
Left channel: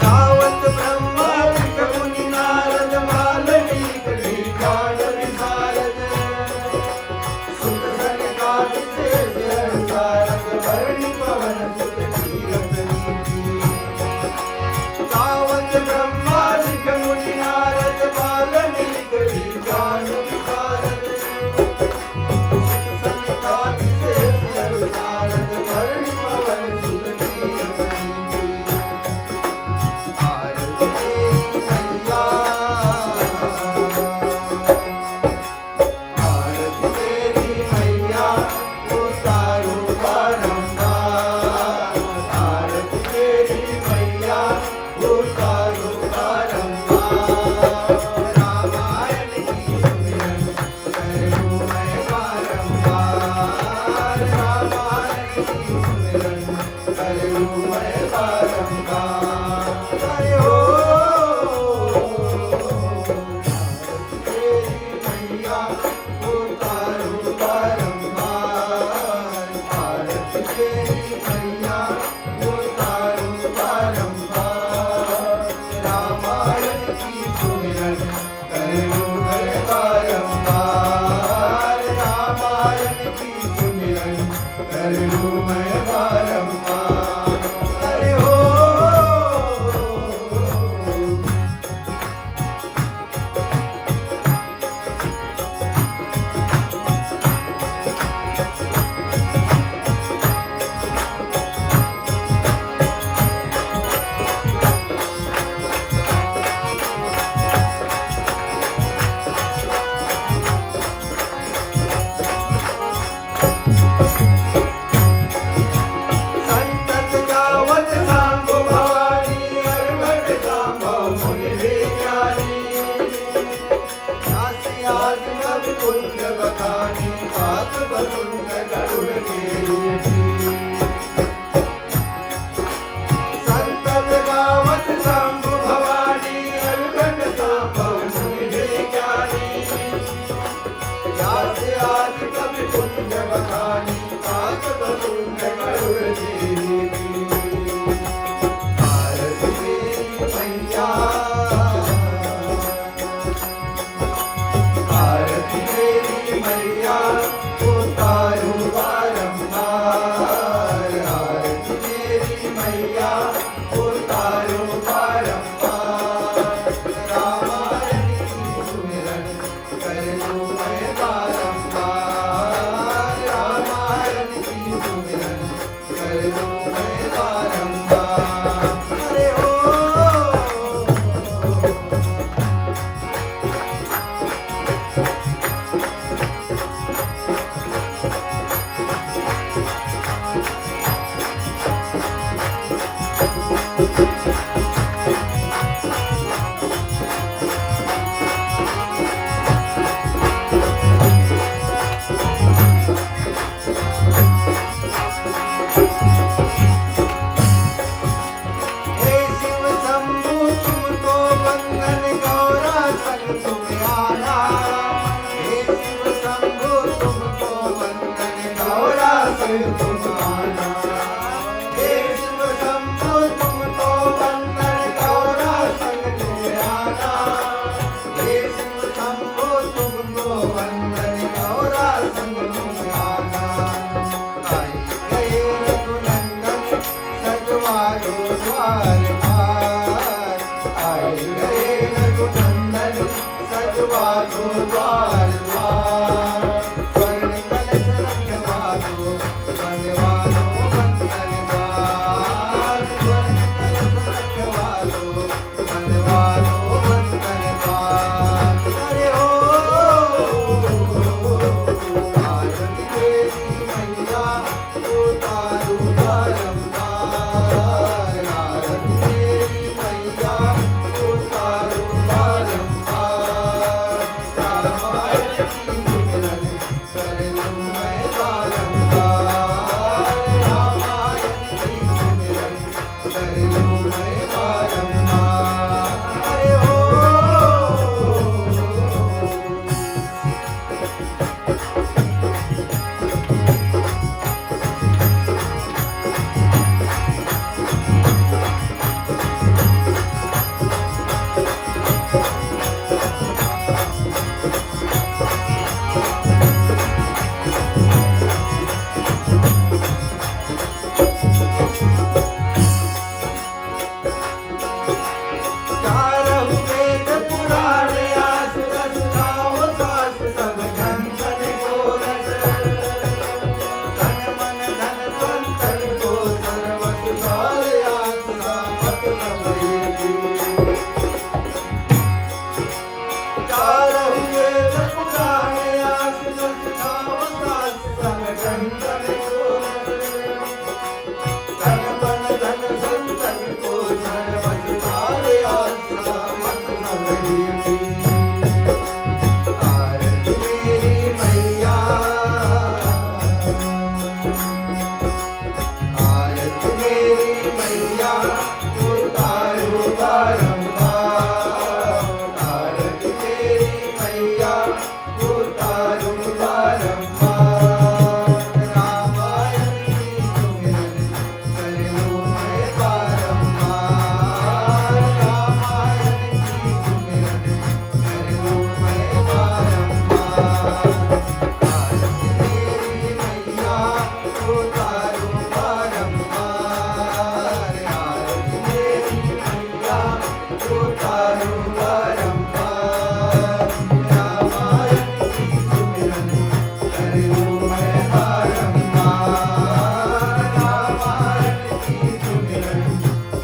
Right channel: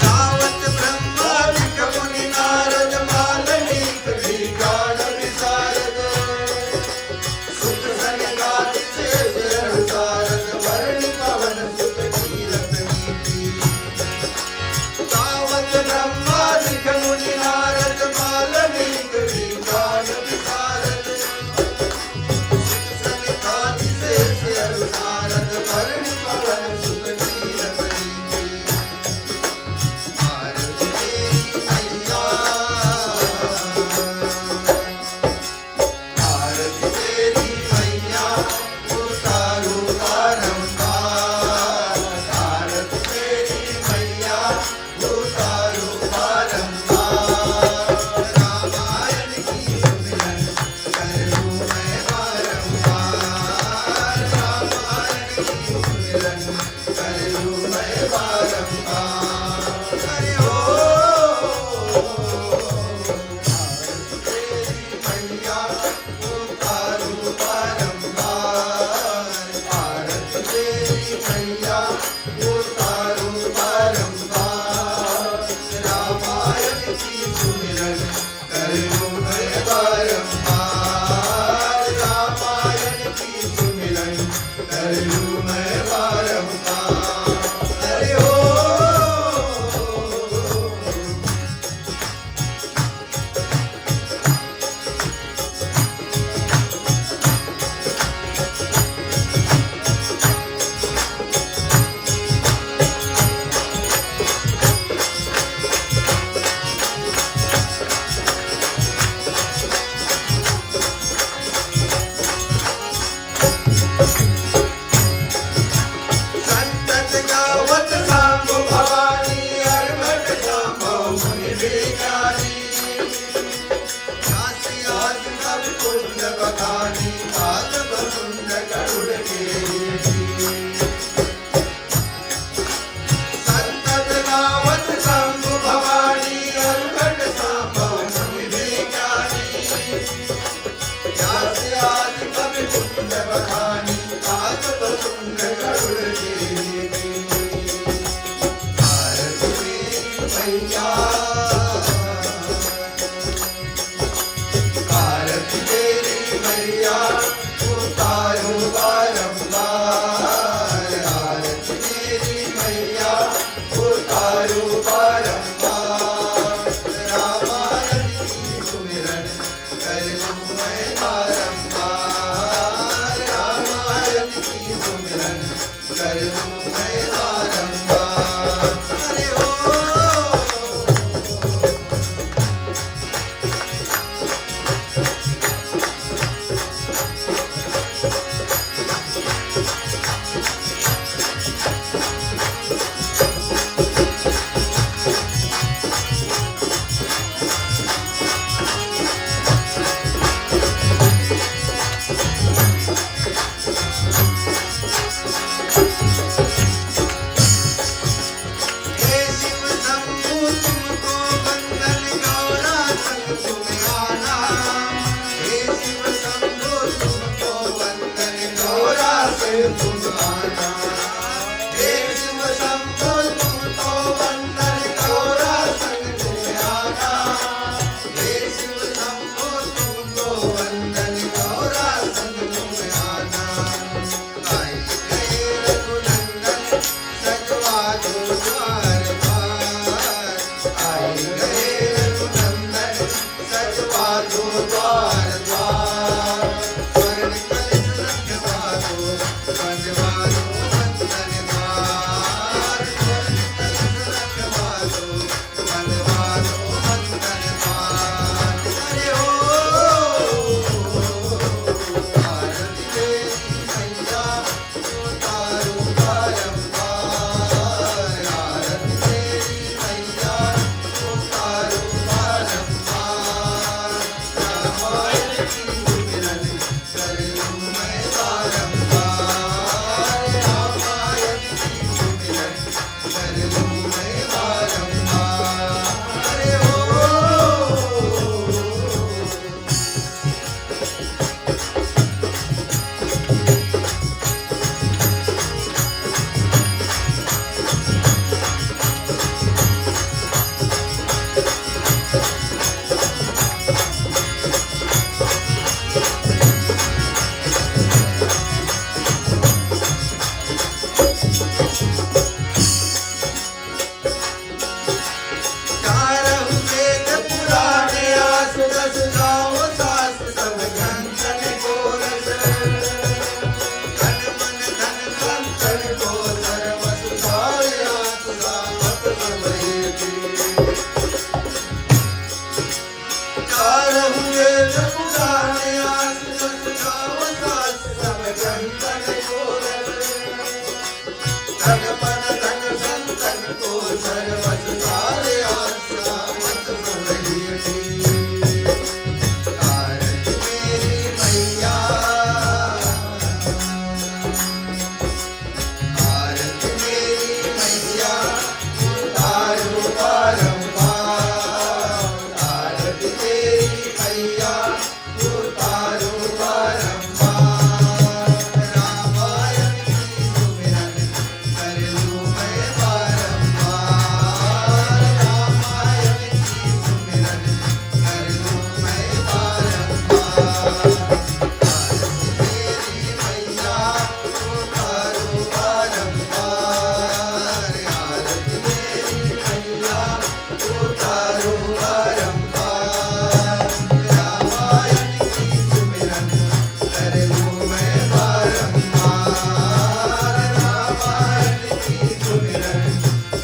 तावत ब्रह्मा विष्णु मुनि नारद वाल्मीकि विज्ञान विशारद। सुख सनकादि शेष सारद भरणी पवन सुत कीरत नीति। तावत ब्रह्मा विष्णु मुनि नारद वाल्मीकि विज्ञान विशारद। सुख सनकादि शेष सारद भरणी पवन सुत कीरत नीति। भारत तेरी मैया, भारत तेरी मैया उतारो बारंबार। भारत तेरी मैया उतारो बारंबार। रामायण की सुमिरन कर लूं मैं बारंबार। रामायण की सुमिरन कर लूं मैं बारंबार। अरे ओ तेरी मैया उतारो बारंबार। भारत तेरी मैया उतारो बारंबार। रामायण की सुमिरन कर लूं मैं बारंबार। रामायण की सुमिरन कर लूं मैं बारंबार। अरे ओ संतत गावत सांभो भवानी, अर्घट सांभव मुनि विज्ञानी। नासी आदि कवि पुण्य बखानी, हाथ बसुंद गरुड़ केसी। संतत गावत सांभो भवानी, अर्घट सांभव मुनि विज्ञानी। नासी आदि कवि पुण्य बखानी, हाथ बसुंद गरुड़ केसी। भारत तेरी मैया, भारत तेरी मैया उतारो बारंबार। भारत तेरी मैया उतारो बारंबार। रामायण की सुमिरन कर लूं मैं बारंबार। रामायण की सुमिरन कर लूं मैं बारंबार। अरे ओ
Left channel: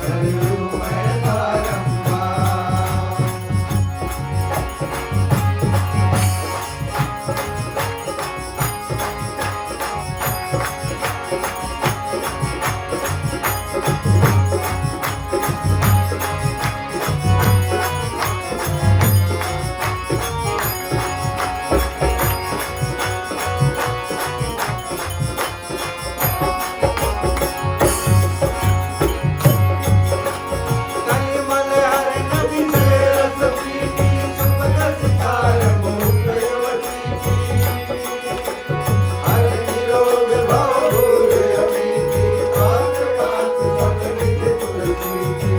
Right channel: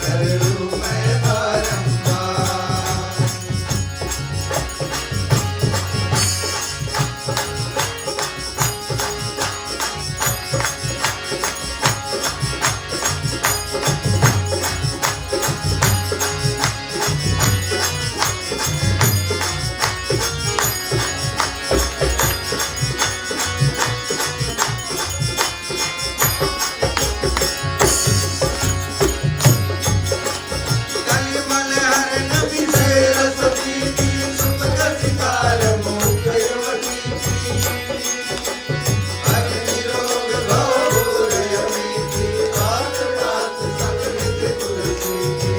कर लूं मैं बारंबार। कलिमल हर नबी से रस पीती, सुख का शिकार मुकेवती की। हर निरोग भव भूल अमीती, आस पास सब निज तुलसी की।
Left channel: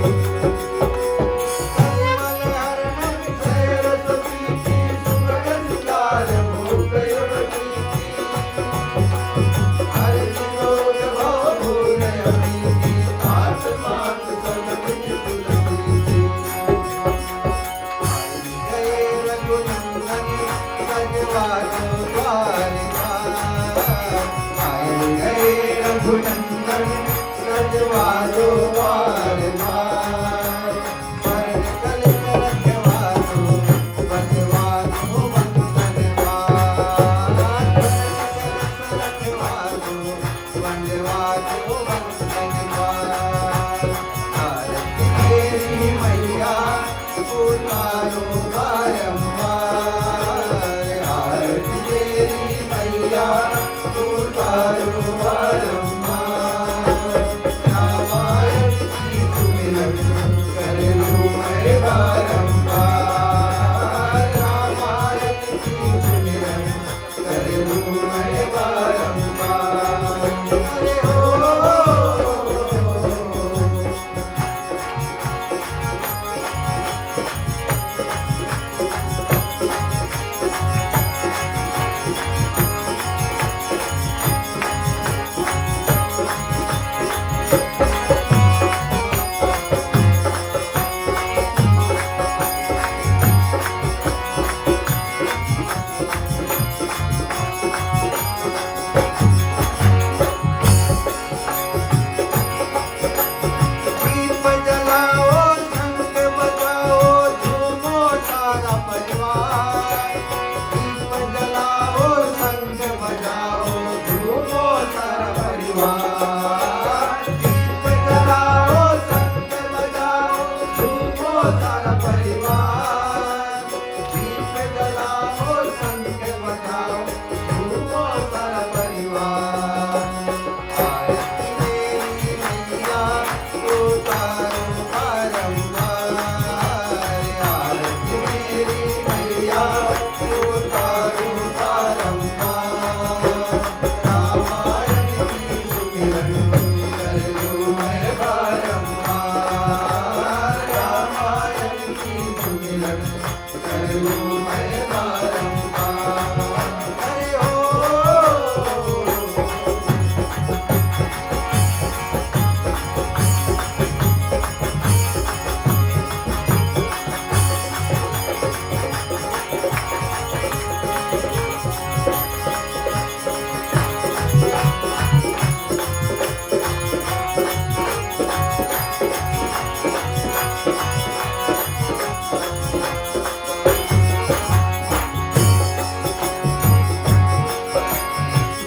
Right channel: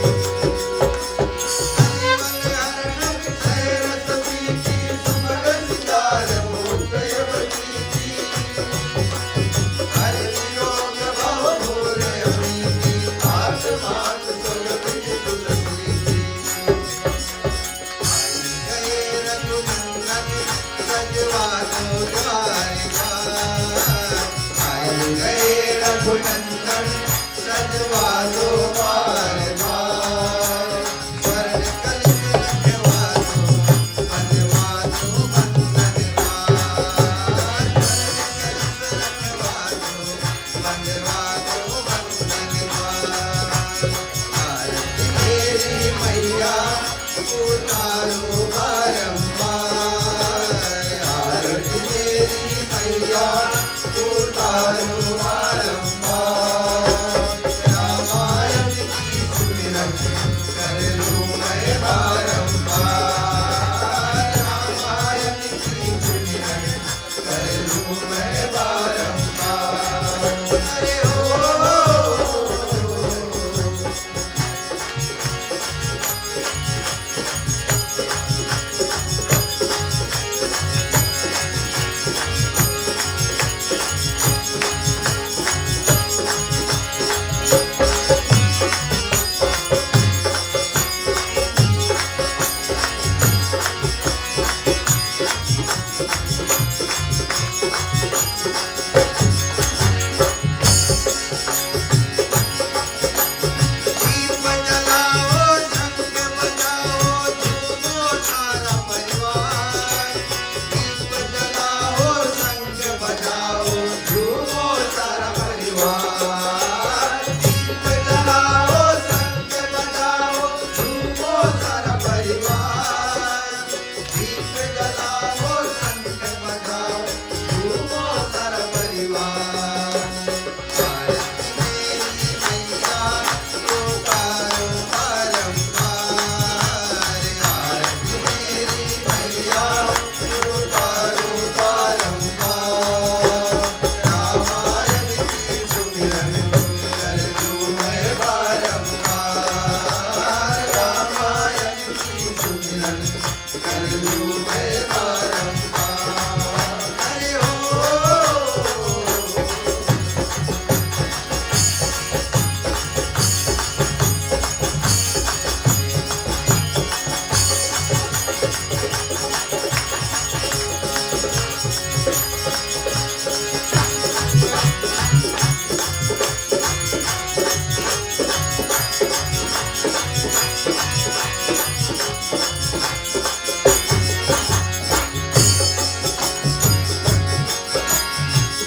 कलिमल हर नबी से रस पीती, सुख का शिकार मुकेवती की। हर निरोग भव भूल अमीती, आस पास सब निज तुलसी की। जय रघुनंदन सजवा दो द्वार द्वार। आए गए रघुनंदन सजवा दो द्वार द्वार। स्वर्ग कलित रखवा दो, बनवा दो बंधन द्वार। स्वर्ग कलित रखवा दो, बनवा दो बंधन द्वार। आरती तेरी मैया उतारो बारंबार। आरती तेरी मैया उतारो बारंबार। रामायण की सुमिरन कर लूं मैं बारंबार। रामायण की सुमिरन कर लूं मैं बारंबार। अरे ओ दीप जलाओ, शंख बजाओ, झूमो सारा परिवार। दीप जलाओ, शंख बजाओ, झूमो सारा परिवार। दीप जलाओ, शंख बजाओ, झूमो सारा परिवार। दीप जलाओ, शंख बजाओ, झूमो सारा परिवार। आरती मेरी मैया उतारो बारंबार। आरती मेरी मैया उतारो बारंबार। रामायण की सुमिरन कर लूं मैं बारंबार। रामायण की सुमिरन कर लूं मैं बारंबार। हरि ओम।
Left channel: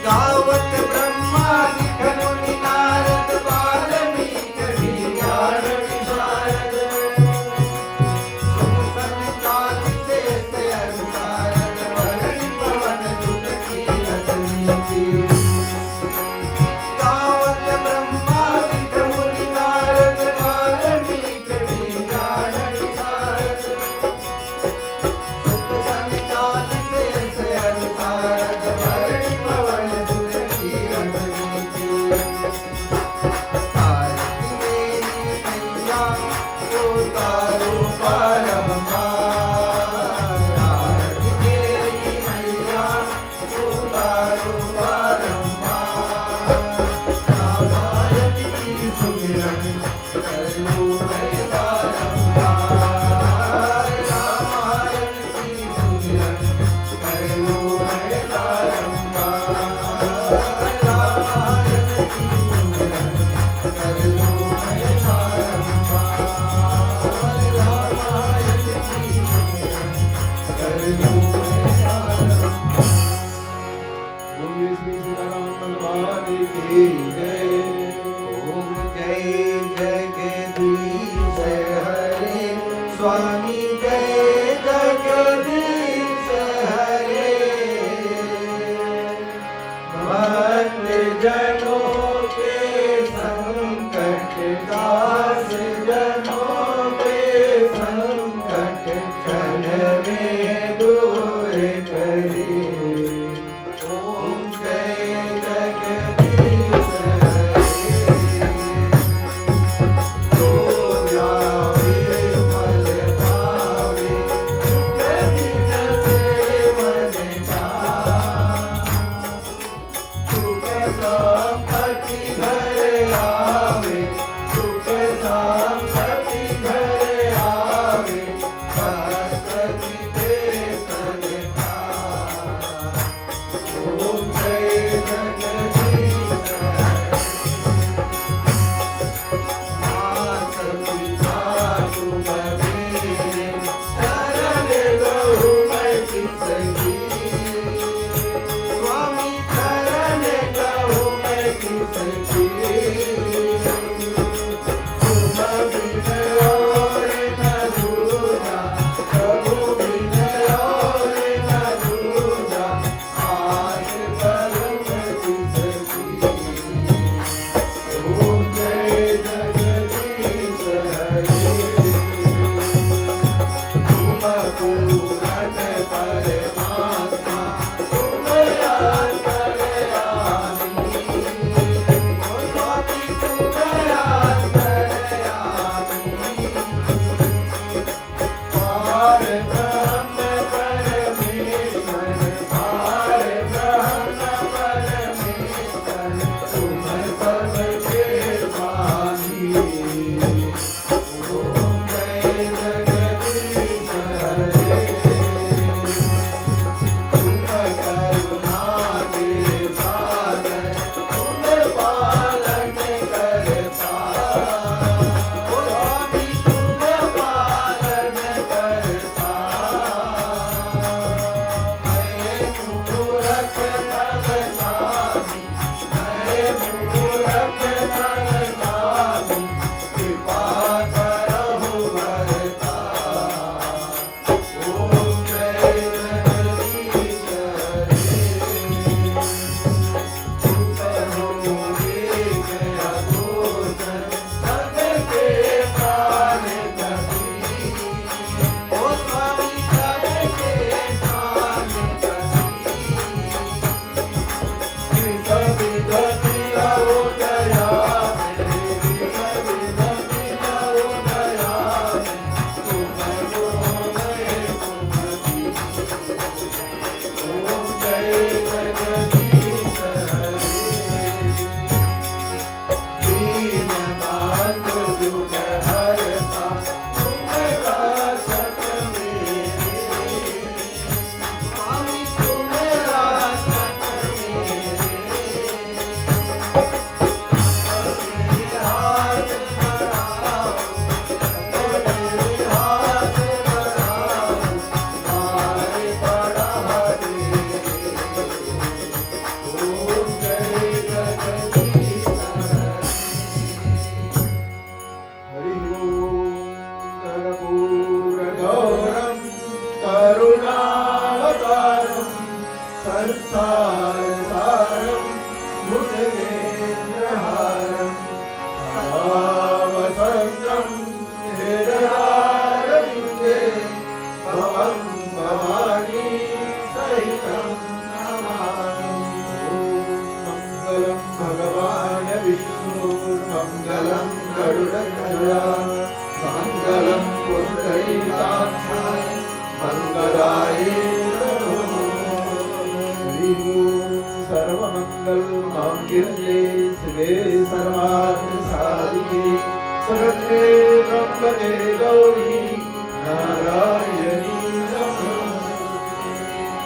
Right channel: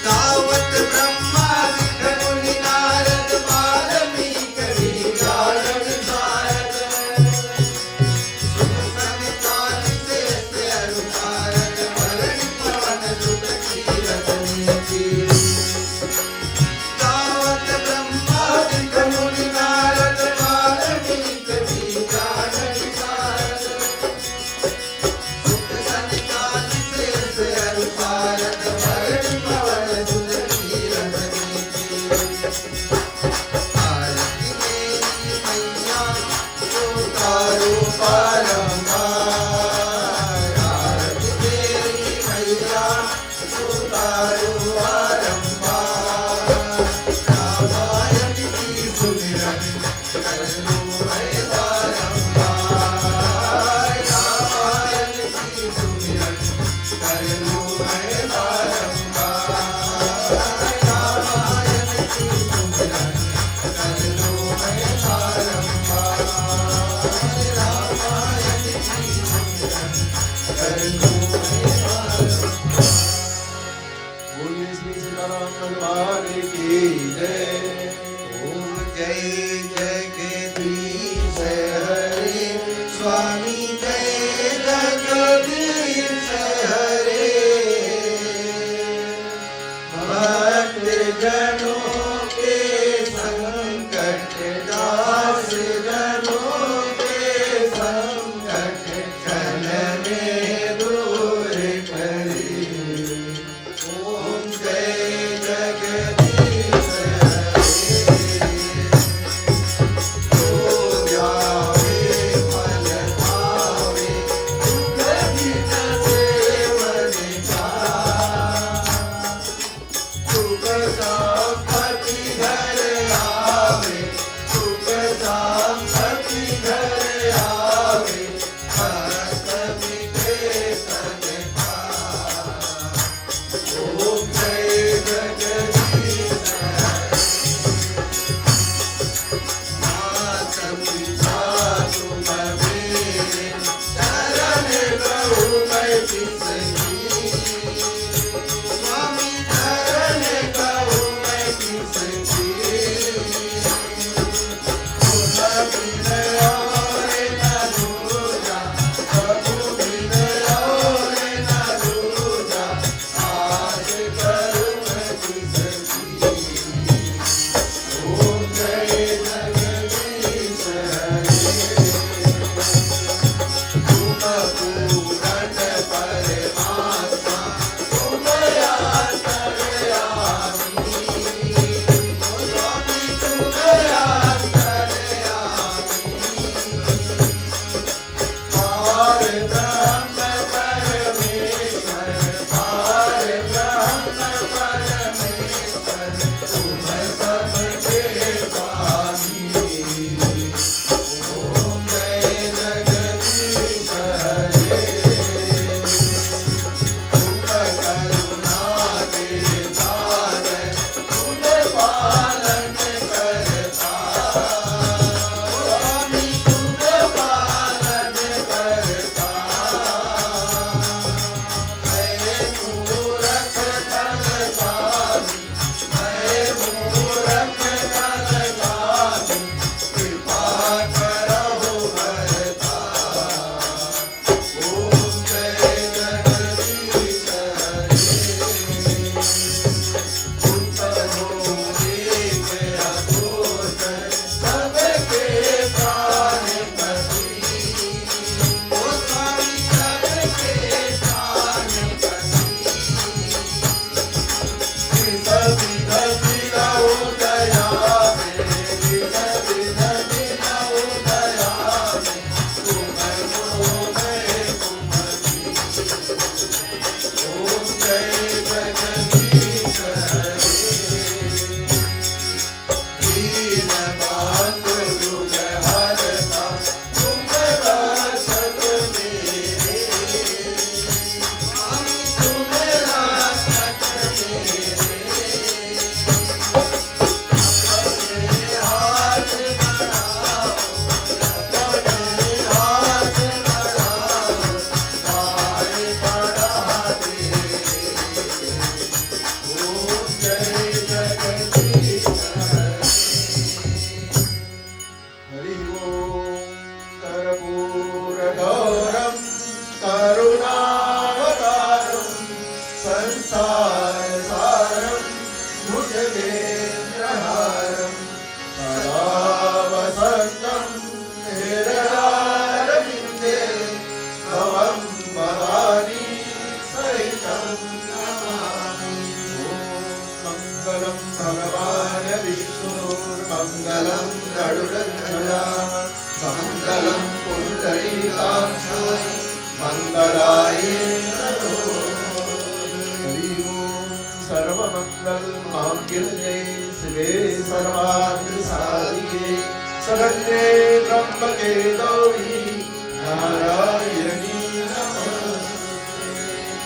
गावत ब्रह्मा विष्णु मुनि नारद वाल्मीकि विज्ञान विशारद। सुख संतान शेष अनुसारद, वरण पवन सुत कीरत नीति। गावत ब्रह्मा विष्णु मुनि नारद वाल्मीकि विज्ञान विशारद। सुख संतान शेष अनुसारद, वरण पवन सुत कीरत नीति। आरती मेरी मैया उतारो बारंबार। आरती मेरी मैया उतारो बारंबार। रामायण की सुमिरन कर लूं मैं बारंबार। रामायण की सुमिरन कर लूं मैं बारंबार। रामायण की सुमिरन कर लूं मैं बारंबार। जगदीश हरे स्वामी जय जगदीश हरे भक्त जनों के संकट दास जनों के संकट क्षण में दूर करे ओम जय जगदीश हरे तो जावे फल पावे गणित से मन का सुख संपत्ति घर आवे सुख संपत्ति घर आवे भक्त मिटे तन का ओम जय जगदीश हरे मात पिता तुम मेरे शरण लहू मैं किसकी स्वामी शरण लहू मैं किसकी तुम बिन और न दूजा प्रभु बिन और न दूजा आस करूं मैं किसकी ओम जय जगदीश हरे तुम पूरन परमात्मा तुम अंतर्यामी ओ स्वामी तुम अंतर्यामी पार ब्रह्म परमेश्वर पार ब्रह्म परमेश्वर तुम सबके स्वामी ओम जय जगदीश हरे तुम करुणा के सागर तुम पालन करता ओ स्वामी तुम पालन करता मैं मूरख नगरानी मैं मूरख नगरानी कृपा करहु वरता ओम जय जगदीश हरे तुम हो एक अगोचर सबके प्राणपति ओ स्वामी सबके प्राणपति विध विधि लो दया विध विधि लो दया तुम गुरु में तुम ओम जय जगदीश हरे दीन बंधु दुख हरता तुम रक्षक मेरे स्वामी तुम रक्षक मेरे हाथ बढ़ाओ अपने हाथ बढ़ाओ मारे बढ़ा दे ओम जय जगदीश हरि ओम कर्पूर गौरम करुणावतारम संसार सारम भुजगेन्द्रहारम सदा वसंतम हृदयारविन्दे भवं भवानी सहितं नमामि ओम मंगलम भगवान विष्णुर्मंगलम गरुडध्वजा मंगलम पुंडरीकाक्ष मंगलाय हरि ओम सर्वमंगल मांगल्ये शिवे सर्वार्थ साधिके शरण्ये त्र्यंबके गौरी नारायणी नमोस्तुते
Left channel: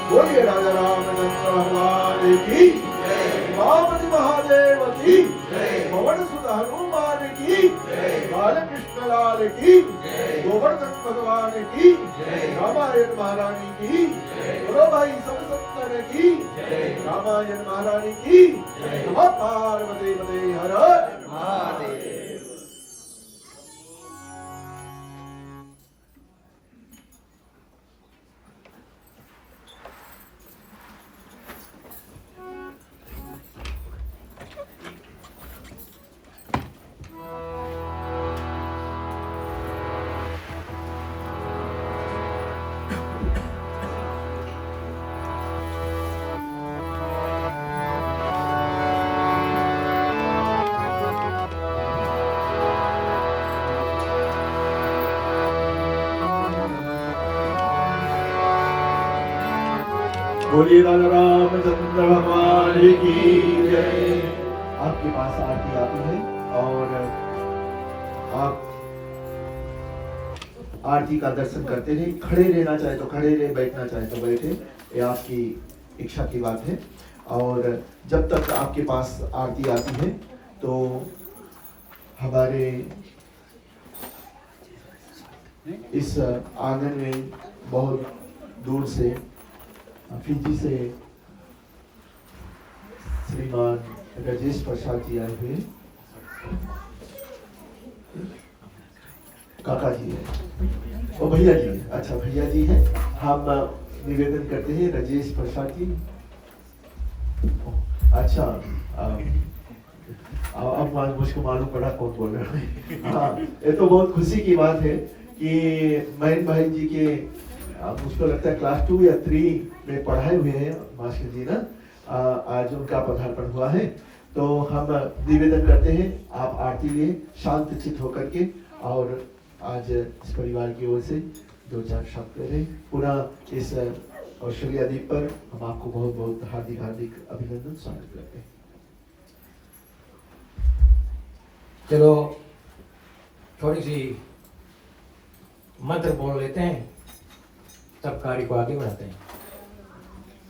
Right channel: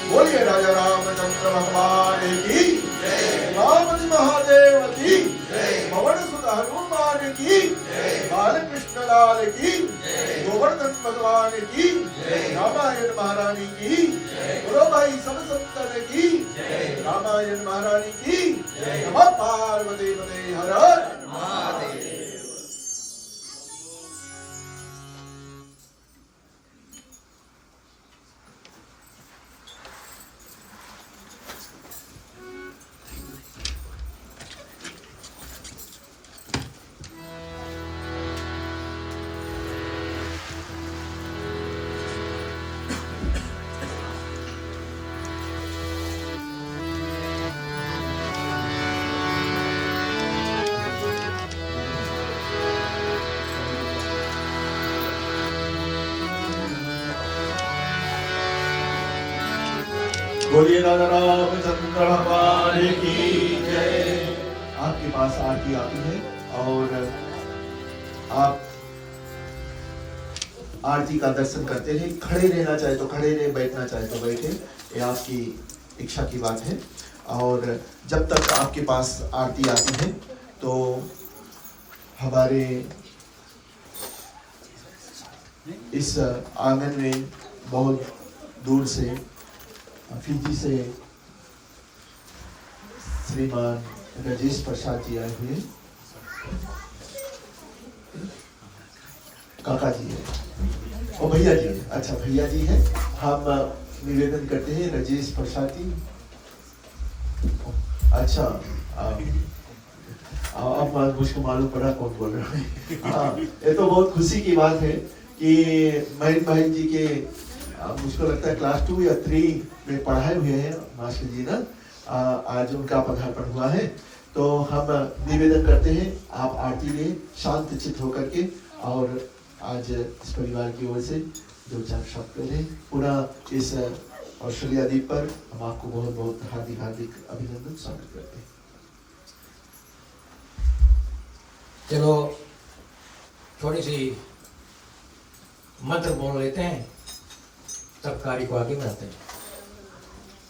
बोलिए राजा रामचंद्र भगवान की जय रामजी महादेव की जय पवन सुत हनुमान की जय बालकृष्ण लाल की जय गोवर्धन भगवान की जय रामायण महारानी की जय गुरु भाई सब संतन की जय रामायण महारानी की जय नमः पार्वती पते हर हर महादेव। बोलिए राजा रामचंद्र भगवान की जय। आपके पास आरती आती है और आप आरती का दर्शन करते हैं। खड़े रहना चाहे तो खड़े रहे, बैठना चाहे तो बैठे, ये आपकी इच्छा की बात है। और जब तक आपके पास आरती आती है तो हमारे इस आंगन में बहुत दूर से फिजी से श्रीमान राजेश प्रसाद जी आए हुए, काका जी है और भैया जी है। अच्छा भैया जी है। हम निवेदन करते हैं राजेश प्रसाद जी। अच्छा अब मुझको मालूम पड़ा कौन बोल रहा है। हाँ, ये तो बहुत खुशी की बात है कि महेंद्र भाई जी के मुझको लगता है क्लास 2 या 3 में पढ़ाए हुए हैं मास्टर जी ना। आज उनका पदार्पण हुआ है तो हम निवेदन करते हैं आप आरती लिए शांत चित्त होकर के, और आज इस परिवार की ओर से 2-4 शब्द करें। पूरा इस ऑस्ट्रेलिया द्वीप पर हम आपको बहुत बहुत हार्दिक हार्दिक अभिनंदन स्वागत करते हैं। चलो थोड़ी सी मंत्र बोल लेते हैं, तब कार्य को आगे बढ़ाते हैं।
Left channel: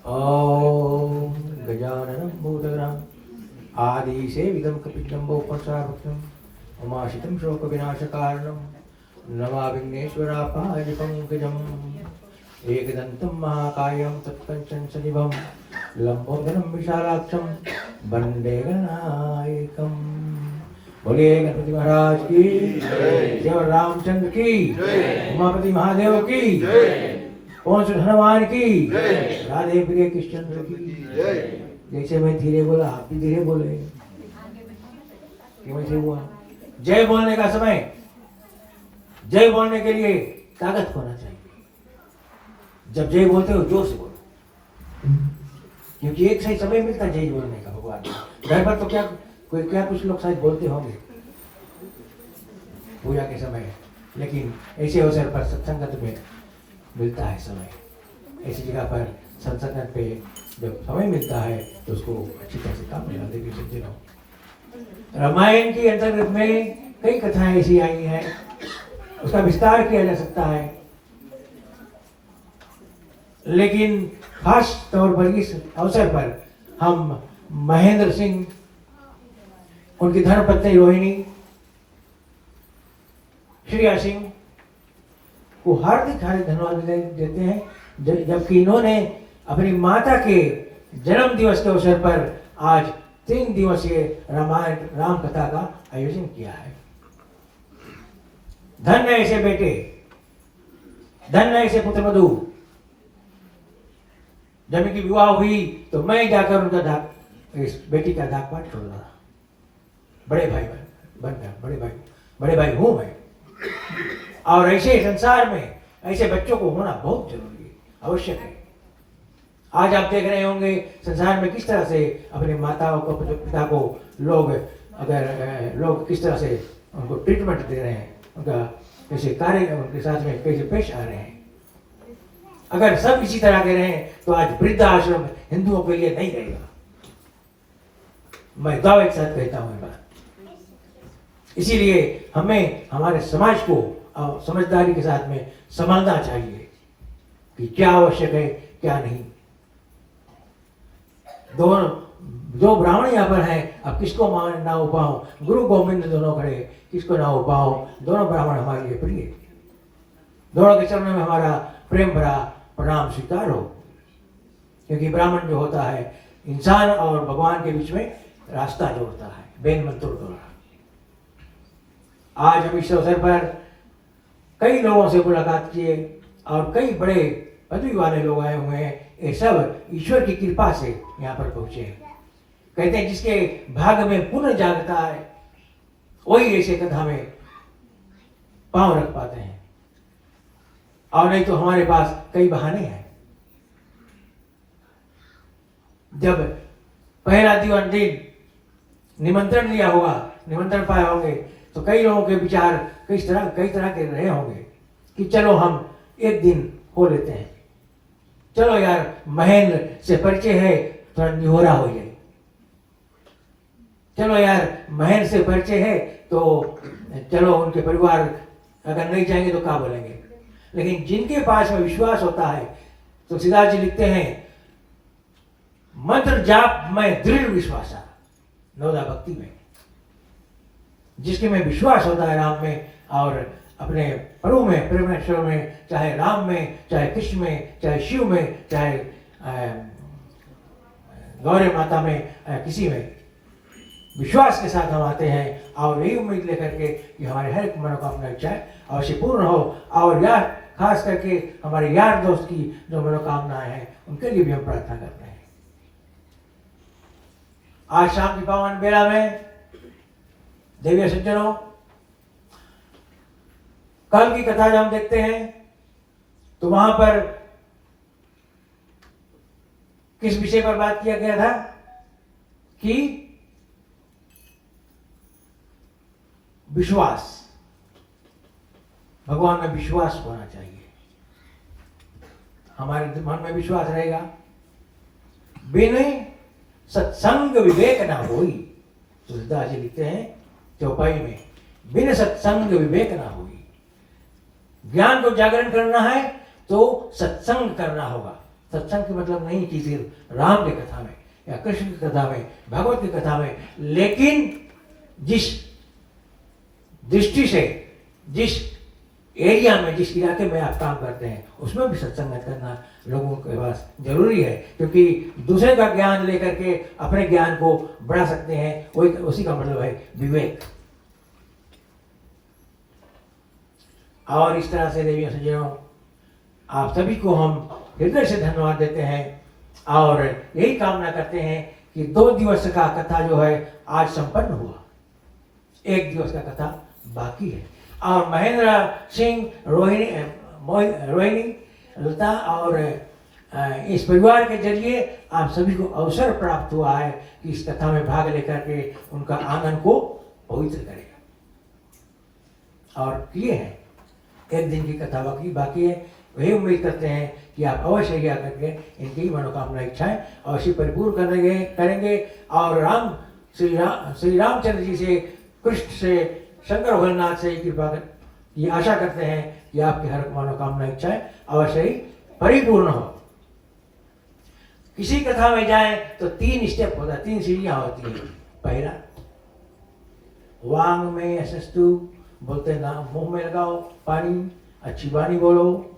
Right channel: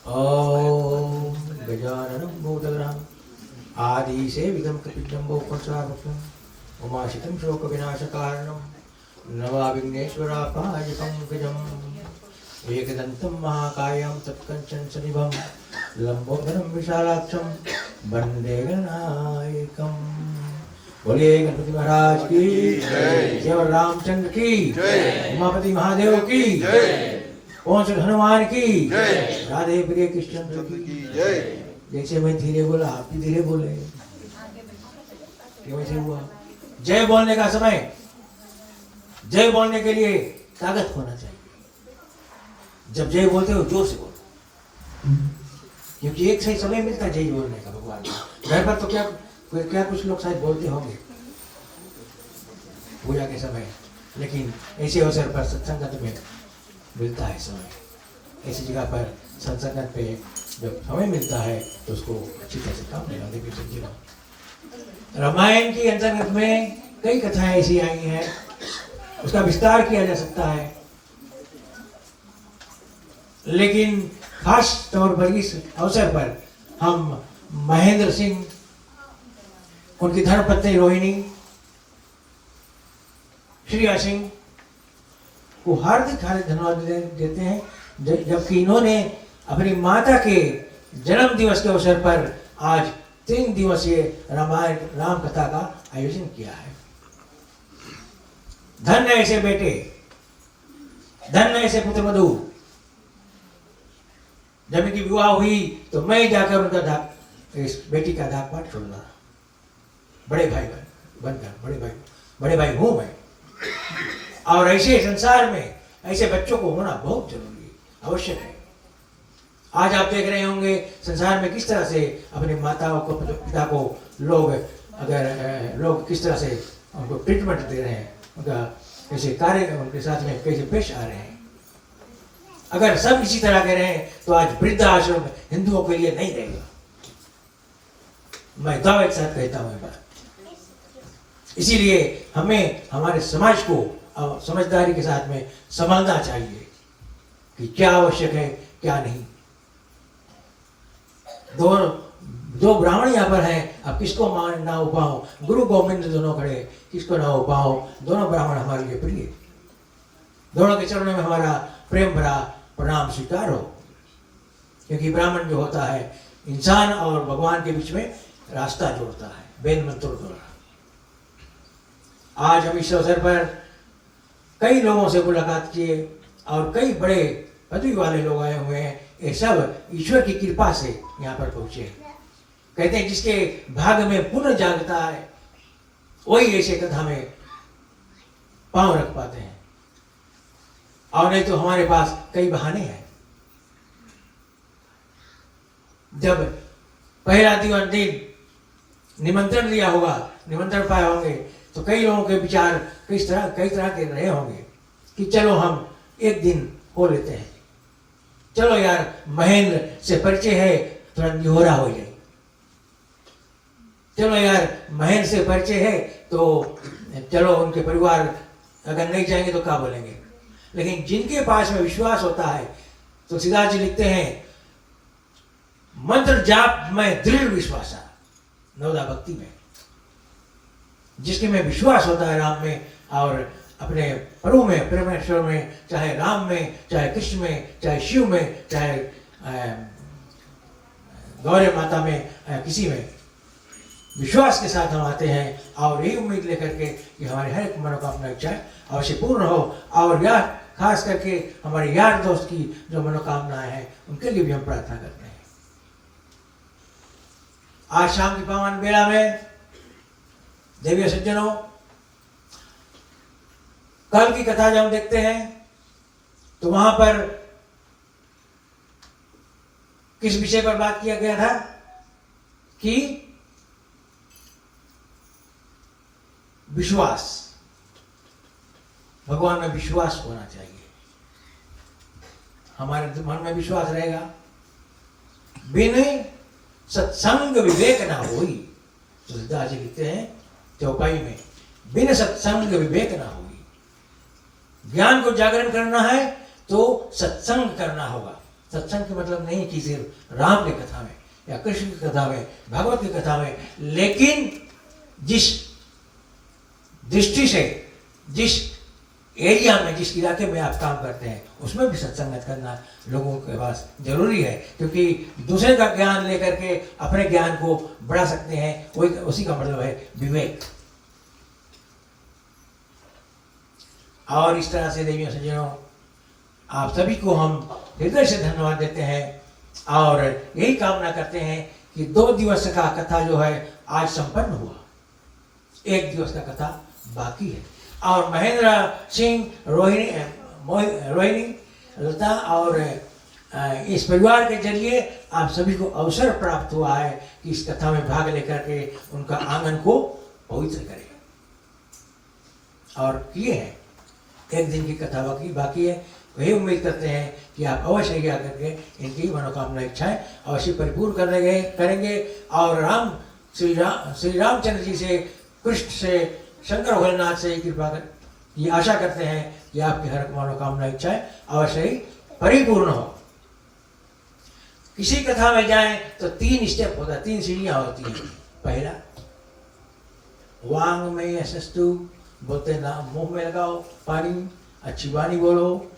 ओम गजाननं भूतगणां आदि सेवितं कपित्वं उपचारभक्षं उमाशितं शोकविनाशकारणं नमामि विघ्नेश्वरापाय पंकजम् एकदन्तं महाकायं तत्कञ्चन सनिभं लंबोदरं विशालाक्षं वन्दे गणनायकम्। बोलिए गणपति महाराज की जय, रामचंद्र की जय, उमापति महादेव की जय, पवन सुत हनुमान की जय, राधे प्रिय कृष्ण की जय। जैसे मैं धीरे बोला आप भी धीरे बोले, क्यों ऐसे हुआ? जय बोलने का समय, जय बोलने के लिए ताकत होना चाहिए। जब जय बोलते हो जोर से बोलो, क्योंकि एक सही समय मिलता है जय बोलने का भगवान को। घर पर तो क्या कुछ लोग शायद बोलते होंगे पूजा के समय, लेकिन ऐसे अवसर पर सत्संगत में मिलता है समय। ऐसी जगह पर सत्संगत पे जब समय मिलता है तो उसको अच्छी तरह से काम लेना देवी समझे रहो। रामायण के अंतर्गत में कई कथाएं ऐसी आई हैं, उसका विस्तार किया जा सकता है, लेकिन खास तौर पर इस अवसर पर हम महेंद्र सिंह, उनकी धर्मपत्नी रोहिणी, श्रेया सिंह को हार्दिक धन्यवाद देते हैं, जबकि इन्होंने अपनी माता के जन्म दिवस के अवसर पर आज 3 दिवसीय रामायण राम कथा का आयोजन किया है। धन्य ऐसे बेटे, धन्य ऐसे पुत्रवधू। जब इनकी विवाह हुई तो मैं जाकर उनका इस बेटी का दाग पाठ छोड़ना, बड़े भाई बनकर बड़े भाई हूं मैं। और ऐसे संसार में ऐसे बच्चों को होना बहुत जरूरी है, आवश्यक है। आज आप देख रहे होंगे संसार में किस तरह से अपनी माताओं को, पिता को लोग किस तरह से उनको ट्रीटमेंट दे रहे हैं, उनका कैसे कार्य उनके साथ में कैसे पेश आ रहे हैं। अगर सब इसी तरह के रहे तो आज वृद्धाश्रम हिंदुओं के लिए नहीं रहेगा। मैं दावे के साथ कहता हूँ बात। इसीलिए हमें हमारे समाज को समझदारी के साथ में संभालना चाहिए कि क्या आवश्यक है क्या नहीं। दो ब्राह्मण यहाँ पर हैं, अब किसको मान ना उपाओ, गुरु गोविंद दोनों खड़े, किसको ना उपाओ। दोनों ब्राह्मण हमारे लिए प्रिय, दोनों के चरणों में हमारा प्रेम भरा प्रणाम स्वीकार हो, क्योंकि ब्राह्मण जो होता है इंसान और भगवान के बीच में रास्ता जोड़ता है, बेन मंत्रों द्वारा। आज हम इस अवसर पर कई लोगों से मुलाकात किए और कई बड़े पदवी वाले लोग आए हुए हैं। ये सब ईश्वर की कृपा से यहाँ पर पहुंचे। कहते हैं जिसके भाग्य में पुण्य जागता है वही ऐसे कथा में पांव रख पाते हैं, और नहीं तो हमारे पास कई बहाने हैं। जब पहला दिन निमंत्रण दिया होगा, निमंत्रण पाए होंगे, तो कई लोगों के विचार कई तरह के रहे होंगे कि चलो हम एक दिन हो लेते हैं, चलो यार महल से परिचय है, थोड़ा निहोरा हो जाए। चलो यार महल से परिचय है तो चलो उनके परिवार अगर नहीं जाएंगे तो क्या बोलेंगे। लेकिन जिनके पास में विश्वास होता है, तो तुलसीदास जी लिखते हैं, मंत्र जाप में दृढ़ विश्वास नवदा भक्ति में, जिसके में विश्वास होता है राम में और अपने प्रभु में, परमेश्वर में, चाहे राम में, चाहे कृष्ण में, चाहे शिव में, चाहे गौरी माता में, किसी में विश्वास के साथ हम आते हैं और यही उम्मीद लेकर के कि हमारे हर एक मनोकामना इच्छाएं अवश्य पूर्ण हो। और यह खास करके हमारे यार दोस्त की जो मनोकामनाएं हैं उनके लिए भी हम प्रार्थना करते हैं। आज शाम की पावन बेला में देवी सज्जनों, कल की कथा जब हम देखते हैं तो वहां पर किस विषय पर बात किया गया था कि विश्वास, भगवान में विश्वास होना चाहिए। हमारे मन में विश्वास रहेगा, बिन सत्संग विवेक ना होई। तुलसीदास जी लिखते हैं चौपाई में, बिन सत्संग विवेक ना होई। ज्ञान को जागरण करना है तो सत्संग करना होगा। सत्संग का मतलब नहीं कि सिर्फ राम की कथा में या कृष्ण की कथा में, भगवत की कथा में, लेकिन जिस दृष्टि से, जिस एरिया में, जिस इलाके में आप काम करते हैं उसमें भी सत्संगत करना लोगों के पास जरूरी है। क्योंकि दूसरे का ज्ञान लेकर के अपने ज्ञान को बढ़ा सकते हैं, वही उसी का मतलब है विवेक। और इस तरह से देवियों सज्जनों, आप सभी को हम हृदय से धन्यवाद देते हैं और यही कामना करते हैं कि 2 दिवस का कथा जो है आज संपन्न हुआ, 1 दिवस का कथा बाकी है। और महेंद्र सिंह, रोहिणी, लता और इस परिवार के जरिए आप सभी को अवसर प्राप्त हुआ है कि इस कथा में भाग लेकर के उनका आंगन को पवित्र करें, और किए हैं। 1 दिन की कथा बाकी है। वही उम्मीद करते हैं कि आप अवश्य ही आकर के इनकी मनोकामना इच्छाएं अवश्य परिपूर्ण करेंगे और श्री रामचंद्र जी से, कृष्ण से, शंकर भोलेनाथ से कृपा ये आशा करते हैं कि आपकी हर मनोकामना इच्छाएं अवश्य ही परिपूर्ण हो। किसी कथा में जाएं तो 3 स्टेप होता है, 3 सीढ़ियां होती हैं। पहला, वांग में असस्तु, बोलते ना मुंह में लगाओ पानी, अच्छी वाणी बोलो।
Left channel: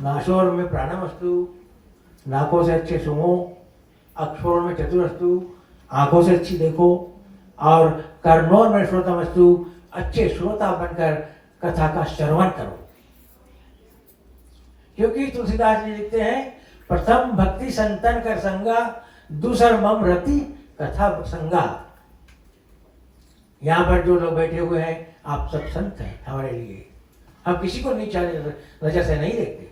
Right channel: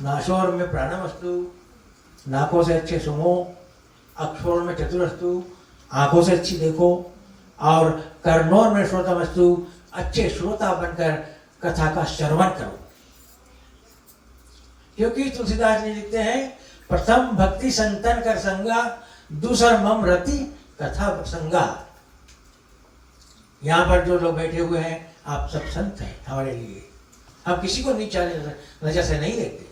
नाशोर में प्राणमस्तु, नाकों से अच्छे सुनो। अक्षरों में चतुरस्तु, आंखों से अच्छी देखो। और कर्णों में श्रोतामस्तु, अच्छे श्रोता बनकर कथा का श्रवण करो। क्योंकि तुलसीदास जी लिखते हैं, प्रथम भक्ति संतन कर संगा, दूसर मम रति कथा प्रसंगा। यहाँ पर जो लोग बैठे हुए हैं आप सब संत हैं हमारे लिए। हम किसी को नीचा नजर से नहीं देखते,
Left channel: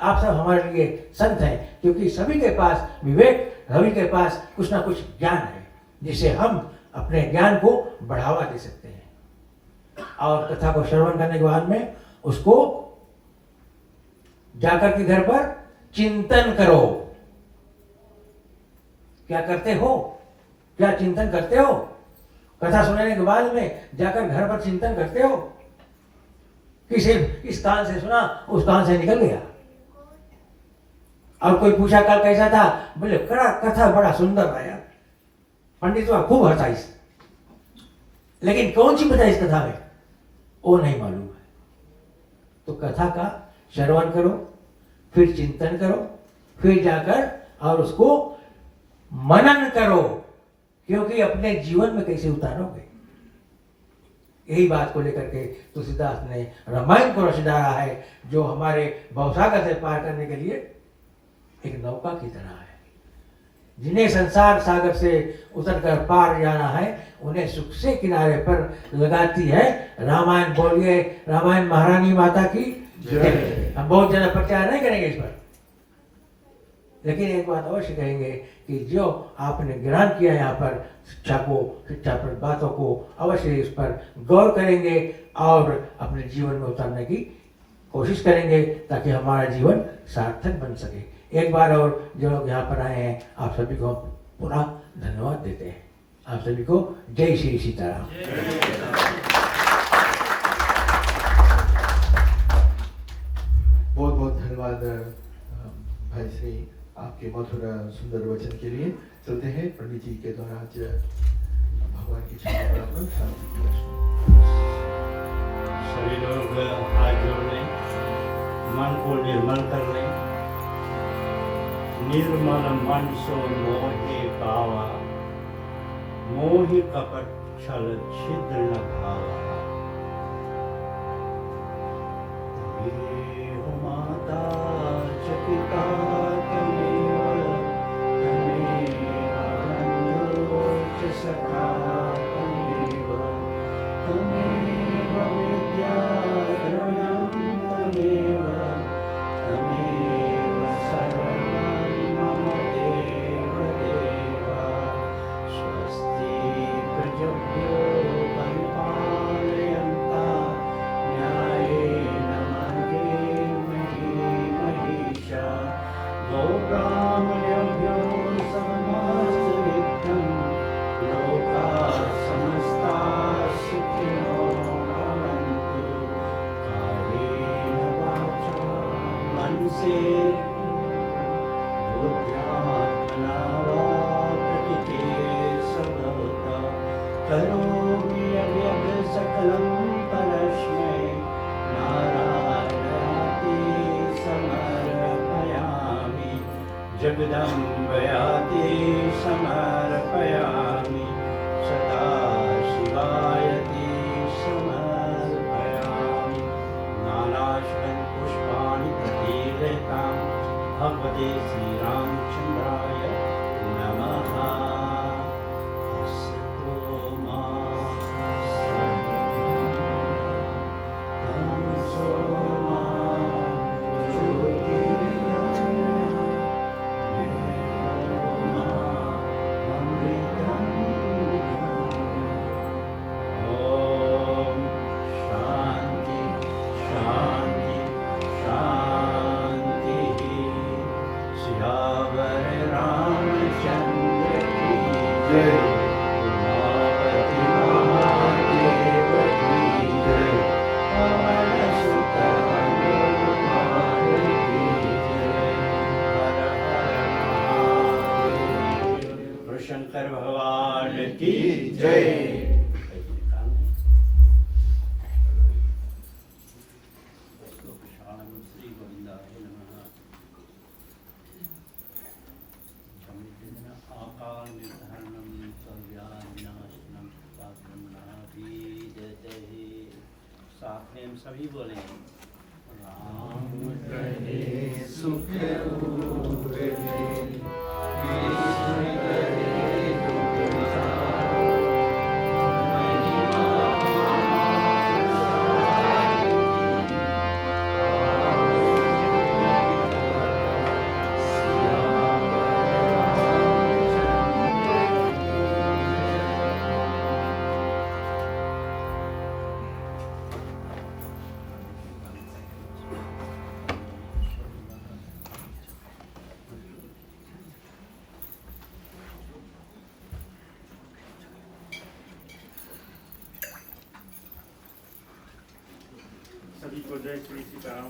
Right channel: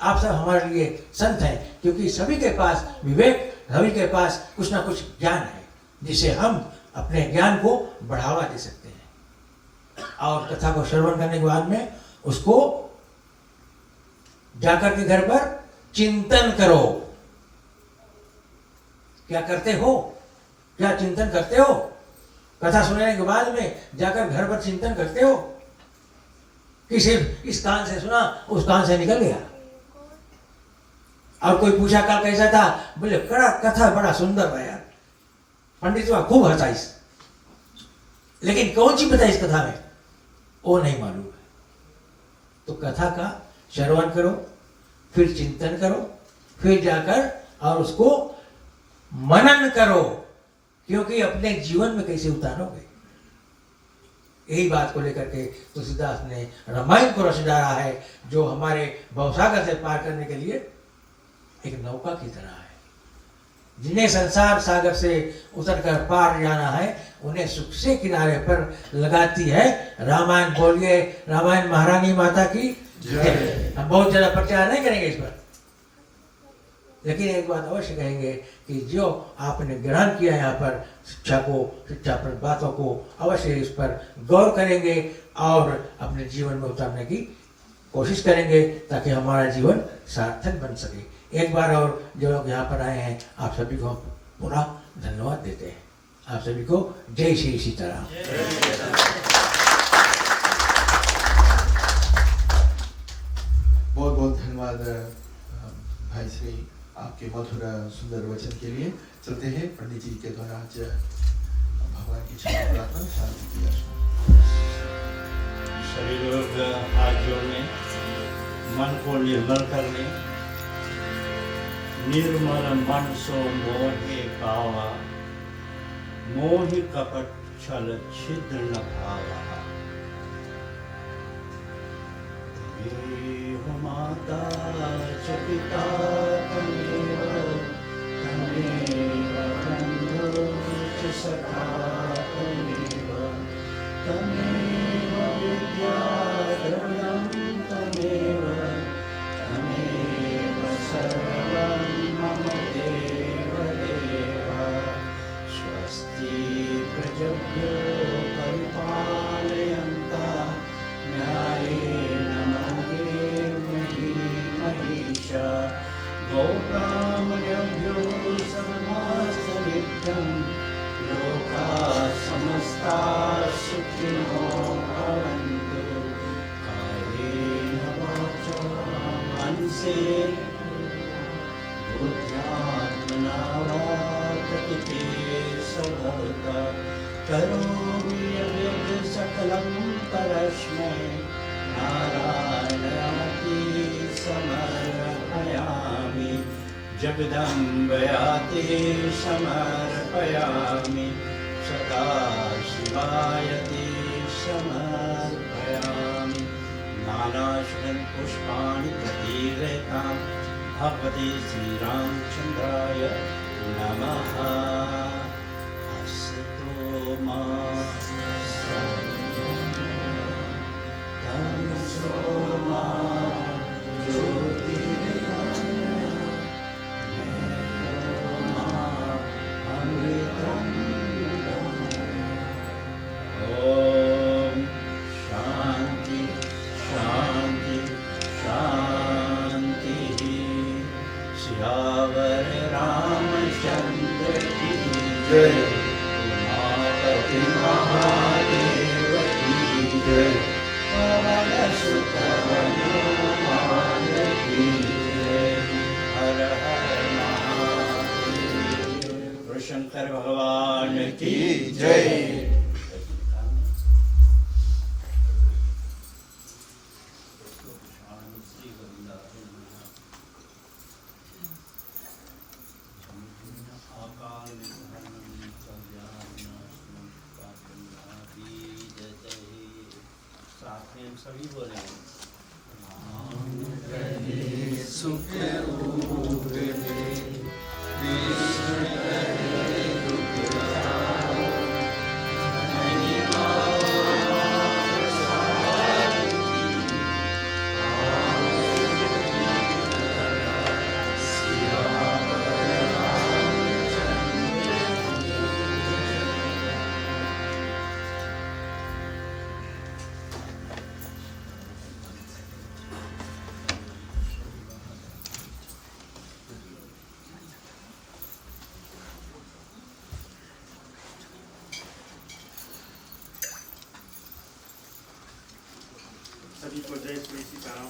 आप सब हमारे लिए संत हैं। क्योंकि सभी के पास विवेक, सभी के पास कुछ ना कुछ ज्ञान है जिसे हम अपने ज्ञान को बढ़ावा दे सकते हैं। और कथा को श्रवण करने के बाद में उसको जाकर के घर पर चिंतन करो। क्या करते हो? क्या चिंतन करते हो? कथा सुनने के बाद में जाकर घर पर चिंतन करते हो कि सिर्फ इस कान से सुना, उस कान से निकल गया। और कोई पूछा कल कैसा था, बोले कथा बड़ा सुंदर था यार, पंडित जी खूब हंसा इस, लेकिन कौन सी बताई इस कथा में वो नहीं मालूम है। तो कथा का श्रवण करो, फिर चिंतन करो, फिर जाकर और उसको मनन करो, क्योंकि अपने जीवन में कैसे उतारोगे। यही बात को लेकर के तुलसीदास ने रामायण को रच डाला है, जो हमारे भवसागर से पार करने के लिए एक नौका की तरह है। जिन्हें संसार सागर से उतरकर पार जाना है, उन्हें सुख से किनारे पर लगाती है। रामायण बोलिए, रामायण महारानी माता की जय। हम बहुत ज्यादा प्रचार नहीं करेंगे इस पर, लेकिन एक बात अवश्य कहेंगे कि जो आपने ग्रहण किया यहाँ पर शिक्षा पर बातों को अवश्य इस पर गौर करेंगे और अपने जीवन में उतारने की कोशिश करेंगे, ताकि हमारा जीवन सार्थक बन सके। एक बार और जो लोग यहाँ पर आए हैं आप सभी को पुनः धन्यवाद देते हैं। आप सभी को जय श्री सीताराम। बहुत बहुत धन्यवाद भाई श्री आपके मधुर सुंदर वचन के लिए। चलते हैं पंडित जी के द्वारा आज भगवान की क्षमा प्रार्थना शांति की रचना। सभी लोग हाथ जोड़ने, मन को निर्मल करने। निर्मल मन सो मोहे पावा, मोहि कपट छल छिद्र न भावा। तमेव माता च पिता तमेव, तमेव बन्धो च सखा तमेव, तमेव विद्या द्रव्यं तमेव, तमेव सर्वं मम देव देव। स्वस्ति प्रजभ्यो परिपालयन्ता, न्यायेन मार्गेण महिषा। गोब्राह्मणेभ्यो समस्तु नित्यं, लोकाः समस्ताः सुखिनो भवन्तु। कायेन वाचा मनसेन बुद्ध्यात्मना वा प्रकृते सर्वदा करोमि यद्यत् सकलं परस्मै नारायणाति समर्पयामि। जगदम्बयाति समर्पयामि, सदाशिवायति समर्पयामि। नानाश्रं पुष्पाणि प्रतीर्यतां, भगवते श्रीरामचन्द्राय नमः। अस्तु मा तमसो मा ओम शांति शांति शांति। सियावर रामचंद्र की जय। उमापति महादेव की जय। पवन सुत हनुमान की जय। हर हर महादेव। शंकर भगवान की जय। श्री गोविंदाय नमः। आकाल विधर्मं सर्वव्याधिनाशनं पापनाभिजते। साथ में हम सभी बोले राम करे सुख उदे, कृष्ण करे दुख जाए। सभी को जय श्री सीताराम।